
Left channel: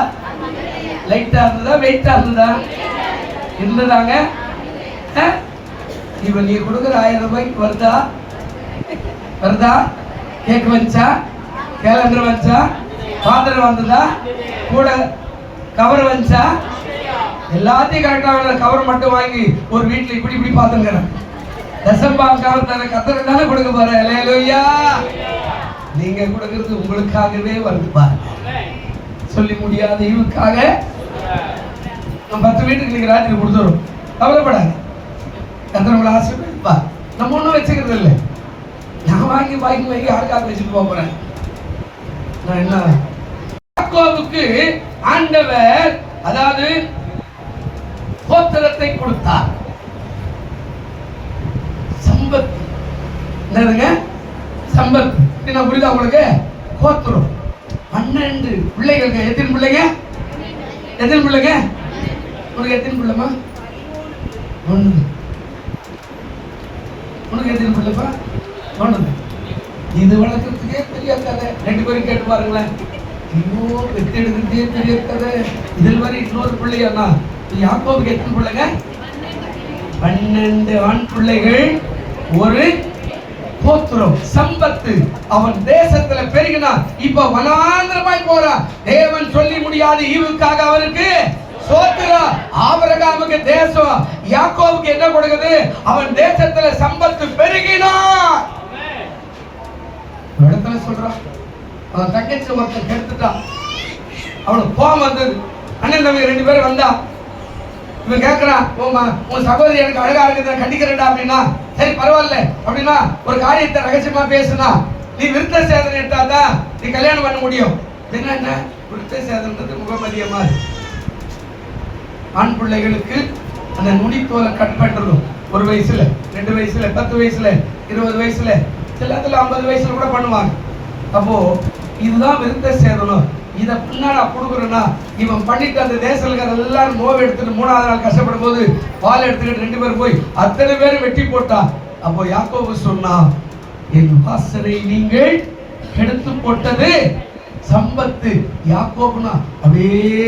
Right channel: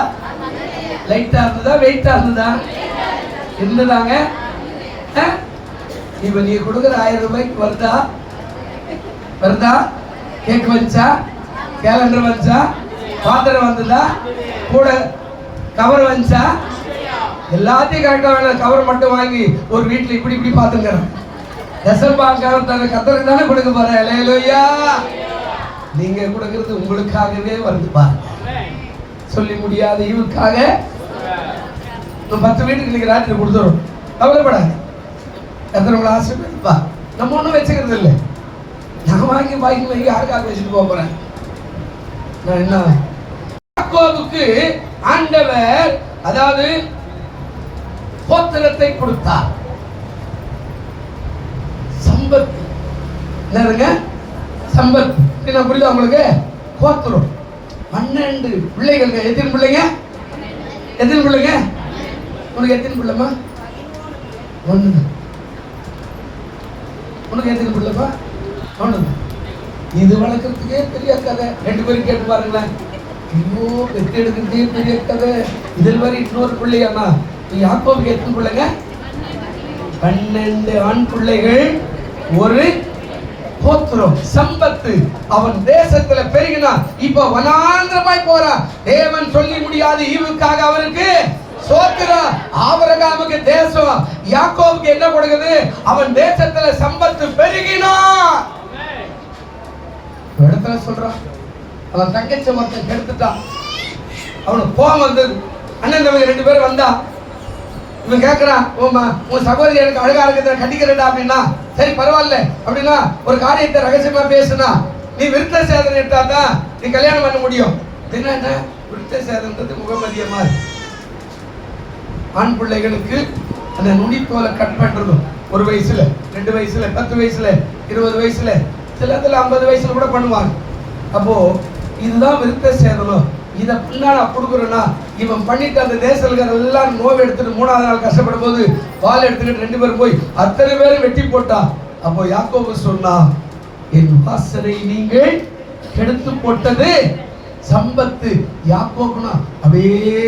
லைட்டா இருந்ததா வெயிட்டா இருந்ததா? இருந்ததாங்க. இப்ப நீ கொடுக்குற 1000 ரூபாய்க்கு வருதா? கேக் வந்துச்சா? கேலண்டர் வந்துச்சா? பாத்திரம் வந்ததா? கூட கவர் வந்துச்சா? எல்லாத்தையும் கரெக்டான கவர் மட்டும் வாங்கி ஒரு வீட்டுல இப்படி பார்த்துக்கிறோம். கவர் தர கத்தருக்கு தானே கொடுக்க போறேன். அல்லேலூயா. நீங்க கொடுக்கிறது உங்களுக்காகவே வருது பாருங்க. சொல்லி முடியாத இவருக்காக 10 வீட்டுக்கு நீங்க ராத்திரி கொடுத்துரும். கவலைப்படாது. கத்தர் ஆசீர்வதிப்பா. நம்ம ஒன்றும் வச்சுக்கிறது இல்லை. நான் வாங்கி யாருக்காக வச்சுட்டு போறேன். நான் என்ன யாக்கோபுக்கு ஆண்டவர் அதாவது கோத்திரத்தை கொடுத்தார். சம்பத்து என்னதுங்க? சம்பத்து. என்ன புரியுதா உங்களுக்கு? கோத்திரம் 12 பிள்ளைகள். எத்தனை பிள்ளைங்க? உனக்கு எத்தனை பிள்ளைமா? 1. உனக்கு எத்தனை பிள்ளைப்பா? 1. இது வளர்க்கறதுக்கே பெரிய கதை. 2 பேரும் கேட்டு பாருங்களேன். ஐயோ வெற்றி எடுக்கிறதே பெரிய கதை. இதில் வரை இன்னொரு பிள்ளையானா? யாக்கோபுக்கு எத்தனை பிள்ளைங்க? 12 ஆண் பிள்ளைகள், ஒரு கோத்திரம், சம்பத்து. அவன் தேசத்துல பெருகினான். இப்ப வனாந்திரமாய் போறான். தேவன் சொல்லி முடியாத ஈவுக்காக அவருக்கு சோத்திரம். ஆபிரகாமுக்கு தேசம், யாக்கோபுக்கு என்ன கொடுக்குது? அவன் தேசத்துல சம்பத்து பெருகினான். இடத்துல சொல்றான், அவன் தங்கச்சி ஒருத்தன் கெடுத்துட்டான். அவனுக்கு கோபம் வந்தது. அண்ணன் நம்ம 2 பேரும் வந்தா, இவன் கேட்கிறான், உன் சகோதரி எனக்கு அழகா இருக்குது, கட்டிக்கிறேன்டா அப்படின்னா, சரி பரவாயில்ல அப்படின்னா ஒரு காரியத்தை ரகசியமா பேசுனா, நீ விருத்த சேதனை எடுத்தாதான் நீ கல்யாணம் பண்ண முடியும். என்ன விருத்த சேதனத்துக்கு முகமதியமா ஆண் பிள்ளைகளுக்கு அந்த நுனி போல கட் பண்ணணும். 1 வயசுல, 2 வயசுல, 10 வயசுல, 20 வயசுல, சிலத்துல 50 வயசுல கூட பண்ணுவாங்க. அப்போ இதுதான் விருத்த சேதனம். இதை பின்னாடி கொடுக்குறேன்னா, இவன் பண்ணிட்டு அந்த தேசங்கள் எல்லாரும் நோவை எடுத்துட்டு 3ஆவது நாள் கஷ்டப்படும் போது பால் எடுத்துக்கிட்டு 2 பேரும் போய் அத்தனை பேரும் வெட்டி போட்டா. அப்போ யாக்கோபு சொன்னா, என் வாசனை நீங்கள் கெடுத்து போட்டது சம்பத்து. யாக்கோபுனா அப்படியே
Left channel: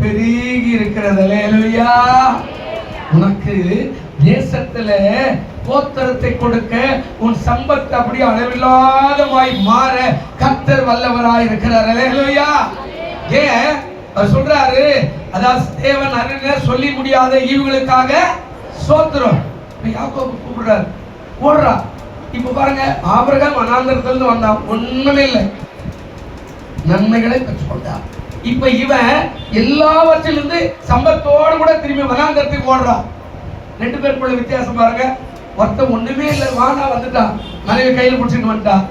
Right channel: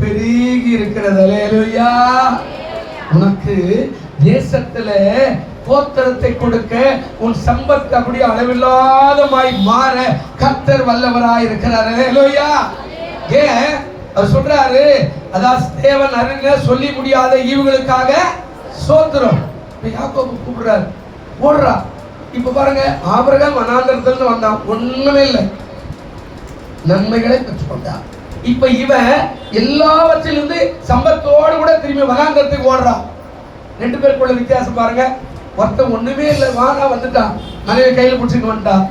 பெருகி இருக்கிறது. அல்லேலூயா. உனக்கு தேசத்துல கோத்திரத்தை கொடுக்க, உன் சம்பத்து அப்படியே அளவில்லாதமாய் மாற கர்த்தர் வல்லவராய் இருக்கிறார். அல்லேலூயா. ஏன் சொல்றாரு? அதாவது தேவன் அருங்க சொல்லி முடியாத ஈவுகளுக்காக சோத்திரம். யாக்கோபு கூப்பிடுறாரு, ஓடுறா. இப்ப பாருங்க, ஆபிரகாம் வனாந்திரத்திலிருந்து வந்தான், ஒண்ணுமே இல்லை, நன்மைகளை பெற்றுக்கொண்டான். இப்ப இவன் எல்லாவற்றிலிருந்து சம்பத்தோடு கூட திரும்பி வனாந்திரத்துக்கு ஓடுறான். 2 பேருக்குள்ள வித்தியாசம் பாருங்க. ஒருத்தன் ஒண்ணுமே இல்லை, வானா வந்துட்டான், மனைவி கையில பிடிச்சிட்டு வந்துட்டான்.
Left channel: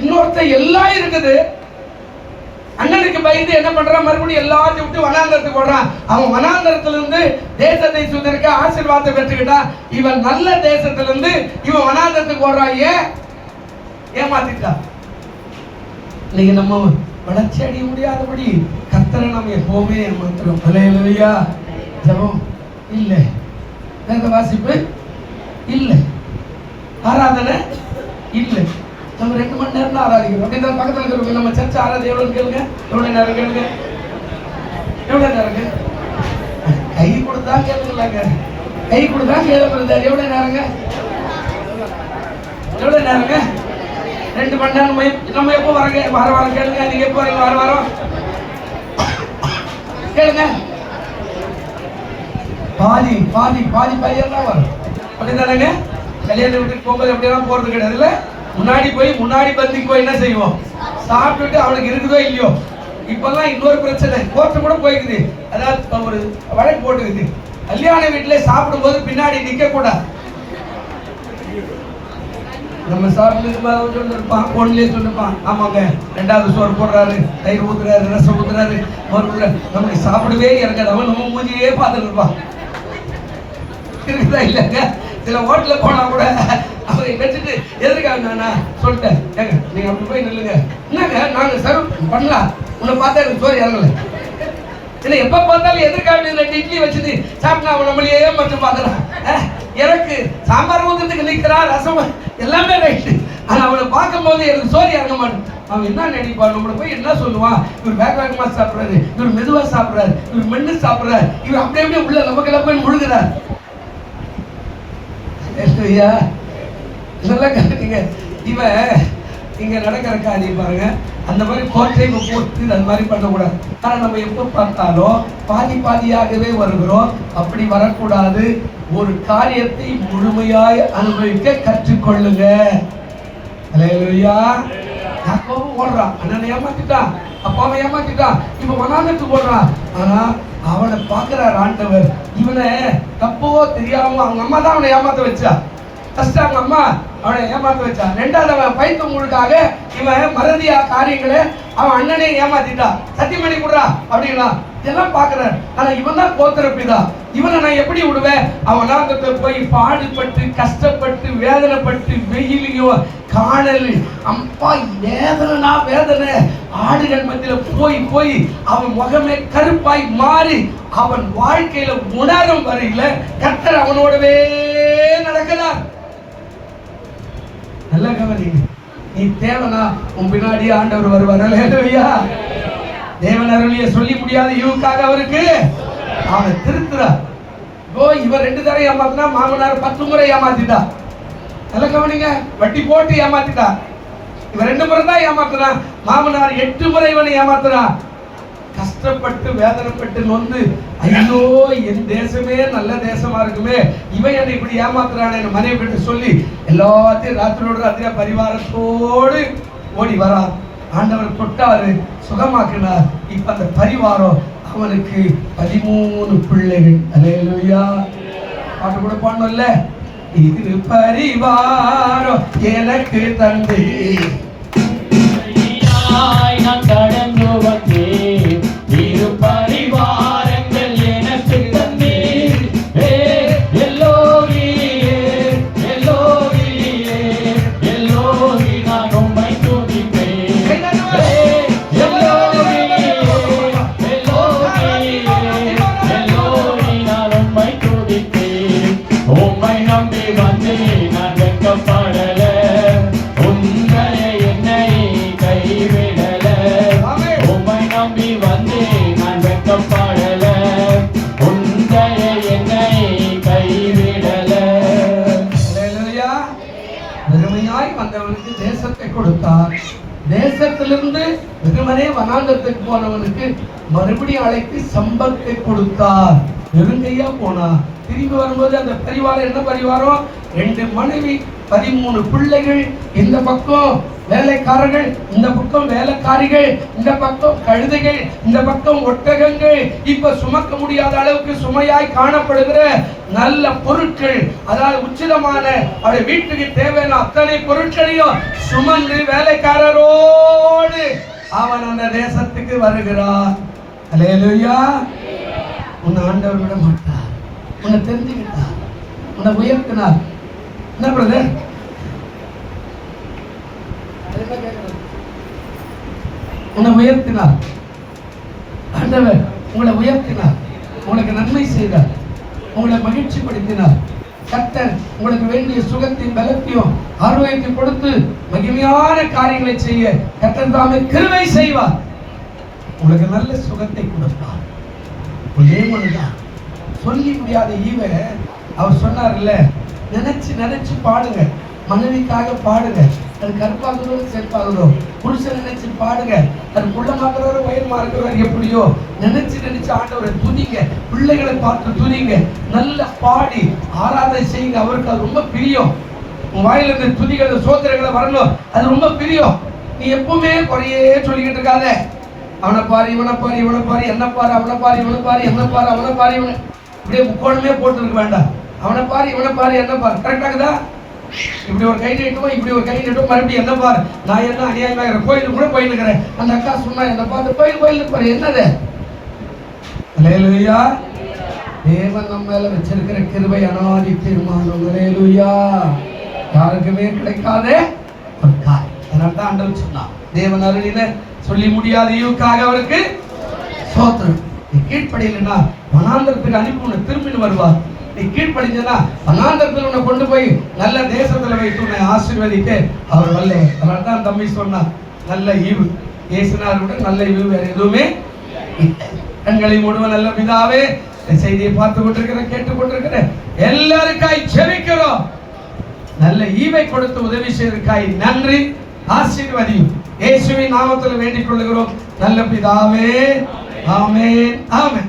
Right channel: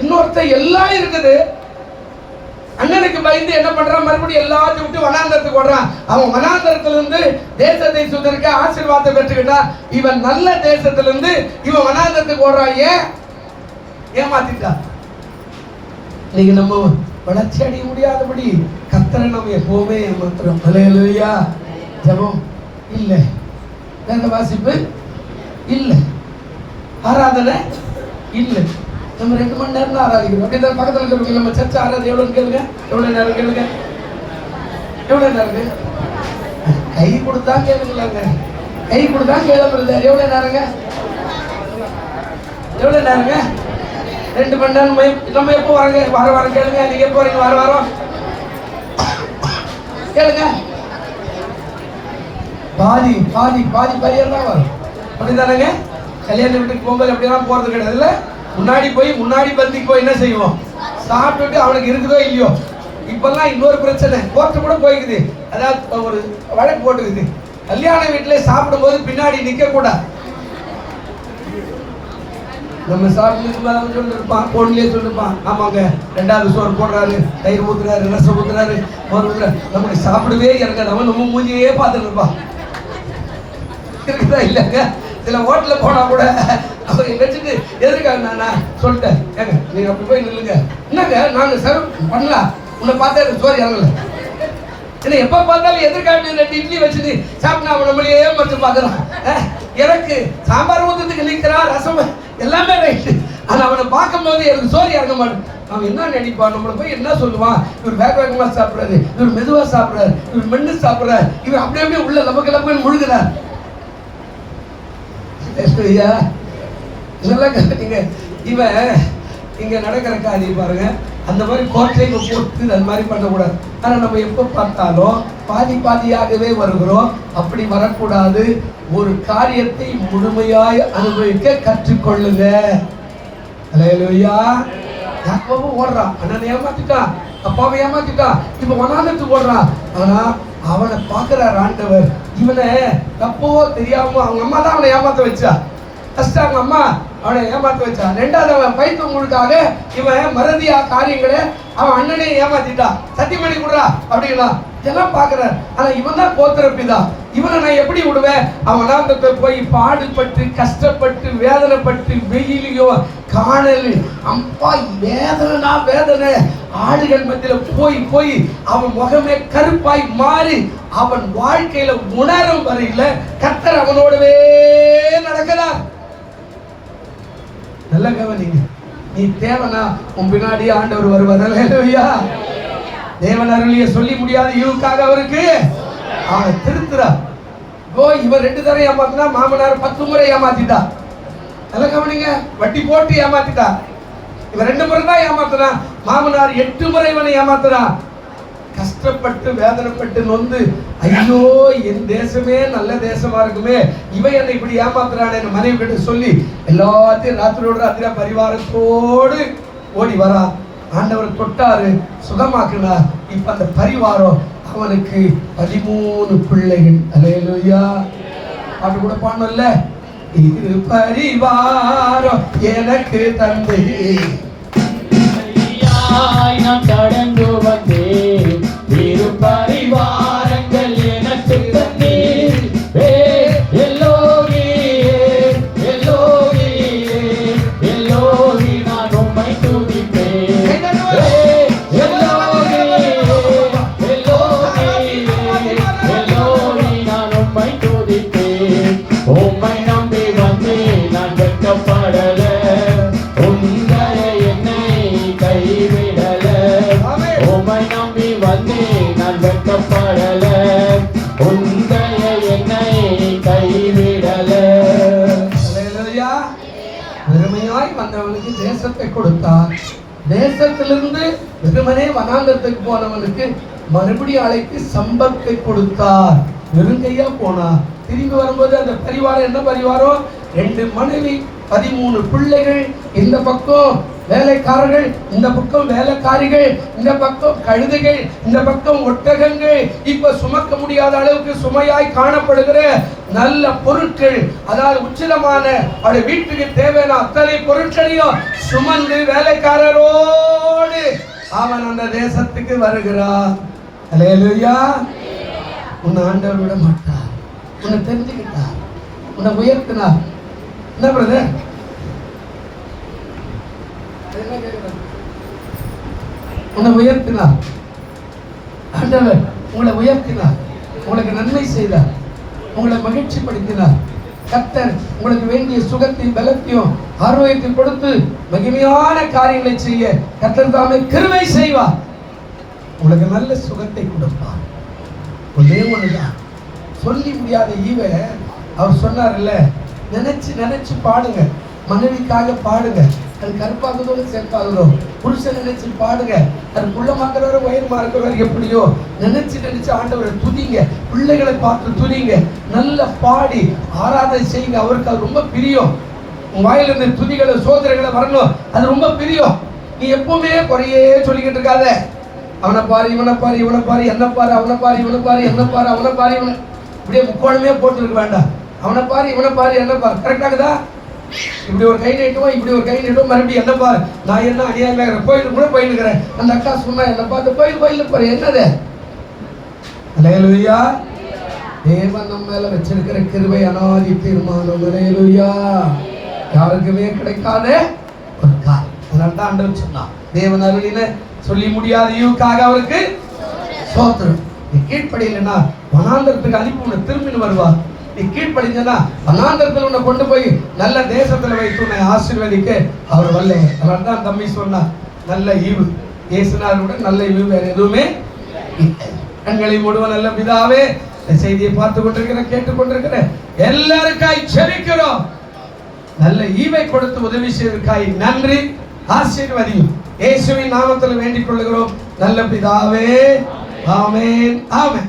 இன்னொருத்தன் எல்லாம் இருக்குது, அண்ணனுக்கு பயந்து என்ன பண்றான்? மறுபடியும் எல்லாத்தையும் விட்டு வனாந்திரத்துக்கு ஓடுறான். அவன் வனாந்திரத்திலிருந்து தேசத்தை சுதந்திரிக்க ஆசீர்வாதத்தை பெற்றுக்கிட்டான். இவன் நல்ல தேசத்திலிருந்து இவன் வனாந்திரத்துக்கு ஓடுறான். ஏமாத்திட்டான். நீங்க நம்ம வளர்ச்சி அடைய முடியாதபடி கர்த்தரை நம்ம எப்பவுமே ஏமாத்துறோம். அல்லேலூயா. ஜெபம் இல்லை, வேத வாசிப்பு இல்லை, ஆராதனை இல்லை. நம்ம 2 மணி நேரம் ஆராதிக்கிறோம். பக்கத்தில் இருக்கிறவங்க நம்ம சர்ச்சை ஆராதனை எவ்வளவு கேளுங்க, எவ்வளவு நேரம் கேளுங்க, எவ்வளவு நேரம் கை கொடுத்தா கேளுங்களாங்க, கை கொடுத்தா கேளுங்க. எவ்வளவு நேரங்க, எவ்வளவு நேரங்க? 2 மணி நேரம். நம்ம எப்போ வரங்க? வர கேளுங்க. நீங்க எப்போ வரீங்க? வாரம் கேளுங்க. பாதி பையன் வரும். அப்படிதானங்க? கல்யாண வீட்டுக்கு போகும்போது எப்படிலாம் போறது கிடையாது. முன்னாடி பந்திக்கு போய் என்ன செய்வோம்? சாப்பிட்டுட்டு அவனுக்கு இருக்குதோ இல்லையோ. இப்பெல்லாம் இன்னொரு பிரச்சனை, கோர்ட்டு கூட போய்க்குது. அதாவது ஒரு வழக்கு போட்டுக்குது, கல்யாண வீட்டுல சாப்பிடும் போது பின்னாடி நிக்க கூடாது. நம்ம சாப்பிட்டு சொல்லிருப்பான், பொண்ணுலயே சொல்லிருப்பான், ஆமாங்க 2வது சோறு போடுறாரு, தயிர் ஊத்துறாரு, ரசம் ஊத்துறாரு, நமக்கு சாப்பிடவே எனக்கு நம்ம மூஞ்சியே பார்த்துட்டு இருப்பான். இருக்குதா இல்லைங்க? சில ஹோட்டல்ல போனா கூட அவரை வச்சுட்டு எதுக்காக நான் சொல்லிட்டேன், ஏங்க நீங்க அப்படி போய் நில்லுங்க, என்னங்க நாங்க சர்வ் பண்ணலாம், உன்னை பார்த்தா எனக்கு சோறு இறங்கல. இல்லை எப்ப பார்த்தாலும் எதிர்கால 2 இட்லி வச்சுட்டு சாப்பிட்டா அவன் நம்மளையே மட்டும் பார்த்துறான். எனக்கு சாம்பார் ஊத்துறதுக்கு நிற்கிறான், ரசம் எல்லாமே ரைட்டு. ஆனா அவனை பார்க்கும் போது எனக்கு சோறு இறங்க மாட்டேன். அவன் என்ன நினைப்பான்? நம்மளை போய் என்ன சொல்லுவான்? இவர் வேகமா சாப்பிடுறாரு, இவர் மெதுவா சாப்பிடுறாரு, இவர் மென்னு சாப்பிடுறாரு, இவர் அப்படியே உள்ள நமக்கு எல்லாம் போய் முழுகிறார். இவன் இங்க நடக்கிற காரியம் பாருங்க, அந்த மாதிரி கோட்டை போட்டு அந்த மாதிரி பண்ணக்கூடாது. ஆனா நம்ம எப்ப பார்த்தாலும் பாதியாகவே வருகிறோம். அப்படி வரக்கூடாது. ஒரு காரியத்தை முழுமையாய் அனுபவிக்க கற்றுக்கொள்ளுங்க. அல்லேலூயா. யாக்கோபு ஓடுறான், அண்ணனை ஏமாத்திட்டான், அப்பாவை ஏமாத்திட்டான், இப்ப வனாந்திரத்துக்கு ஓடுறான். ஆனா அவனை பார்க்கிறார் ஆண்டவர். இவனை தப்போ தெரியாம அவங்க அம்மா தான் அவனை ஏமாத்த வச்சா. ஃபர்ஸ்ட் அவங்க அம்மா அவனை ஏமாத்த வச்சா. 2வது அவன் பைத்தவங்களுக்காக இவன் மறதியா காரியங்களை அவன் அண்ணனே ஏமாத்திட்டான். சத்தியமணி கொடுறா அப்படின்னா இதெல்லாம் பாக்குறாரு. ஆனா இவன் தான் கோத்திரப்பிதா, இவனை நான் எப்படி விடுவேன்? அவன் வனாந்திரத்துல போய் பாடுபட்டு கஷ்டப்பட்டு வேதனைப்பட்டு வெயிலையோ காணல் அம்பா வேதனை ஆடுகள் மத்தியில போய் அவன் முகமே கருப்பாய் மாறி அவன் வாழ்க்கையில உணரும் வரையில கர்த்தர் அவனோடவே நடக்கிறார். நல்ல கவனிங்க. நீ தேவனா உன் பின்னாடி ஆண்டவர் வருவார். அல்லேலூயா. தேவன் அருளிய சொல்லி முடியாத ஈவுக்காக அவருக்கு அவனை திருத்துறார். இவன் 2 தடவை ஏமாத்தினா, மாமனார் 10 முறை ஏமாத்திட்டா. நல்ல கவனிங்க, வட்டி போட்டு ஏமாத்திட்டான். இவன் 2 முறை தான் ஏமாத்துறான். மாமனார் 8 முறை இவனை ஏமாத்துறான். கஷ்டப்பட்டு வேதனைப்பட்டு நொந்து, ஐயோ என் தேசமே நல்ல தேசமா இருக்குமே, இவன் என்னை இப்படி ஏமாத்துறானே மனைவி கிட்ட சொல்லி எல்லாத்தையும் ராத்திரியோட ராத்திரியா பரிவாரத்தோடு ஓடி வரான். ஆண்டவர் தொட்டாரு, சுகமாக்கினார். இப்ப அந்த பரிவாரம் அவனுக்கு 13 பிள்ளைகள். அல்லேலூயா. பாட்டு கூட பாடணும்ல, இது பரிவாரம் எனக்கு தந்து நான் கடந்து வந்தேன், இரு பரிவாரங்கள் எனக்கு தந்தீர். எல்லோகியே எல்லோகியே எல்லோகி நான் உம்மை துதிப்பேன். எல்லோகி நான் உம்மை துதிப்பேன். உம்மை நம்பி வந்தேன், நான் வெட்கப்படல. உங்களை என்னை கைவிடல. உம்மை நம்பி வந்தேன், நான் வெட்கப்படல. உங்களை என்னை கைவிடல. அல்லேலூயா. வெறுமையாய் வந்தவனுக்கு தேசத்தை கொடுத்தார். தேசத்திலிருந்து வெறுமனே வனாந்தரத்துக்கு போனவனுக்கு மறுபடியும் அழைத்து சம்பத்தை கொடுத்தார். வெறுங்கையா போனா. திரும்பி வரும்போது அந்த பரிவாரம் என்ன பரிவாரம்? 2 மனைவி, 13 பிள்ளைகள், இந்த பக்கம் வேலைக்காரர்கள், இந்த பக்கம் வேலைக்காரிகள், இந்த பக்கம் கழுதைகள், இந்த பக்கம் ஒட்டகங்கள். இப்ப சுமக்க முடியாத அளவுக்கு சுமையாய் காணப்படுகிற நல்ல பொருட்கள், அதாவது உச்சிதமான அவருடைய வீட்டுக்கு தேவையான அத்தனை பொருட்களையும் சுமந்து வேலைக்காரரோடு அவன் அந்த தேசத்துக்கு வருகிறான். அல்லேலூயா. உன்னை ஆண்டவர் விட மாட்டார். உன்னை தெரிஞ்சுக்கிட்டார், உன்னை உயர்த்தினார். என்ன பிரதர்? உன்னை உயர்த்தினார். ஆண்டவர் உங்களை உயர்த்தினார், உங்களுக்கு நன்மை செய்தார், உங்களை மகிழ்ச்சி படுத்தினார். கர்த்தர் உங்களுக்கு வேண்டிய சுகத்தையும் பலத்தையும் ஆரோக்கியத்தையும் கொடுத்து மகிமையான காரியங்களை செய்ய கர்த்தர் தாமே கிருபை செய்வார். உங்களுக்கு நல்ல சுகத்தை கொடுப்பார். ஒரே ஒண்ணுதான், சொல்லி முடியாத ஈவை அவர் சொன்னார்ல, நினைச்சு நினைச்சு பாடுங்க. மனைவிக்காக பாடுங்க, அது கருப்பாகுதோ செல்பாகுதோ. புருஷன் நினைச்சு பாடுங்க, அது குள்ளமாக்குறவரை உயரமா இருக்கிறவர் எப்படியோ நினைச்சு நினைச்சு ஆண்டவரை துதிங்க. பிள்ளைகளை பார்த்து துதிங்க. நல்ல பாடி ஆராதனை செய்யுங்க. அவருக்கு அது ரொம்ப பிரியம். உன் வாயில இருந்து துதிகளை சோதனைகளை வரணும், அது ரொம்ப பிரியம். நீ எப்பவுமே குறையே சொல்லிக்கிட்டு இருக்காத. அவனை பாரு, இவனை பாரு, இவனை பாரு, என்ன பாரு, அவனை பாரு, இவனை பாரு, எவனை பாரு, அவனை பாரு, இவனை இப்படியே முக்கோணமே போட்டு இருக்க வேண்டாம். அவனை பாரு, இவனை பாரு, என்ன பாரு. கரெக்டாகுதா? இப்படி ஒரு கை நீட்டுவோம், இப்படி ஒரு கை நீட்டுவோம், மறுபடியும் என்ன பாரு. நான் என்ன அநியாயமாக கோயிலுக்கு கூட போயிருக்கிறேன். அந்த அக்கா சொன்னா என்ன பார்த்து கோயிலுக்கு பாரு, என்னது? அல்லேலூயா. தேவன் நம்ம மேல வச்சிருக்கிற கிருபை அனாதி தீர்மானம். அல்லேலூயா. யாருக்குமே கிடைக்காத ஒரு காரியம். அதனால்தான் ஆண்டவர் சொன்னான், தேவன் அருளின சொல்லி முடியாத ஈவுக்காக அவருக்கு ஸ்தோத்திரம். நீ கீழ்ப்படியலைன்னா வனாந்தரத்துக்கு அனுப்பி உன்னை திரும்பி வருவார். நீ கீழ்ப்படிஞ்சா வனாந்தரத்தில் உன்னை கொண்டு போய் நல்ல தேசத்துல வைத்து உன்னை ஆசீர்வதிக்க அவர் வல்ல. அதனால்தான் தம்பி சொன்னார், நல்ல ஈவு இயேசுனாருடைய நல்ல ஈவு வேற எதுவுமே இல்லை. கண்களை மூடுவோம். நல்ல பிதாவே, இந்த செய்தியை பார்த்து கொண்டிருக்கிற கேட்டுக் கொண்டிருக்கிற எல்லாருக்காய் ஜெபிக்கிறோம். நல்ல ஈவை கொடுத்து உதவி செய்வதற்காய் நன்றி. ஆசீர்வதியும் இயேசுவின் நாமத்தில் வேண்டிக் கொள்கிறோம் நல்ல பிதாவே. ஆமென், ஆமென்.